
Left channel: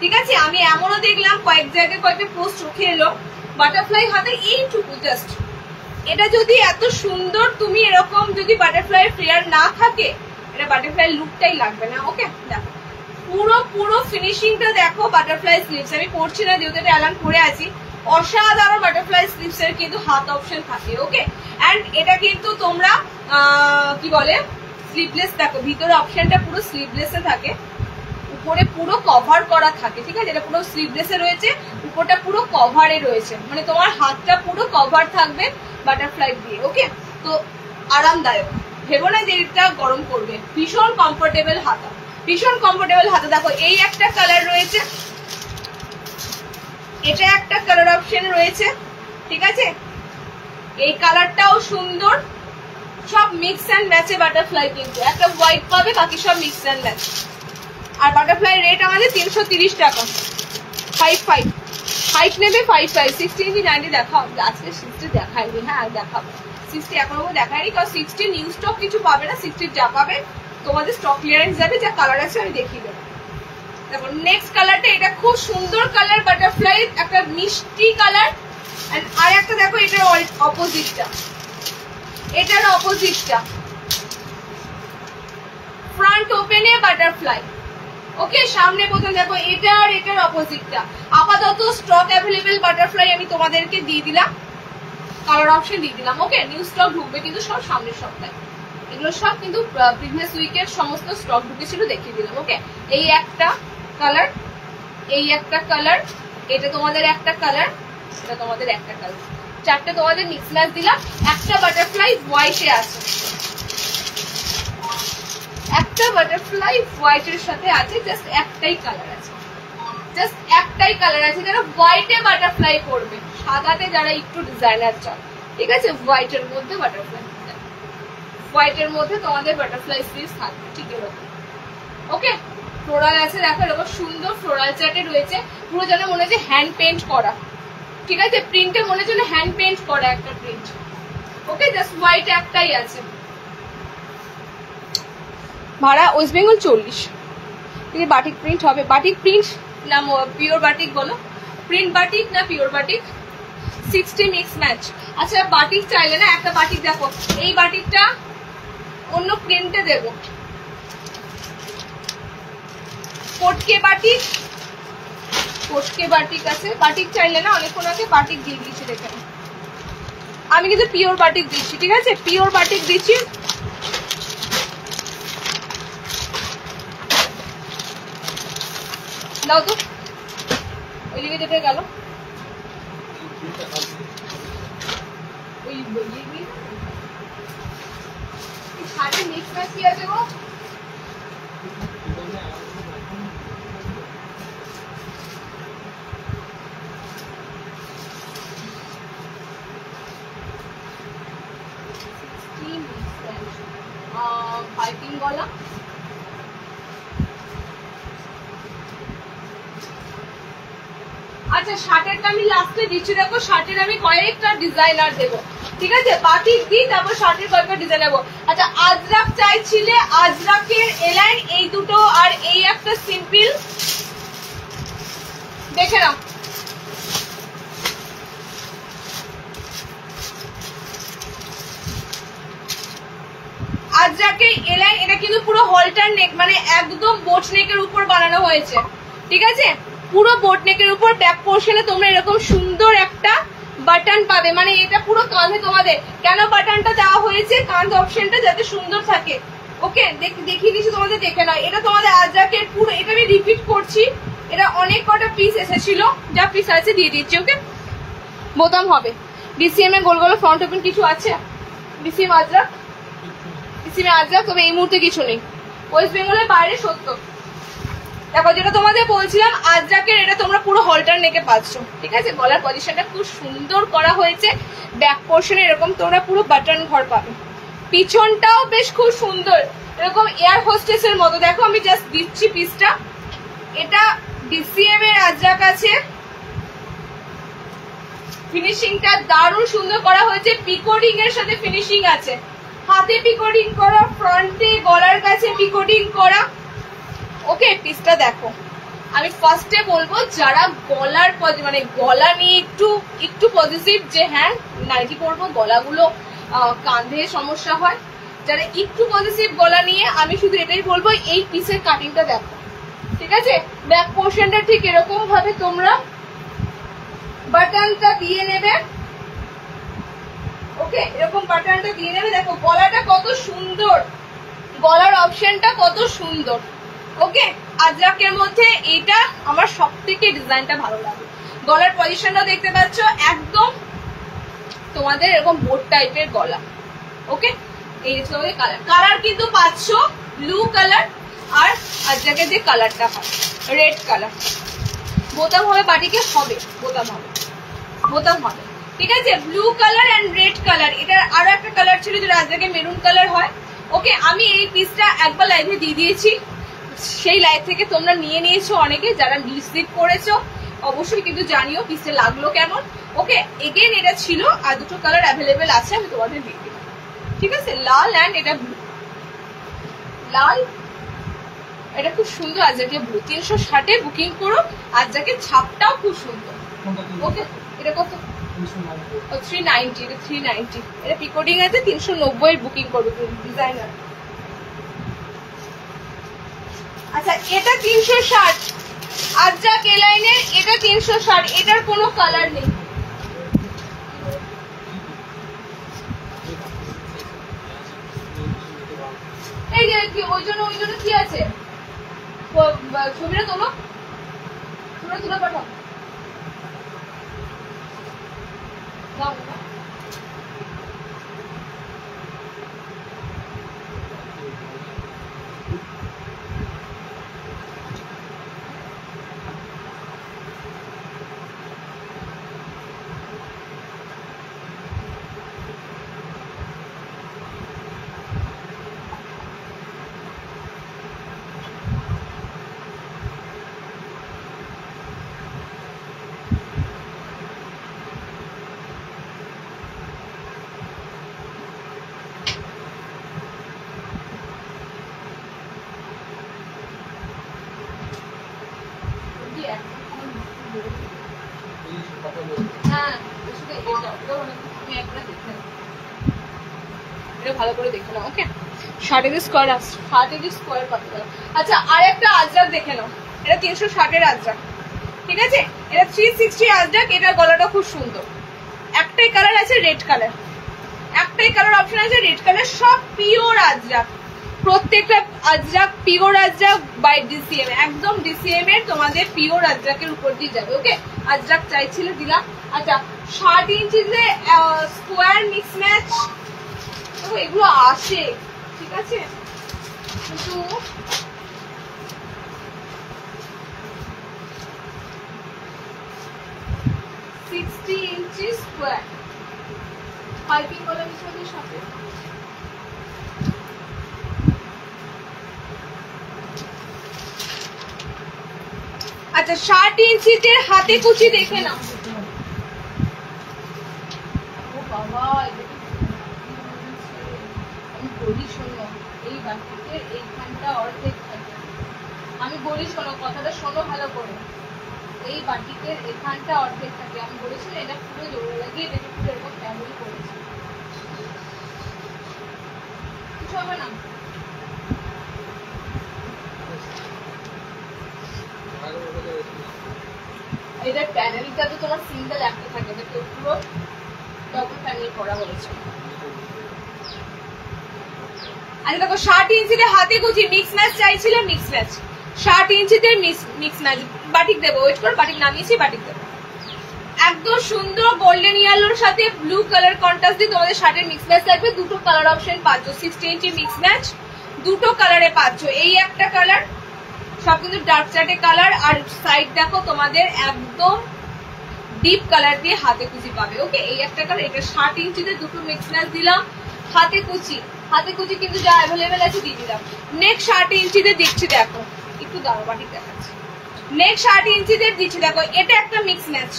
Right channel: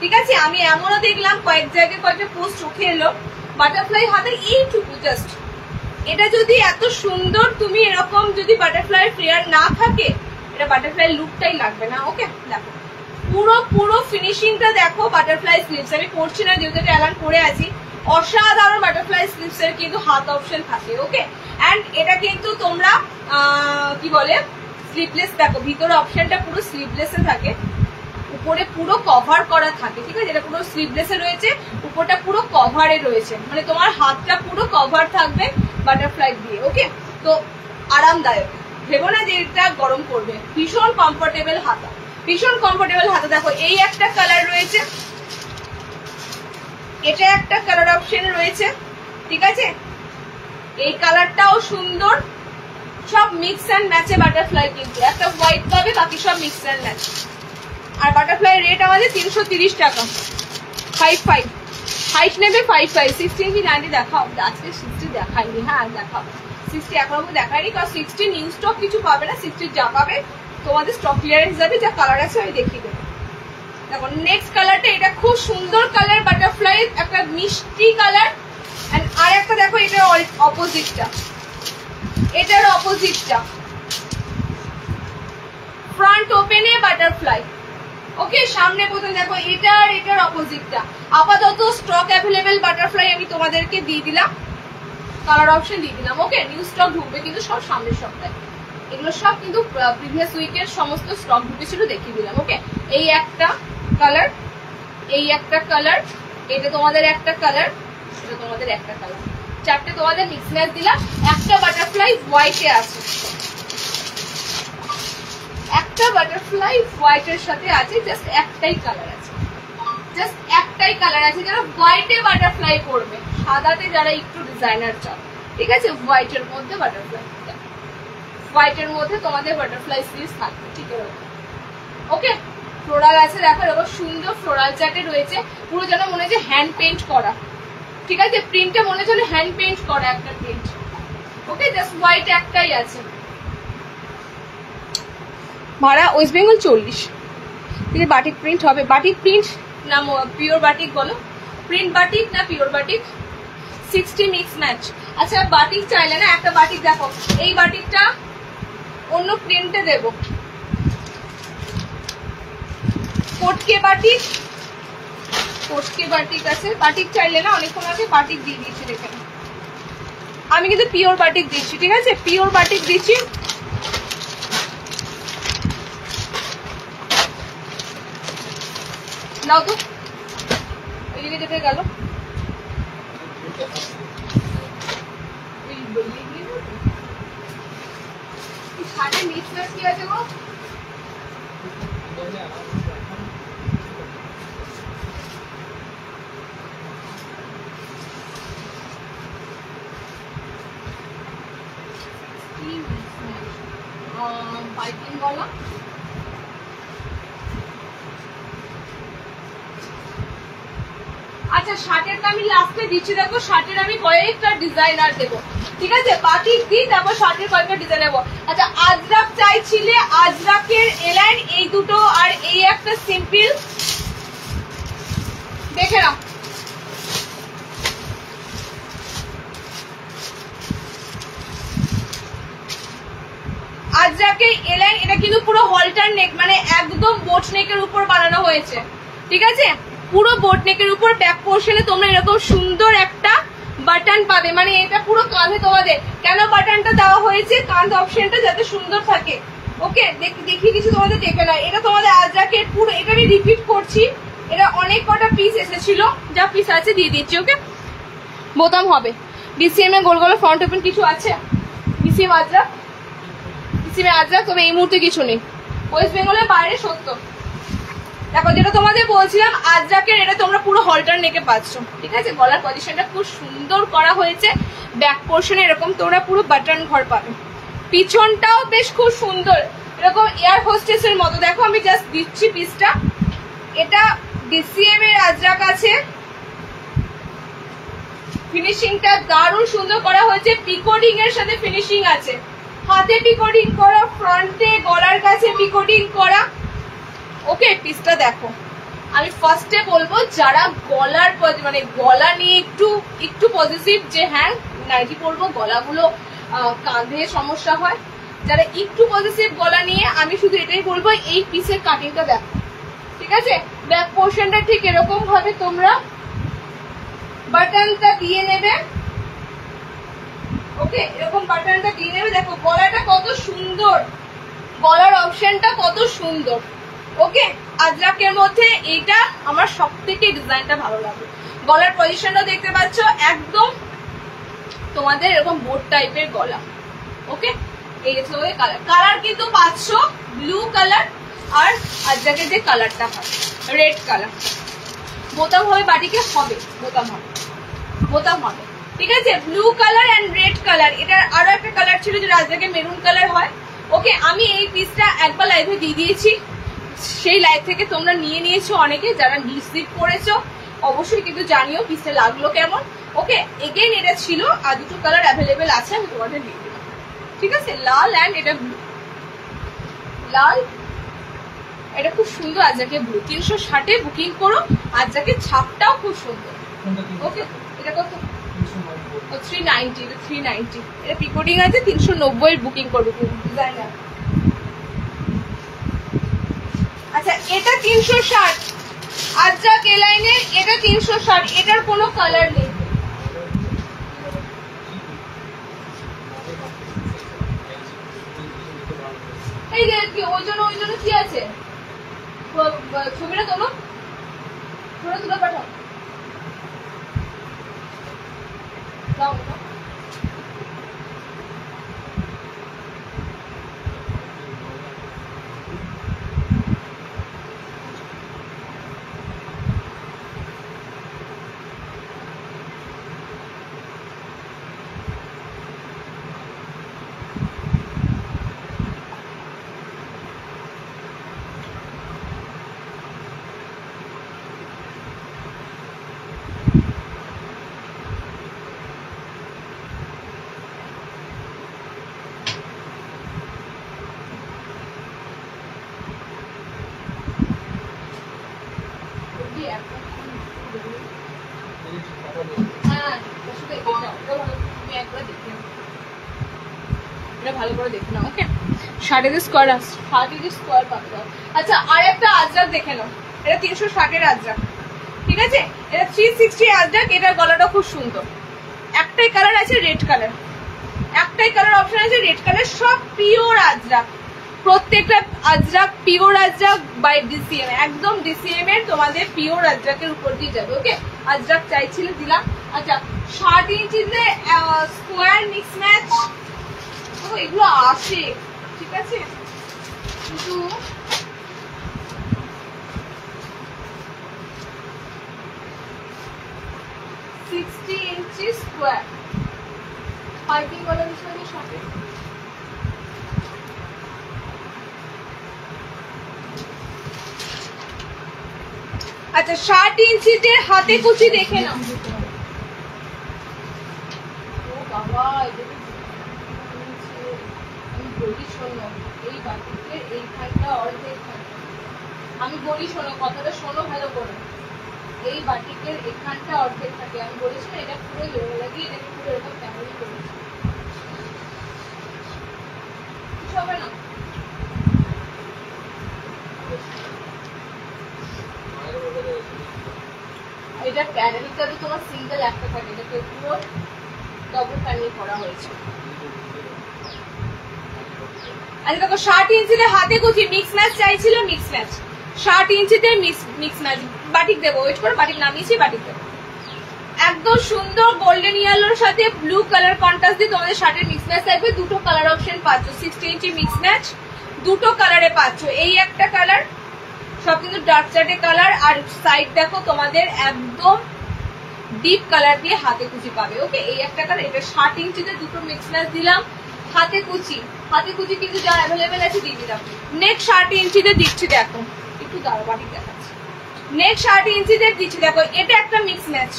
ঠিক আছে? আমি এমনও দেখলাম কয়েক জায়গায় কয়েকটা পোস্ট চোখে এলো বাটারফ্লাই হাতে এইটুকু জাস্ট। এটা যদি এত সুন্দর তুমি এরকম যদি বাটারফ্লাই ফ্লেয়ার না থাকে, এটা বাটারফ্লাই লুকটাই লাগবে না। ওকে, দেখো পুরো ফিনিশিংটা দেখো বাটারফ্লাই স্লিভস। আমি পড়ছি না যেহেতু এটা অ্যালান পরে আছি। অসাধারণ বাটারফ্লাই স্লিভস এর কিন্তু হাত অপশন থাকে। ওকে, এন্ড এটা কিন্তু তোমরা কি বলে স্লিভলেস, দেখো ভিতরে অপশনটা পুরো স্লিভলেস এ থাকে, উপরে পুরো কভার করা থাকে, ঠিক আছে? এটা পুরো স্লিভলেস এ রয়েছে, উপরটা পুরো কভারে রয়েছে, মানে তোমার হাতটা পুরো কভার থাকবে বাটারফ্লাই দিয়ে। ওকে, তো আরামদায়ক, ভেবো না যে এটা গরম করবে। ভীষণ কমফোর্টেবল হাতা, ভীষণ কমফোর্টেবল হাতা। দেখো এই একটা কালার রয়েছে, এটা একটা কালার অপশন রয়েছে, ঠিক আছে? এই কালারটাও সুন্দর, সব মিক্স অ্যান্ড ম্যাচে বাটারফ্লাই, কিন্তু একটা হোয়াইট পাবে, বাকি সব মিক্স অ্যান্ড ম্যাচ। আর বাটারফ্লাই রেট আমাদের 330 টাকা। 5 হাইট নেবে 5 60 ইঞ্চি 90 দেখাও, আজকে 60 দেখাইনি। হ্যাঁ দেখাবো, 60 এখনো দেখায়নি, কারণ 60 নিউ স্টক কিছু পাবে না। 60 যা পাবে তোমাদের স্টক ক্লিয়ারেন্স যাবে, যা কালার আছে আমি দেখিয়ে দেবো। দেখো নেক্সট কালারটা, এটা খুব সুন্দর কালার, বাটারফ্লাই একটা মিষ্টি কালার। আর একটা দেখো এটার অপোজিটটা, এটার অপোজিটটা ফ্রন্ট ওপেনে বাটারফ্লাই। ওকে, সামনে প্রথম দেখো এটার অপোজিটটা। আপাতত স্টক অ্যাভেলেবেল বাটারফ্লাই আমি তোমাদেরকে দিয়ে দিলাম, কালার অপশন দিয়ে দিলাম। ওকে, নিউ স্টক ঢুকবে কিন্তু সব সামনের সপ্তাহে, এগুলো সব কিন্তু প্রিভিয়াস উইকের সমস্ত স্টক ঢুকেছিল, দেখিয়ে দিলাম। ওকে, এই একটা কালার, এই একটা কালার, এটা তোমাদের একটা কালার, এটা তোমাদের একটা কালার, চারটে তোমাদের মিক্স ম্যাচ দিলাম। একটা বাটারফ্লাই হোয়াইটে আছে, একটা বাটারফ্লাই হোয়াইটের সাথে আছে, জাস্ট একটাই কালার আছে, জাস্ট একটাই কালার আছে। যারা হোয়াইটে বাটারফ্লাই করবে, সাদাতে যারা একটু ডিজাইনার চাও, ঠিক আছে? হোয়াইটের মধ্যে বাটারফ্লাই, হোয়াইটের মধ্যে তোমাদের বাটারফ্লাই স্লিভস থাকবে, ঠিক আছে? ওকে, ফ্লোরাল আছে, দেখো এরকম সুন্দর ফ্লোরাল চার্টে রয়েছে, পুরো যেন মনে হচ্ছে হ্যান্ড পেন্ট করা, ঠিক আছে? প্রিন্টে মনে হচ্ছে হ্যান্ড পেন্ট করা একটা প্রিন্ট। ওকে, জাস্ট হোয়াইট একটাই আছে। ভাড়া ওয়েস্ট বেঙ্গল 40। বাটিক প্রিন্ট হবে, বাটিক প্রিন্ট না পিওর বাটিক বলো, প্রিন্ট বাটিক না পিওর বাটিক? 60 mix match. আচ্ছা বাটিক চাইলে না, একটা বাটিক দেখো, এই বাটিকটা অন্য প্রিন্টে দেব, কোটকে বাটিক, কোটকে বাটিক আছে। বাটিক চাইলে না, অনেকক্ষণ আগে বাটিক দিয়ে দিয়েছি, দেখে না। আমি কিন্তু পিওর বাটিক দিচ্ছি, ঠিক আছে? পিওর বাটিক দিচ্ছি। দাও তো, ওইদিকে যেতে গেল, শাড়ি মিক্স ম্যাচ কি আছে গো? পাইপিং গলা, আচ্ছা শার্টেরটা আমি লাস্টে দিচ্ছি। দেখো শার্টের আমি কয়েকটা ডিজাইনার দেবো, ঠিক আছে? বাটিক দিই, তারপর শার্টের কয়েকটা ডিজাইন দেবো। আচ্ছা আজরাক চাইছিলে, আজরাকের এলাইন এই দুটো, আর এই একটা সিম্পল, দেখে নাও। আজরাকের এলাইন, এটা কিন্তু পুরো হলটার নেক, মানে একদম বোট নেকের উপর বানানো হয়েছে, ঠিক আছে? পুরো বোট নেকের উপর ব্যাক পোর্শনে তোমরা এরকম সুন্দর একটা বাটন পাবে, মানে এটা পুরো কাঁধে তোমাদের। কেন বাটনটা দেওয়া হয়েছে? কাঁধ অপশনটা যাতে সুন্দর থাকে। ওকে, দেখিয়ে দিচ্ছি তোমাদের, দেখে নাও। এটা তোমাদের আজরাকের পুরো, এটা আমি রিপিট করছি, এটা অনেক কটা পিস এসেছিল, যা পিস আছে দিয়ে দিচ্ছি। ওকে, বোতাম হবে ডিসিএম এ গোল গোল ফ্রন্ট ওপেন কিছু আছে, ডিসিএম আজরাক, ডিসিএম আজরাক, তবে এই মুহূর্তে কিছু নেই। ওয়েস্ট বেঙ্গলের বাইরে 70। দেখো যেটা তোমাদের বলছিলাম আজরাকের, এটা তোমরা পুরো হলটার নেকে পাচ্ছ, ঠিক আছে? গলার পজিশনটা খুব সুন্দর করা হয়েছে, ব্যাক পোর্শনে এরকম তোমরা পুরো বাটন ঘর পাবে। পিছনটাও বেশ খুব সুন্দর, এরকম এয়ার হোস্টেস এর মতো। দেখো আমি জাস্ট দিচ্ছি পিসটা, এটা ডিসিএম এর আজরাক আছে, ফিনিশিংটা দারুণ সুন্দর করা হয়েছে, পিকোডিং এর সাথে ফিনিশিং আছে, হাতে পিকোডিং করা, ফ্রন্টে গলার কাছে পিকোডিং করা। ওকে, পিসটা দেখো। আমি ফার্স্টে বলবো যারা গলার মানে গলা নিয়ে একটু পজিটিভ, যে হ্যাঁ নাইটি পরবো, গলাগুলো কাঁধে সমস্যা হয়, যারা একটু পজিটিভ গলা নিয়ে, আমি শুধু এটাই বলবো এই পিসের কাটিংটা দেখো, ঠিক আছে? ব্যাক পোর্শনটা ঠিক এরকম ভাবে তোমরা বাটনটা দিয়ে নেবে। ওকে, এরকম বাটনটা দিয়ে নেবে। দেখো গলাটা কত সুন্দর, গলার অপশনটা কত সুন্দর। ওকে, আজরাকের মধ্যে এটা আমার সব থেকে ডিজাইনটা ভালো লাগে। গলার পজিশনটা দেখতে পাচ্ছ, একদম তোমাদের এরকম বোট টাইপের গলা। ওকে, এই তোমাদের কালার কিন্তু পাচ্ছ ব্লু কালার, আর আজরাকের যে কালারটা হয় রেড কালার। বোতাম হবে বাটিকে, হবে বোতাম হবে, বোতাম হবে, ঠিক আছে? Blue colour and red colour. এটার আরো একটা কালার ছিল যেটা আজরাকে মেরুন কালার হয়। ওকে, আমি এই পিসটা একবার লাইভে দিয়ে দিয়েছি, সেই লাইভ থেকে তোমরা নিয়ে নিয়েছো অনেকে, যারা রিসিভ করেছো অবশ্যই কিন্তু জানিও পিসটা লাগলো কেমন। ওকে, এগেন এটা ছিল, আর দুটো কালার অ্যাভেলেবেল আছে, আমি তোমাদের দিয়ে দিলাম, ঠিক আছে? লাল অ্যান্ড এটা ব্লু, লাল, এটা খুব সুন্দর। আজকে ব্লু 360-এ বুকিং করো, আজকে ছাপটাও খুব সুন্দর। ওকে, এটা কত? 390, এটা 390, এটা পিকোডিং আছে, 390 বুকিং করবে ডিজাইনার। আচ্ছা, এটা 360, আজরাক এ লাইনের, এটা 360, এটার কোনো কালার নেই। এই যে ওই জন্য কি আছে, ছবিটা তোলো, তুলে পাঠাও। ভালো করে দেখে নাও। ওকে, শার্টের স্কোয়ার পাততে হবে। আচ্ছা, আর একটা আজরাক দেখে নাও, এটা 360-এর আজরাক, ঠিক আছে? এটা 360 আজরাক, এটার গলাটা খুব সুন্দর। একটাই কালার আছে রেড কালার, একটাই কালার অপশন আছে রেড কালার। সব পিওর আজরাক, প্রত্যেকটা ajrak pure ajrak by DCM, একদম ডিসিএম এর তোমাদের পিওর আজরাকের উপর দিয়ে যাবে। ওকে, আজরাক চাইছিলে দিলাম। আচ্ছা, 60 ইঞ্চিতে স্কোয়ার মিক্স ম্যাচ এগুলো আসে, ঠিক আছে? কিন্তু 60 ইঞ্চি স্কোয়ার পাইপিং বলা বিষয়ের সাথে। আচ্ছা, 60 ইঞ্চিতে হাতে কুচি দেখে নাও। ও বাবা, আমি বলি শোনো, এই বাটিতে এইখানটা অর্ধেক থাকে। আমি বলি শোনো, কথাটা শোনো ভালো করে। এই বাটিকের এখানটা অর্ধেক থাকে। আমি বলেছি না, এটা পুরো জোড়া লাগিয়ে এটাকে পুরো এরকম প্যানেল করেছি, কিছু হবে না। এটা প্যানেলটা তো তোমার সিঙ্গেল একটা থাকে, এটা পুরো ডবল প্যানেল করা হয়েছে। আচ্ছা দেখো, 60 ইঞ্চিতে হাতে কুচি মিক্স ম্যাচ চাইছিলে, মিক্স ম্যাচ 60 ইঞ্চিতে মিক্স ম্যাচ। বাটিক দেবো, ওয়েট করো, বাটিক নামিয়েছি, বাটিক দেবো। একদম সুন্দর গোল্ডেন ইয়েলোর সাথে ব্লু কালার কন্ট্রাস্ট দিয়ে তোমাদের শার্টের মিক্স ম্যাচ থাকবে। দুটো কালার অপশন পাচ্ছ, 60 ইঞ্চি মিক্স ম্যাচ দুটো কালারে পাচ্ছ। এই একটা কালার, সব কিন্তু ডার্ক চার্টে কালার, আর সাইড দেখো তোমাদের একদম ডিপ কালার দিয়ে হাতে কুচি পাবে। ওকে, এই একটা কালার, এটা 60 ইঞ্চিতে দুটো মিক্স ম্যাচ দিলাম। হাতে কুচি কিন্তু যা অ্যাভেলেবেল আছে দিয়ে দিলাম। নেক্সট 60 ইঞ্চিতে দিচ্ছি, দেখো একটু দাঁড়ো, বাটিক দেখাচ্ছি। নেক্সট 60 ইঞ্চিতে দিচ্ছি, দেখো এটা একটা মিক্স ম্যাচ,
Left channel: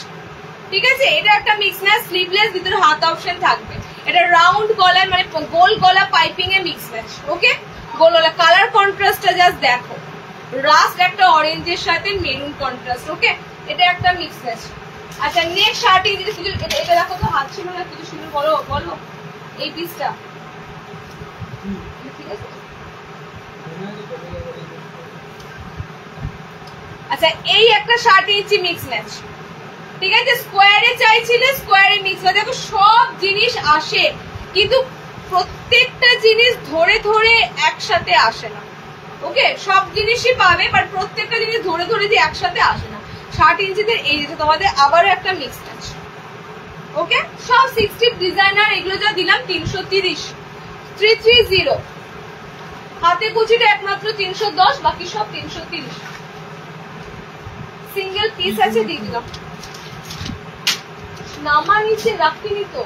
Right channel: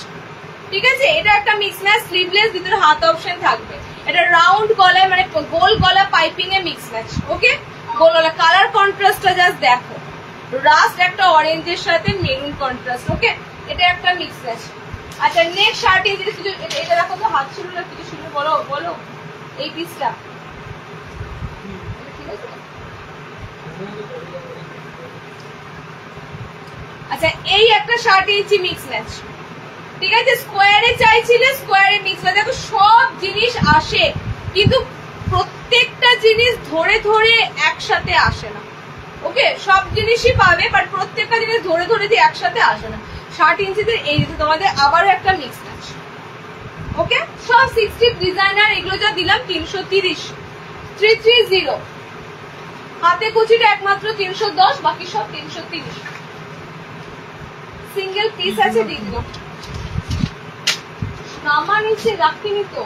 ঠিক আছে, এটা একটা মিক্স ম্যাচ, স্লিভলেস, ভিতরে হাত অপশন থাকবে। এটা রাউন্ড গলায় মানে গোল গলা পাইপিং এ মিক্স ম্যাচ। ওকে, গোল গলা। কালার কন্ট্রাস্টটা জাস্ট দেখো, রাস্ট একটা অরেঞ্জের সাথে মেরুন কন্ট্রাস্ট। ওকে, এটা একটা মিক্স ম্যাচ। আচ্ছা নেক্সট 8 ইঞ্চি, এটা দেখো তো, হাত ছিল না কিছু ছিল, বলো বলো এই পিসটা ঠিক আছে। আচ্ছা এই একটা 8 ইঞ্চি মিক্স ম্যাচ, ঠিক আছে। স্কোয়ারে চাইছিলে, স্কোয়ারে মিক্স ম্যাচ। দেখো সব জিনিস আসে, কিন্তু প্রত্যেকটা জিনিস ধরে ধরে একসাথে আসে না। ওকে, সব জিনিসই পাবে, বাট প্রত্যেকটা জিনিস ধরে ধরে দিয়ে একসাথে আসে না। 8 ইঞ্চিতে এই যে তোমাদের আবারও একটা মিক্স ম্যাচ। ওকে, সব 60 ডিজাইনার, এগুলো যা দিলাম 330, 330। হাতে কুচিটা একমাত্র 310, বাকি সব 330। সিঙ্গেল পিস আছে, দিয়ে দিলাম। নামা নিচে রাখিনি তো,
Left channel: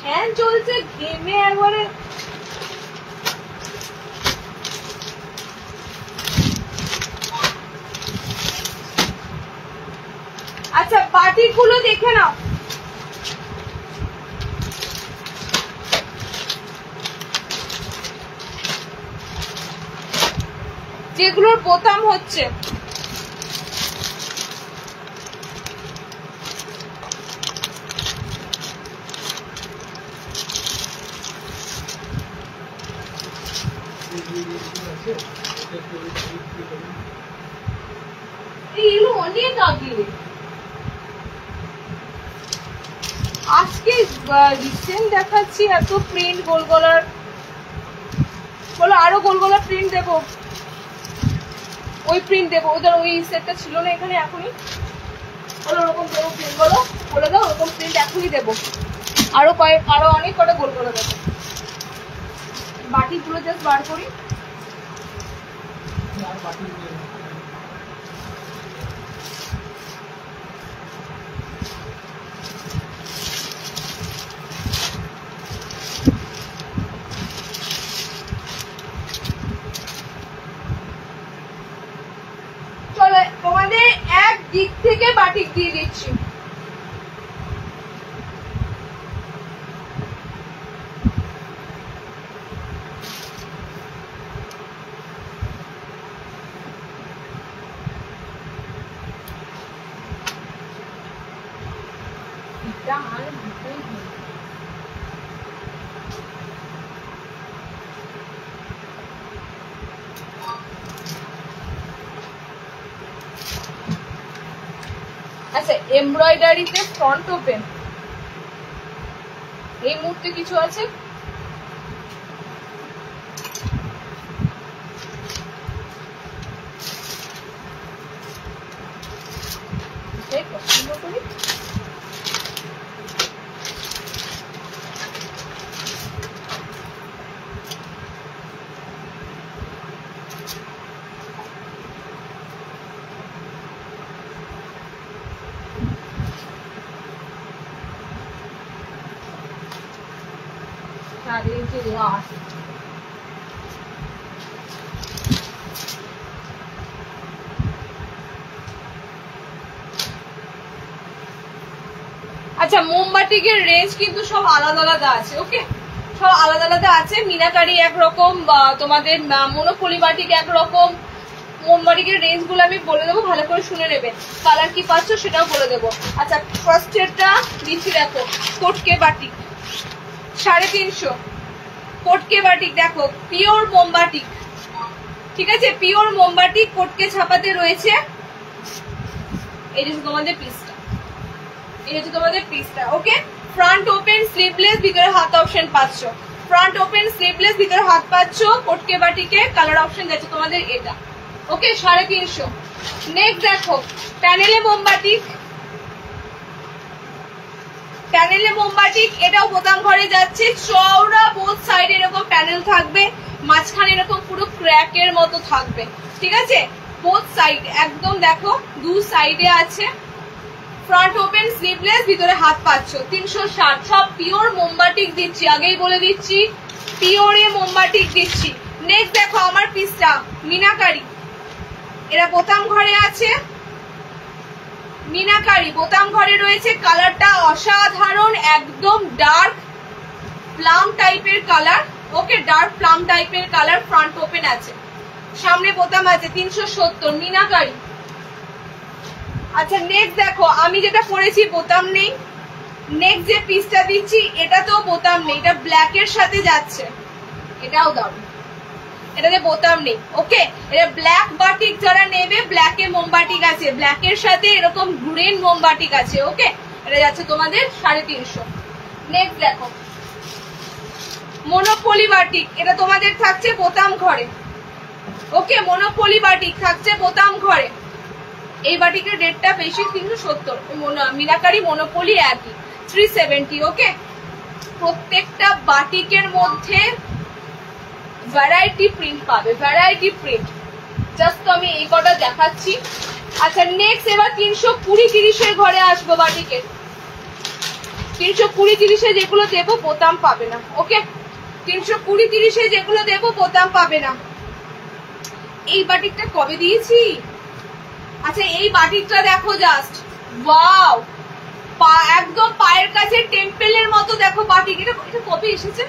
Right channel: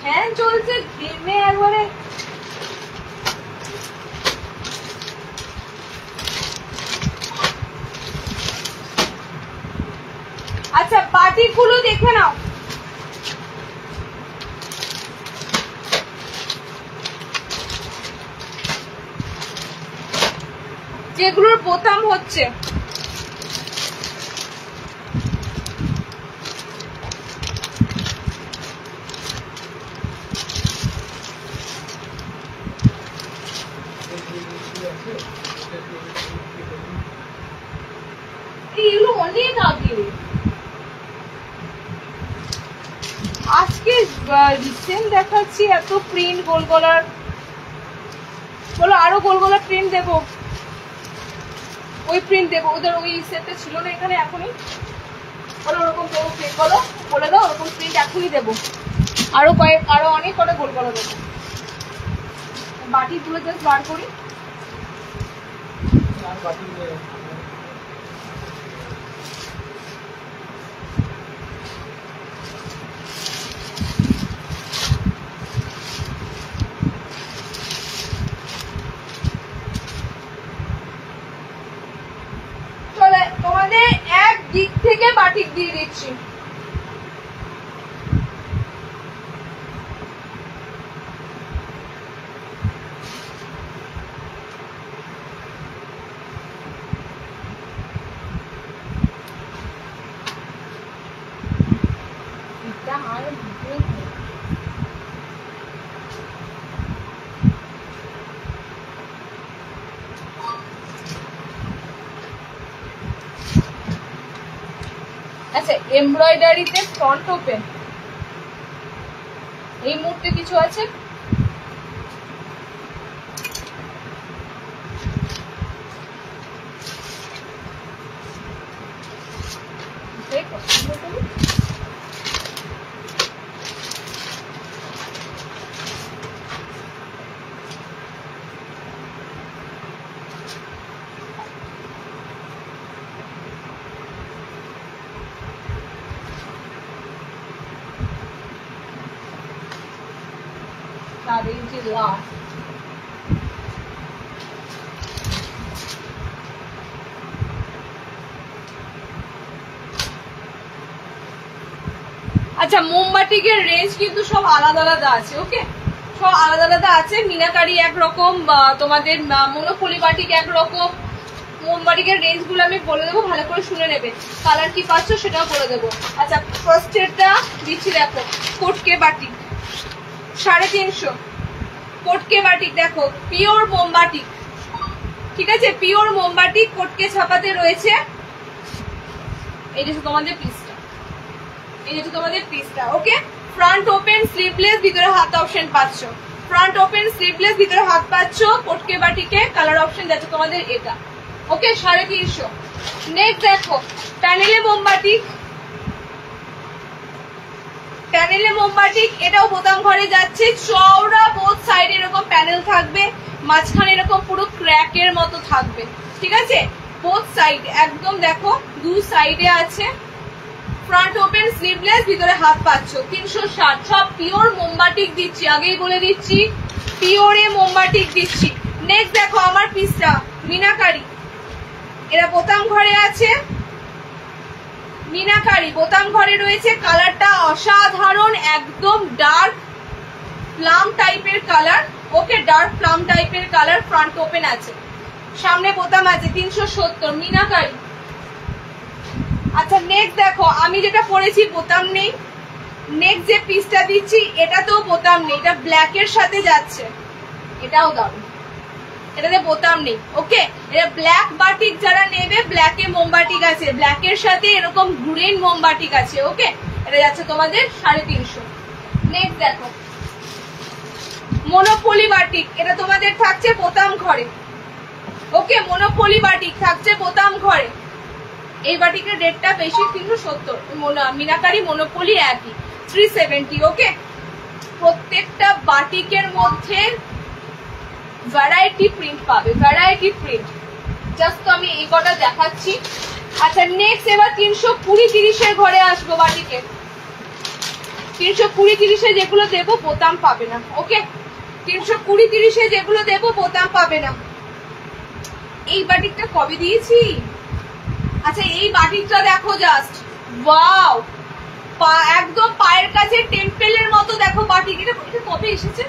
ফ্যান চলছে, ঘেমে একবারে। আচ্ছা বাটিক গুলো দেখে নাও, যেগুলোর বোতাম হচ্ছে। এগুলো অনেক আগে, আজকে রিসেন্ট দেখাচ্ছি এত প্রিন্ট গোল গলার। বলো আরো গোল গলার প্রিন্ট দেবো, ওই প্রিন্ট দেবো, ওদের ওই সেটটা ছিল না এখানে এখনই। বলো ওরকম দেবো প্রিন্ট, বলো বলে দাও ওরকম প্রিন্ট এখনই দেবো। আরো অনেক কটা গোল গলা দেবো। বাটি গুলো জাস্ট বার করি। চলো তোমাদের এক দিক থেকে বাটিক দিয়ে দিচ্ছি। আর আচ্ছা এমব্রয়ডারিতে ফ্রন্ট ওপেন এই মুহূর্তে কিছু আছে? পছন্দ করি। লাস্ট আচ্ছা মোমবাটিকের রেঞ্জ কিন্তু সব আলাদা আলাদা আছে। ওকে, সব আলাদা আলাদা আছে। মিনাকারি একরকম, তোমাদের মনোপলি বাটিক একরকম। মোমবাটিকের রেঞ্জ গুলো আমি বলে দেবো, ভালো করে শুনে নেবে। কালার কি পাচ্ছ সেটাও বলে দেবো। আচ্ছা ফার্স্ট এরটা দিচ্ছি, দেখো কোটকে বাটিক 350। কোটকে বাটিক দেখো, পিওর মোমবাটিক, ঠিক আছে, পিওর মোমবাটিক কোটকে ছাপাতে রয়েছে। এই যে তোমাদের পিসটা, এই হচ্ছে তোমাদের পিসটা। ওকে, ফ্রন্ট ওপেন স্লিভলেস, ভিতরে হাত অপশন পাচ্ছ। ফ্রন্ট ওপেন স্লিভলেস, ভিতরে হাত পাচ্ছ। কোটকে বাটিকে কালার অপশন যাচ্ছে তোমাদের এটা। ওকে 350। নেক্সট দেখো প্যানেলে মোমবাটিক, প্যানেলে মোমবাটিক, এটাও বোতাম ঘরে যাচ্ছে। চওড়া বোথ সাইড এরকম প্যানেল থাকবে, মাঝখানে এরকম পুরো ক্র্যাকের মতো থাকবে, ঠিক আছে। বোথ সাইড একদম দেখো দু সাইডে আছে। ফ্রন্ট ওপেন স্লিভলেস, ভিতরে হাত পাচ্ছ। 360। সব পিওর মোমবাটিক দিচ্ছি, আগেই বলে দিচ্ছি পিওরে মোমবাটিক দিচ্ছি। নেক্সট দেখো আমার পিসটা মিনাকারি, এরা বোতাম ঘরে আছে, মিনাকারি বোতাম ঘরে রয়েছে। কালারটা অসাধারণ, একদম ডার্ক প্লাম টাইপের কালার। ওকে, ডার্ক প্লাম টাইপের কালার। ফ্রন্ট ওপেন আছে, সামনে বোতাম আছে। 370 মিনাকারি। আচ্ছা নেক্সট দেখো, আমি যেটা পরেছি বোতাম নেই। নেক্সট যে পিসটা দিচ্ছি এটাতেও বোতাম নেই, এটা ব্ল্যাক এর সাথে যাচ্ছে। এটাও দারুন, এটাতে বোতাম নেই। ওকে, এটা ব্ল্যাক বাটিক যারা নেবে, ব্ল্যাকে মোমবাটিক আছে, ব্ল্যাকের সাথে এরকম গ্রিন মোমবাটিক আছে। ওকে, এটা যাচ্ছে তোমাদের 350। নেক্সট দেখো মনোপলি বাটিক, এটা তোমাদের থাকছে বোতাম ঘরে। ওকে, মনোপলি বাটিক থাকছে বোতাম ঘরে। এই বাটিকের রেটটা বেশি, 370। মিনাকারি মনোপলি একই, 370। ওকে, প্রত্যেকটা বাটিকের মধ্যে ভ্যারাইটি প্রিন্ট পাবে, ভ্যারাইটি প্রিন্ট। জাস্ট আমি এই কটা দেখাচ্ছি। আচ্ছা নেক্সট এবার 320-30 ঘরে আসবো। বাটিকে 320-30 যেগুলো দেবো বোতাম পাবে না। ওকে, 320-30 যেগুলো দেবো বোতাম পাবে না। এই বাটিকটা কবে দিয়েছি? আচ্ছা এই বাটিকটা দেখো জাস্ট, ওয়াও, একদম পায়ের কাছে টেম্পেলের মতো দেখো বাটিক। এটা কবে এসেছে?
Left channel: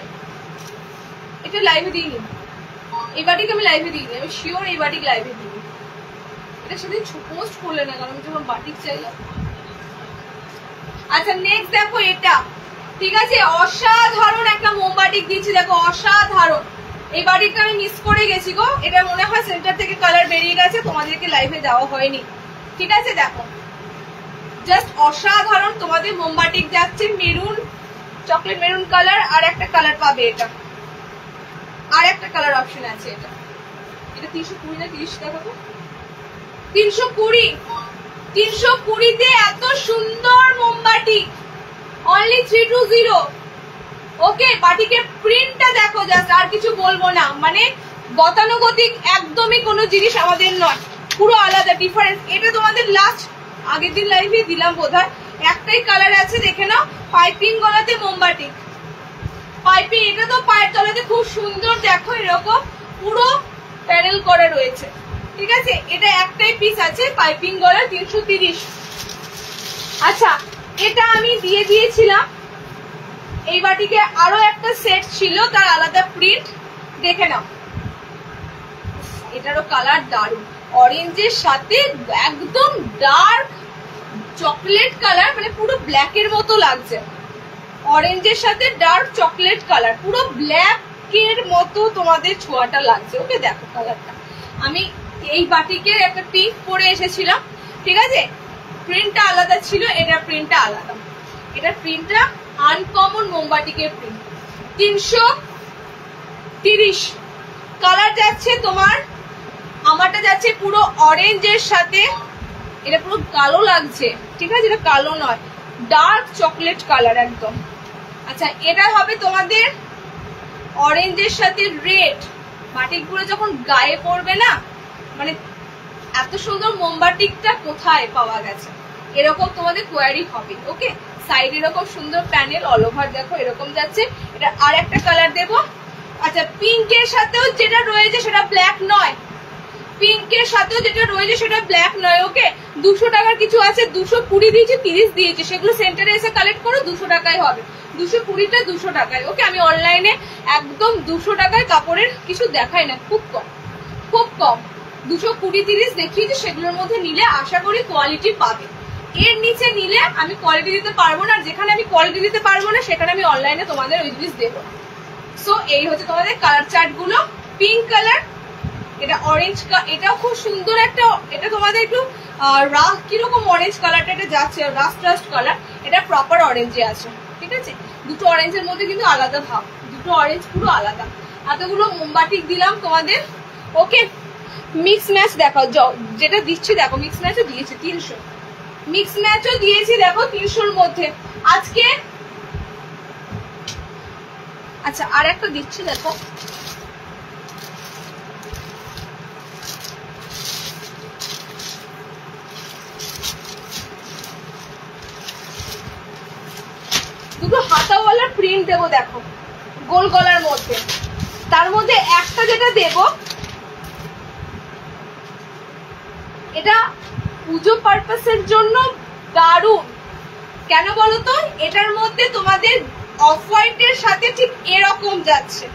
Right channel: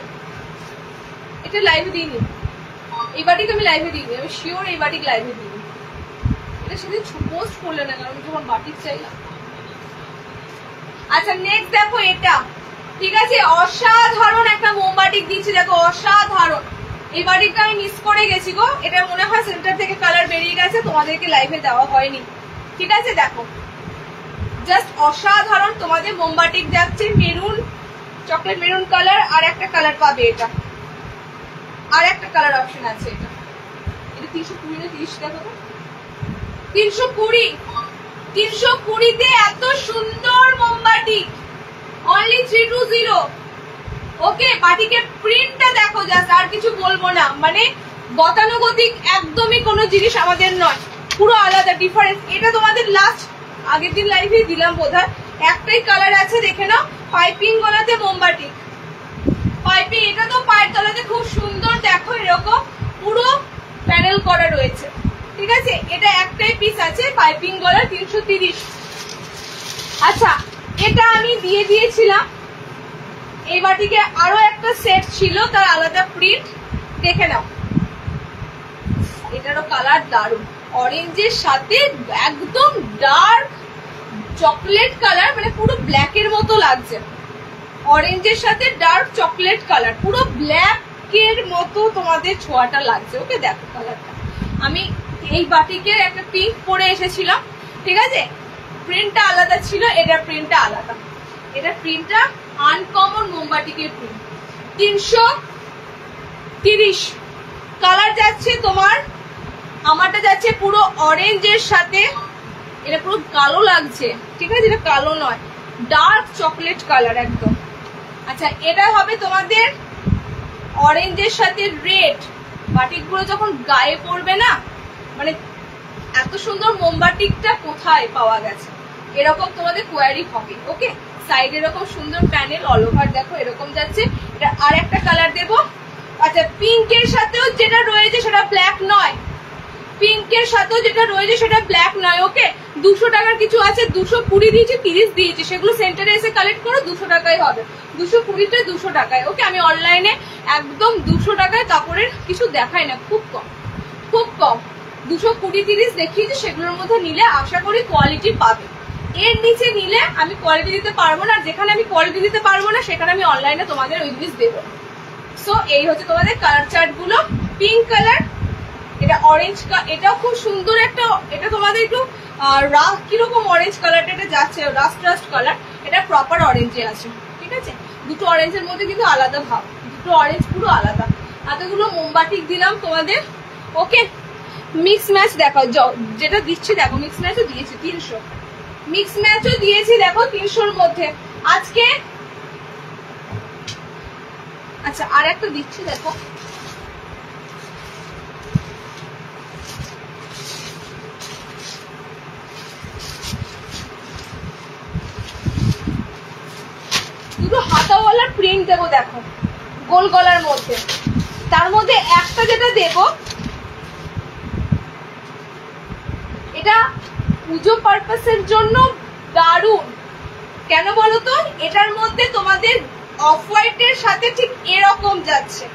এটা লাইভে দিইনি, এই বাটিক আমি লাইভে দিইনি, আমি শিওর এই বাটিক লাইভে দিইনি। এটা সেদিন পোস্ট করলে না, কারণ যখন বাটিক চাইলাম। আচ্ছা নেক্সট দেখো এটা, ঠিক আছে, অসাধারণ একটা মোমবাটিক দিচ্ছি দেখো, অসাধারণ। এই বাটিকটা আমি মিস করে গেছি গো, এটা মনে হয় সেন্টার থেকে কালার বেরিয়ে গেছে, তোমাদেরকে লাইভে দেওয়া হয়নি। ঠিক আছে, দেখো জাস্ট অসাধারণ তোমাদের মোমবাটিক যাচ্ছে। মেরুন, চকলেট মেরুন কালার, আর একটা কালার পাবে, এটা আর একটা কালার অপশন আছে। এটা 320 না 30 টাকা? 320। 320-তে এত সুন্দর মোমবাটি, অনলি 320। ওকে, বাটিকের প্রিন্টটা দেখো জাস্ট, আর কিছু বলবো না। মানে গতানুগতিক একদমই কোনো জিনিস আমাদের নয়, পুরো আলাদা ডিফারেন্স। এটা তোমাদের লাস্ট আগের দিন লাইভে দিলাম বোধহয়, একটাই কালার আছে, দেখে নাও। পাইপিং গলাতে মোমবাটি, পাইপিং। এটা তো পায়ের তলাতে খুব সুন্দর দেখো, এরকম পুরো প্যানেল করা রয়েছে। ঠিক আছে, এটা একটাই পিস আছে, পাইপিং গলা, 330। আচ্ছা এটা আমি দিয়ে দিয়েছিলাম। এই বাটিকে আরো একটা সেট ছিল, তার আলাদা প্রিন্ট, দেখে নাও। এটারও কালার দারুন, অরেঞ্জের সাথে একদম ডার্ক চকলেট কালার, মানে পুরো ব্ল্যাকের মতো লাগছে। অরেঞ্জের সাথে ডার্ক চকলেট কালার, পুরো ব্ল্যাকের মতো তোমাদের ছোঁয়াটা লাগছে। ওকে, দেখো কালারটা। আমি এই বাটিকের একটা পিঙ্ক পরে এসেছিলাম, ঠিক আছে, প্রিন্টটা আলাদা ছিল, এটার প্রিন্টটা আলাদা। এটার প্রিন্টটা আনকমন মোমবাটিকের প্রিন্ট। 330 কালার যাচ্ছে তোমার, আমারটা যাচ্ছে পুরো অরেঞ্জের সাথে, এটা পুরো কালো লাগছে। ঠিক আছে, এটা কালো নয়, ডার্ক চকলেট কালার একদম। আচ্ছা এটা হবে তোমাদের অরেঞ্জের সাথে রেড। বাটিকগুলো যখন গায়ে পড়বে না, মানে এত সুন্দর মোমবাটিকটা কোথায় পাওয়া গেছে, এরকম তোমাদের কোয়ারি হবে। ওকে, সাইড এরকম সুন্দর প্যানেল, অল ওভার দেখো এরকম যাচ্ছে। এটা আর একটা কালার দেবো। আচ্ছা পিঙ্কের সাথেও যেটা রয়েছে সেটা ব্ল্যাক নয়, পিঙ্কের সাথেও যেটা রয়েছে সেটা ব্ল্যাক নয়। ওকে, 200 টাকার কিছু আছে, 220 দিয়েছি, 30 দিয়েছি, সেগুলো সেন্টারে এসে কালেক্ট করো, 200 টাকায় হবে। 220টা 200 টাকায়। ওকে, আমি অনলাইনে একদম 200 টাকায় কাপড়ের কিছু দেখাই না, খুব কম, খুব কম। 220-30 দেখিয়েছি, সেগুলোর মধ্যে নিলে আশা করি কোয়ালিটি পাবে। এর নিচে নিলে আমি কোয়ালিটি দিতে পারবো না, যেখানে আমি কোয়ালিটি দিতে পারবো না সেখানে আমি অনলাইনে তোমাদের ওই জিনিস দেবো। সো এই হচ্ছে তোমাদের কালার চার্ট গুলো। পিঙ্ক কালার, এটা অরেঞ্জ, এটাও খুব সুন্দর একটা, এটা তোমাদের একটু কিরকম অরেঞ্জ কালারটা, এটা যাচ্ছে রাস্ট রাস্ট কালার, এটা প্রপার অরেঞ্জে আছে। ঠিক আছে, দুটো অরেঞ্জের মধ্যে কিন্তু আলাদা ভাব, দুটো অরেঞ্জ পুরো আলাদা। এতগুলো মোমবাটিক দিলাম তোমাদের। ওকে, মিক্স ম্যাচ দেখাও, যেটা দিচ্ছি দেখো, মিক্স ম্যাচও দিয়েছি 300, মিক্স ম্যাচও দিয়েছি দেখো 300-র মধ্যে আজকে। আচ্ছা আর একটা দিচ্ছি দেখো, দুটো হাতাওয়ালা প্রিন্ট দেবো দেখো, গোল গলার মধ্যে। তার মধ্যে একটা যেটা দেবো এটা পুজো পারপাসের জন্য দারুণ। কেন বলো তো, এটার মধ্যে তোমাদের অফ হোয়াইটের সাথে ঠিক এরকম যাচ্ছে,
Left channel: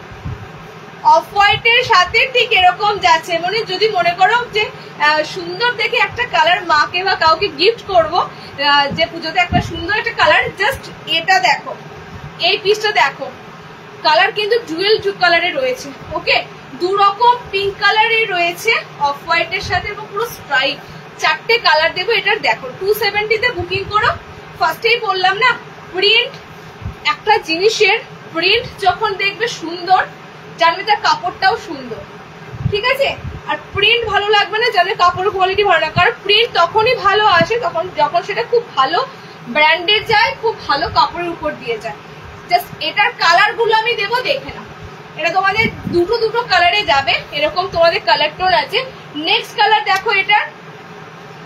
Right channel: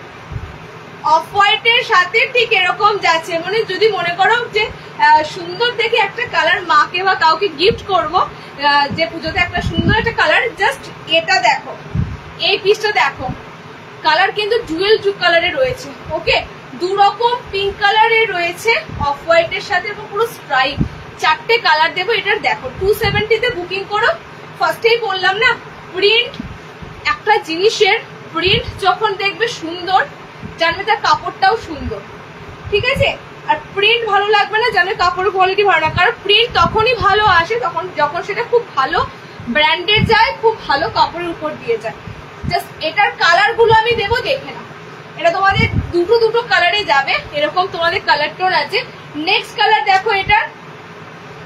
অফ হোয়াইটের সাথে ঠিক এরকম যাচ্ছে। মানে যদি মনে করো যে সুন্দর দেখে একটা কালার মাকে বা কাউকে গিফট করব, যে পুজোতে একটা সুন্দর একটা কালার, জাস্ট এটা দেখো, এই পিসটা দেখো, কালার কিন্তু ডুয়েল কালারে রয়েছে। ওকে, দু রকম পিঙ্ক কালারে রয়েছে অফ হোয়াইটের সাথে এবং পুরো স্ট্রাইপ, চারটে কালার দেবো এটার। দেখো 270 তে বুকিং করো। ফার্স্টেই বললাম না, প্রিন্ট, একটা জিনিসের প্রিন্ট যখন দেখবে সুন্দর, জানবে তার কাপড়টাও সুন্দর, ঠিক আছে? আর প্রিন্ট ভালো লাগবে না, জানবে কাপড়ের কোয়ালিটি ভালো না। কারণ প্রিন্ট তখনই ভালো আসে যখন সেটা খুব ভালো ব্র্যান্ডের যায়, খুব ভালো কাপড়ের উপর দিয়ে যায়। জাস্ট এটার কালার গুলো আমি দেবো, দেখে না। এটা তোমাদের দুটো কালারে যাবে, এরকম তোমাদের কালার টোন আছে। নেক্সট কালার দেখো, এটা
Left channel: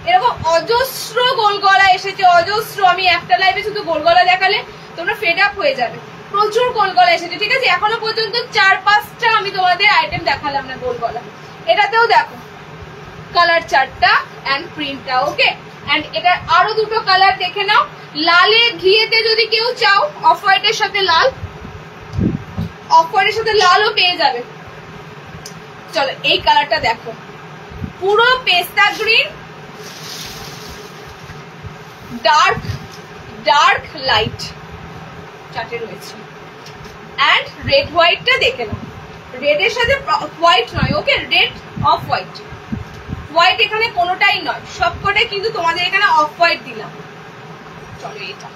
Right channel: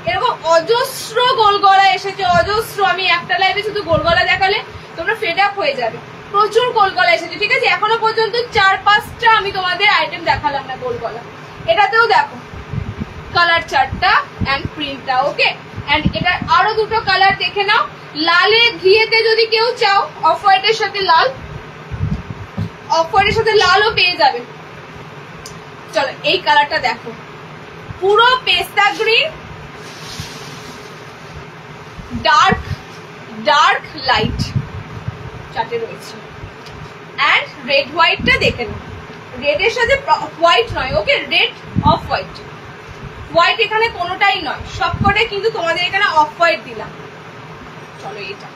এরকম অজস্র গোল গলা এসেছে, অজস্র। আমি একটা লাইভে শুধু গোল গলা দেখালে তোমরা ফেড আপ হয়ে যাবে। প্রচুর গোল গলা এসেছে, ঠিক আছে? এখনো পর্যন্ত 4-5টা আমি তোমাদের আইটেম দেখালাম না গোল গলা। এটাতেও দেখো কালার 4টা অ্যান্ড প্রিন্টটা। ওকে, অ্যান্ড এটার আরো দুটো কালার দেখে নাও। লালে ঘিয়েতে যদি কেউ চাও, অফ হোয়াইটের সাথে লাল, অফ হোয়াইটের সাথে লালও পেয়ে যাবে। চলো এই কালারটা দেখো, পুরো পেস্তা গ্রিন, ডার্ক লাইট চারটে রয়েছে। অ্যান্ড রেড হোয়াইটটা দেখে নাও, রেডের সাথে হোয়াইট নয়, ওকে, রেড অফ হোয়াইট, হোয়াইট এখানে কোনোটাই নয়, সবকটাই কিন্তু তোমাদের এখানে অফ হোয়াইট দিলাম। চলো এটা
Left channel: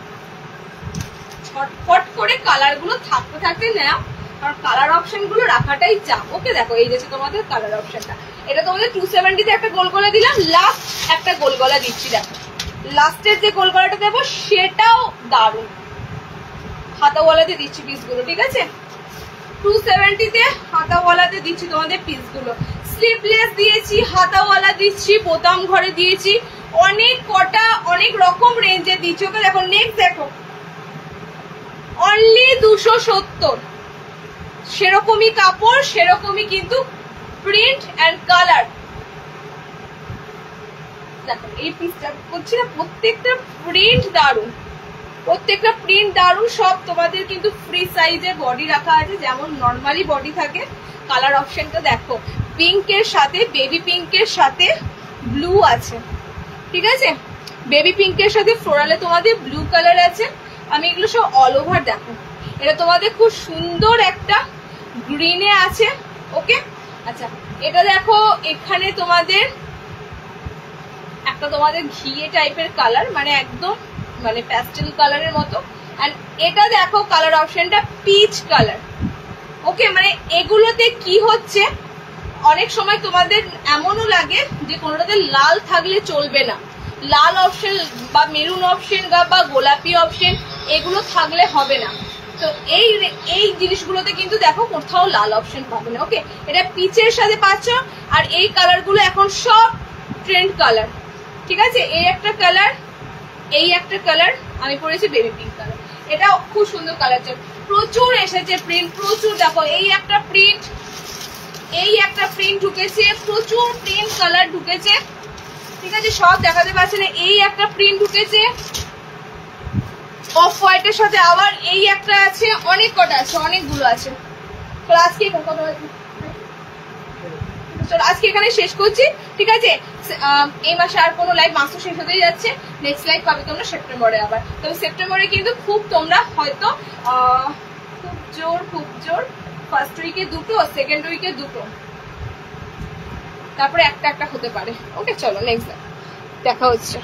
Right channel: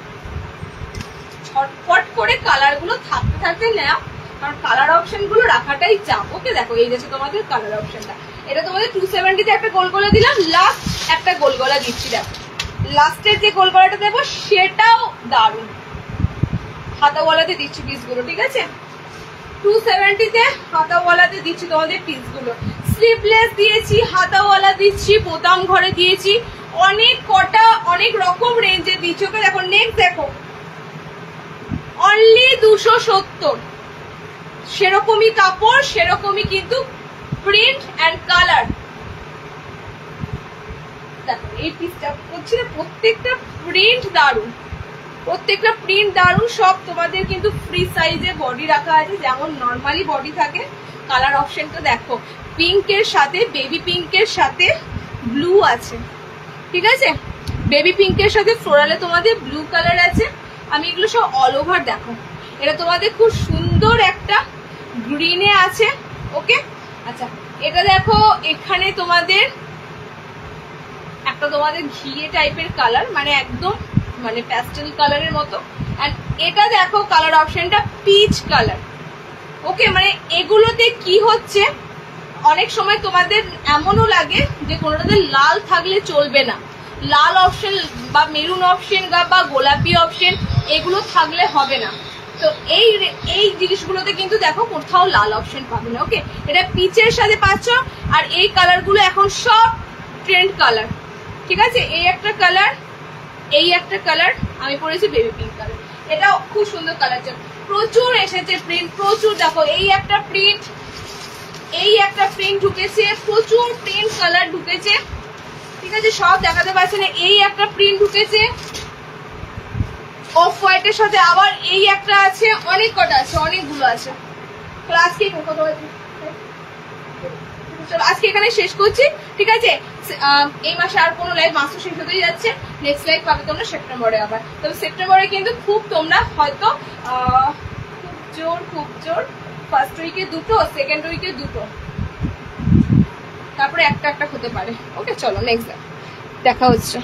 ছটফট করে কালার গুলো থাকতে নেওয়া, কারণ কালার অপশন গুলো রাখাটাই চাপ। ওকে, দেখো এই যে তোমাদের কালার অপশনটা, এটা তোমাদের 270 তে একটা গোল গলা দিলাম, লাস্ট একটা গোল গলা দিচ্ছি। দেখো লাস্টের যে গোল গলাটা দেবো সেটাও দারুণ, হাতাওয়ালাতে দিচ্ছি পিসগুলো, ঠিক আছে? 270 তে হাতাওয়ালাতে দিচ্ছি তোমাদের পিসগুলো। স্লিভলেস দিয়েছি, হাতাওয়ালা দিচ্ছি, বোতাম ঘরে দিয়েছি, অনেক কটা অনেক রকম রেঞ্জে দিচ্ছি। ওকে, দেখো নেক্সট দেখো, অনলি 270, সেরকমই কাপড়, সেরকমই কিন্তু প্রিন্ট অ্যান্ড কালার। দেখো এই পিসটা করছি না, প্রত্যেকটা প্রিন্ট দারুণ, প্রত্যেকটা প্রিন্ট দারুণ। সব তোমাদের কিন্তু ফ্রি সাইজে বডি রাখা আছে, যেমন নর্মালি বডি থাকে। কালার অপশনটা দেখো, পিঙ্কের সাথে, বেবি পিঙ্কের সাথে ব্লু আছে, ঠিক আছে? বেবি পিঙ্কের সাথে ফ্লোরালে তোমাদের ব্লু কালার আছে। আমি এগুলো সব অল ওভার দেখো, এটা তোমাদের খুব সুন্দর একটা গ্রিনে আছে। ওকে, আচ্ছা এটা দেখো, এখানে তোমাদের একটা তোমাদের ঘিয়ে টাইপের কালার, মানে একদম মানে প্যাস্টেল কালারের মতো। আর এটা দেখো কালার অপশনটা পিচ কালার। ওকে, মানে এগুলোতে কি হচ্ছে, অনেক সময় তোমাদের এমনও লাগে যে কোনোটাতে লাল থাকলে চলবে না, লাল অপশন বা মেরুন অপশন বা গোলাপি অপশন এগুলো থাকলে হবে না। তো এই জিনিসগুলোতে কিন্তু দেখো কোথাও লাল অপশন পাবে না। ওকে, এটা পিচের সাথে পাচ্ছ। আর এই কালার গুলো এখন সব ট্রেন্ড কালার, ঠিক আছে? এই একটা কালার, এই একটা কালার, আমি পরেছি বেবি পিঙ্ক কালার, এটা খুব সুন্দর কালার। প্রচুর এসেছে প্রিন্ট, প্রচুর। দেখো এই একটা প্রিন্ট, এই একটা প্রিন্ট ঢুকেছে, প্রচুর প্রিন্ট কালার ঢুকেছে, ঠিক আছে? সব দেখাতে পারছে না। এই একটা প্রিন্ট ঢুকেছে অফ হোয়াইটের সাথে, আবার এই একটা আছে, অনেক কটা আছে, অনেকগুলো আছে। তো আজকে কত আছে, চলো আজকে এখানে শেষ করছি, ঠিক আছে? এই মাসে আর কোনো লাইভ, মাস শেষ হতেই যাচ্ছে। নেক্সট লাইভ পাবে তোমরা সেপ্টেম্বরে আবার। তবে সেপ্টেম্বরে কিন্তু খুব তোমরা হয়তো খুব জোর ফার্স্ট উইকে দুটো, সেকেন্ড উইকে দুটো, তারপরে একটা হতে পারে। ওকে, চলো নেক্সট লাইভ দেখা হচ্ছে।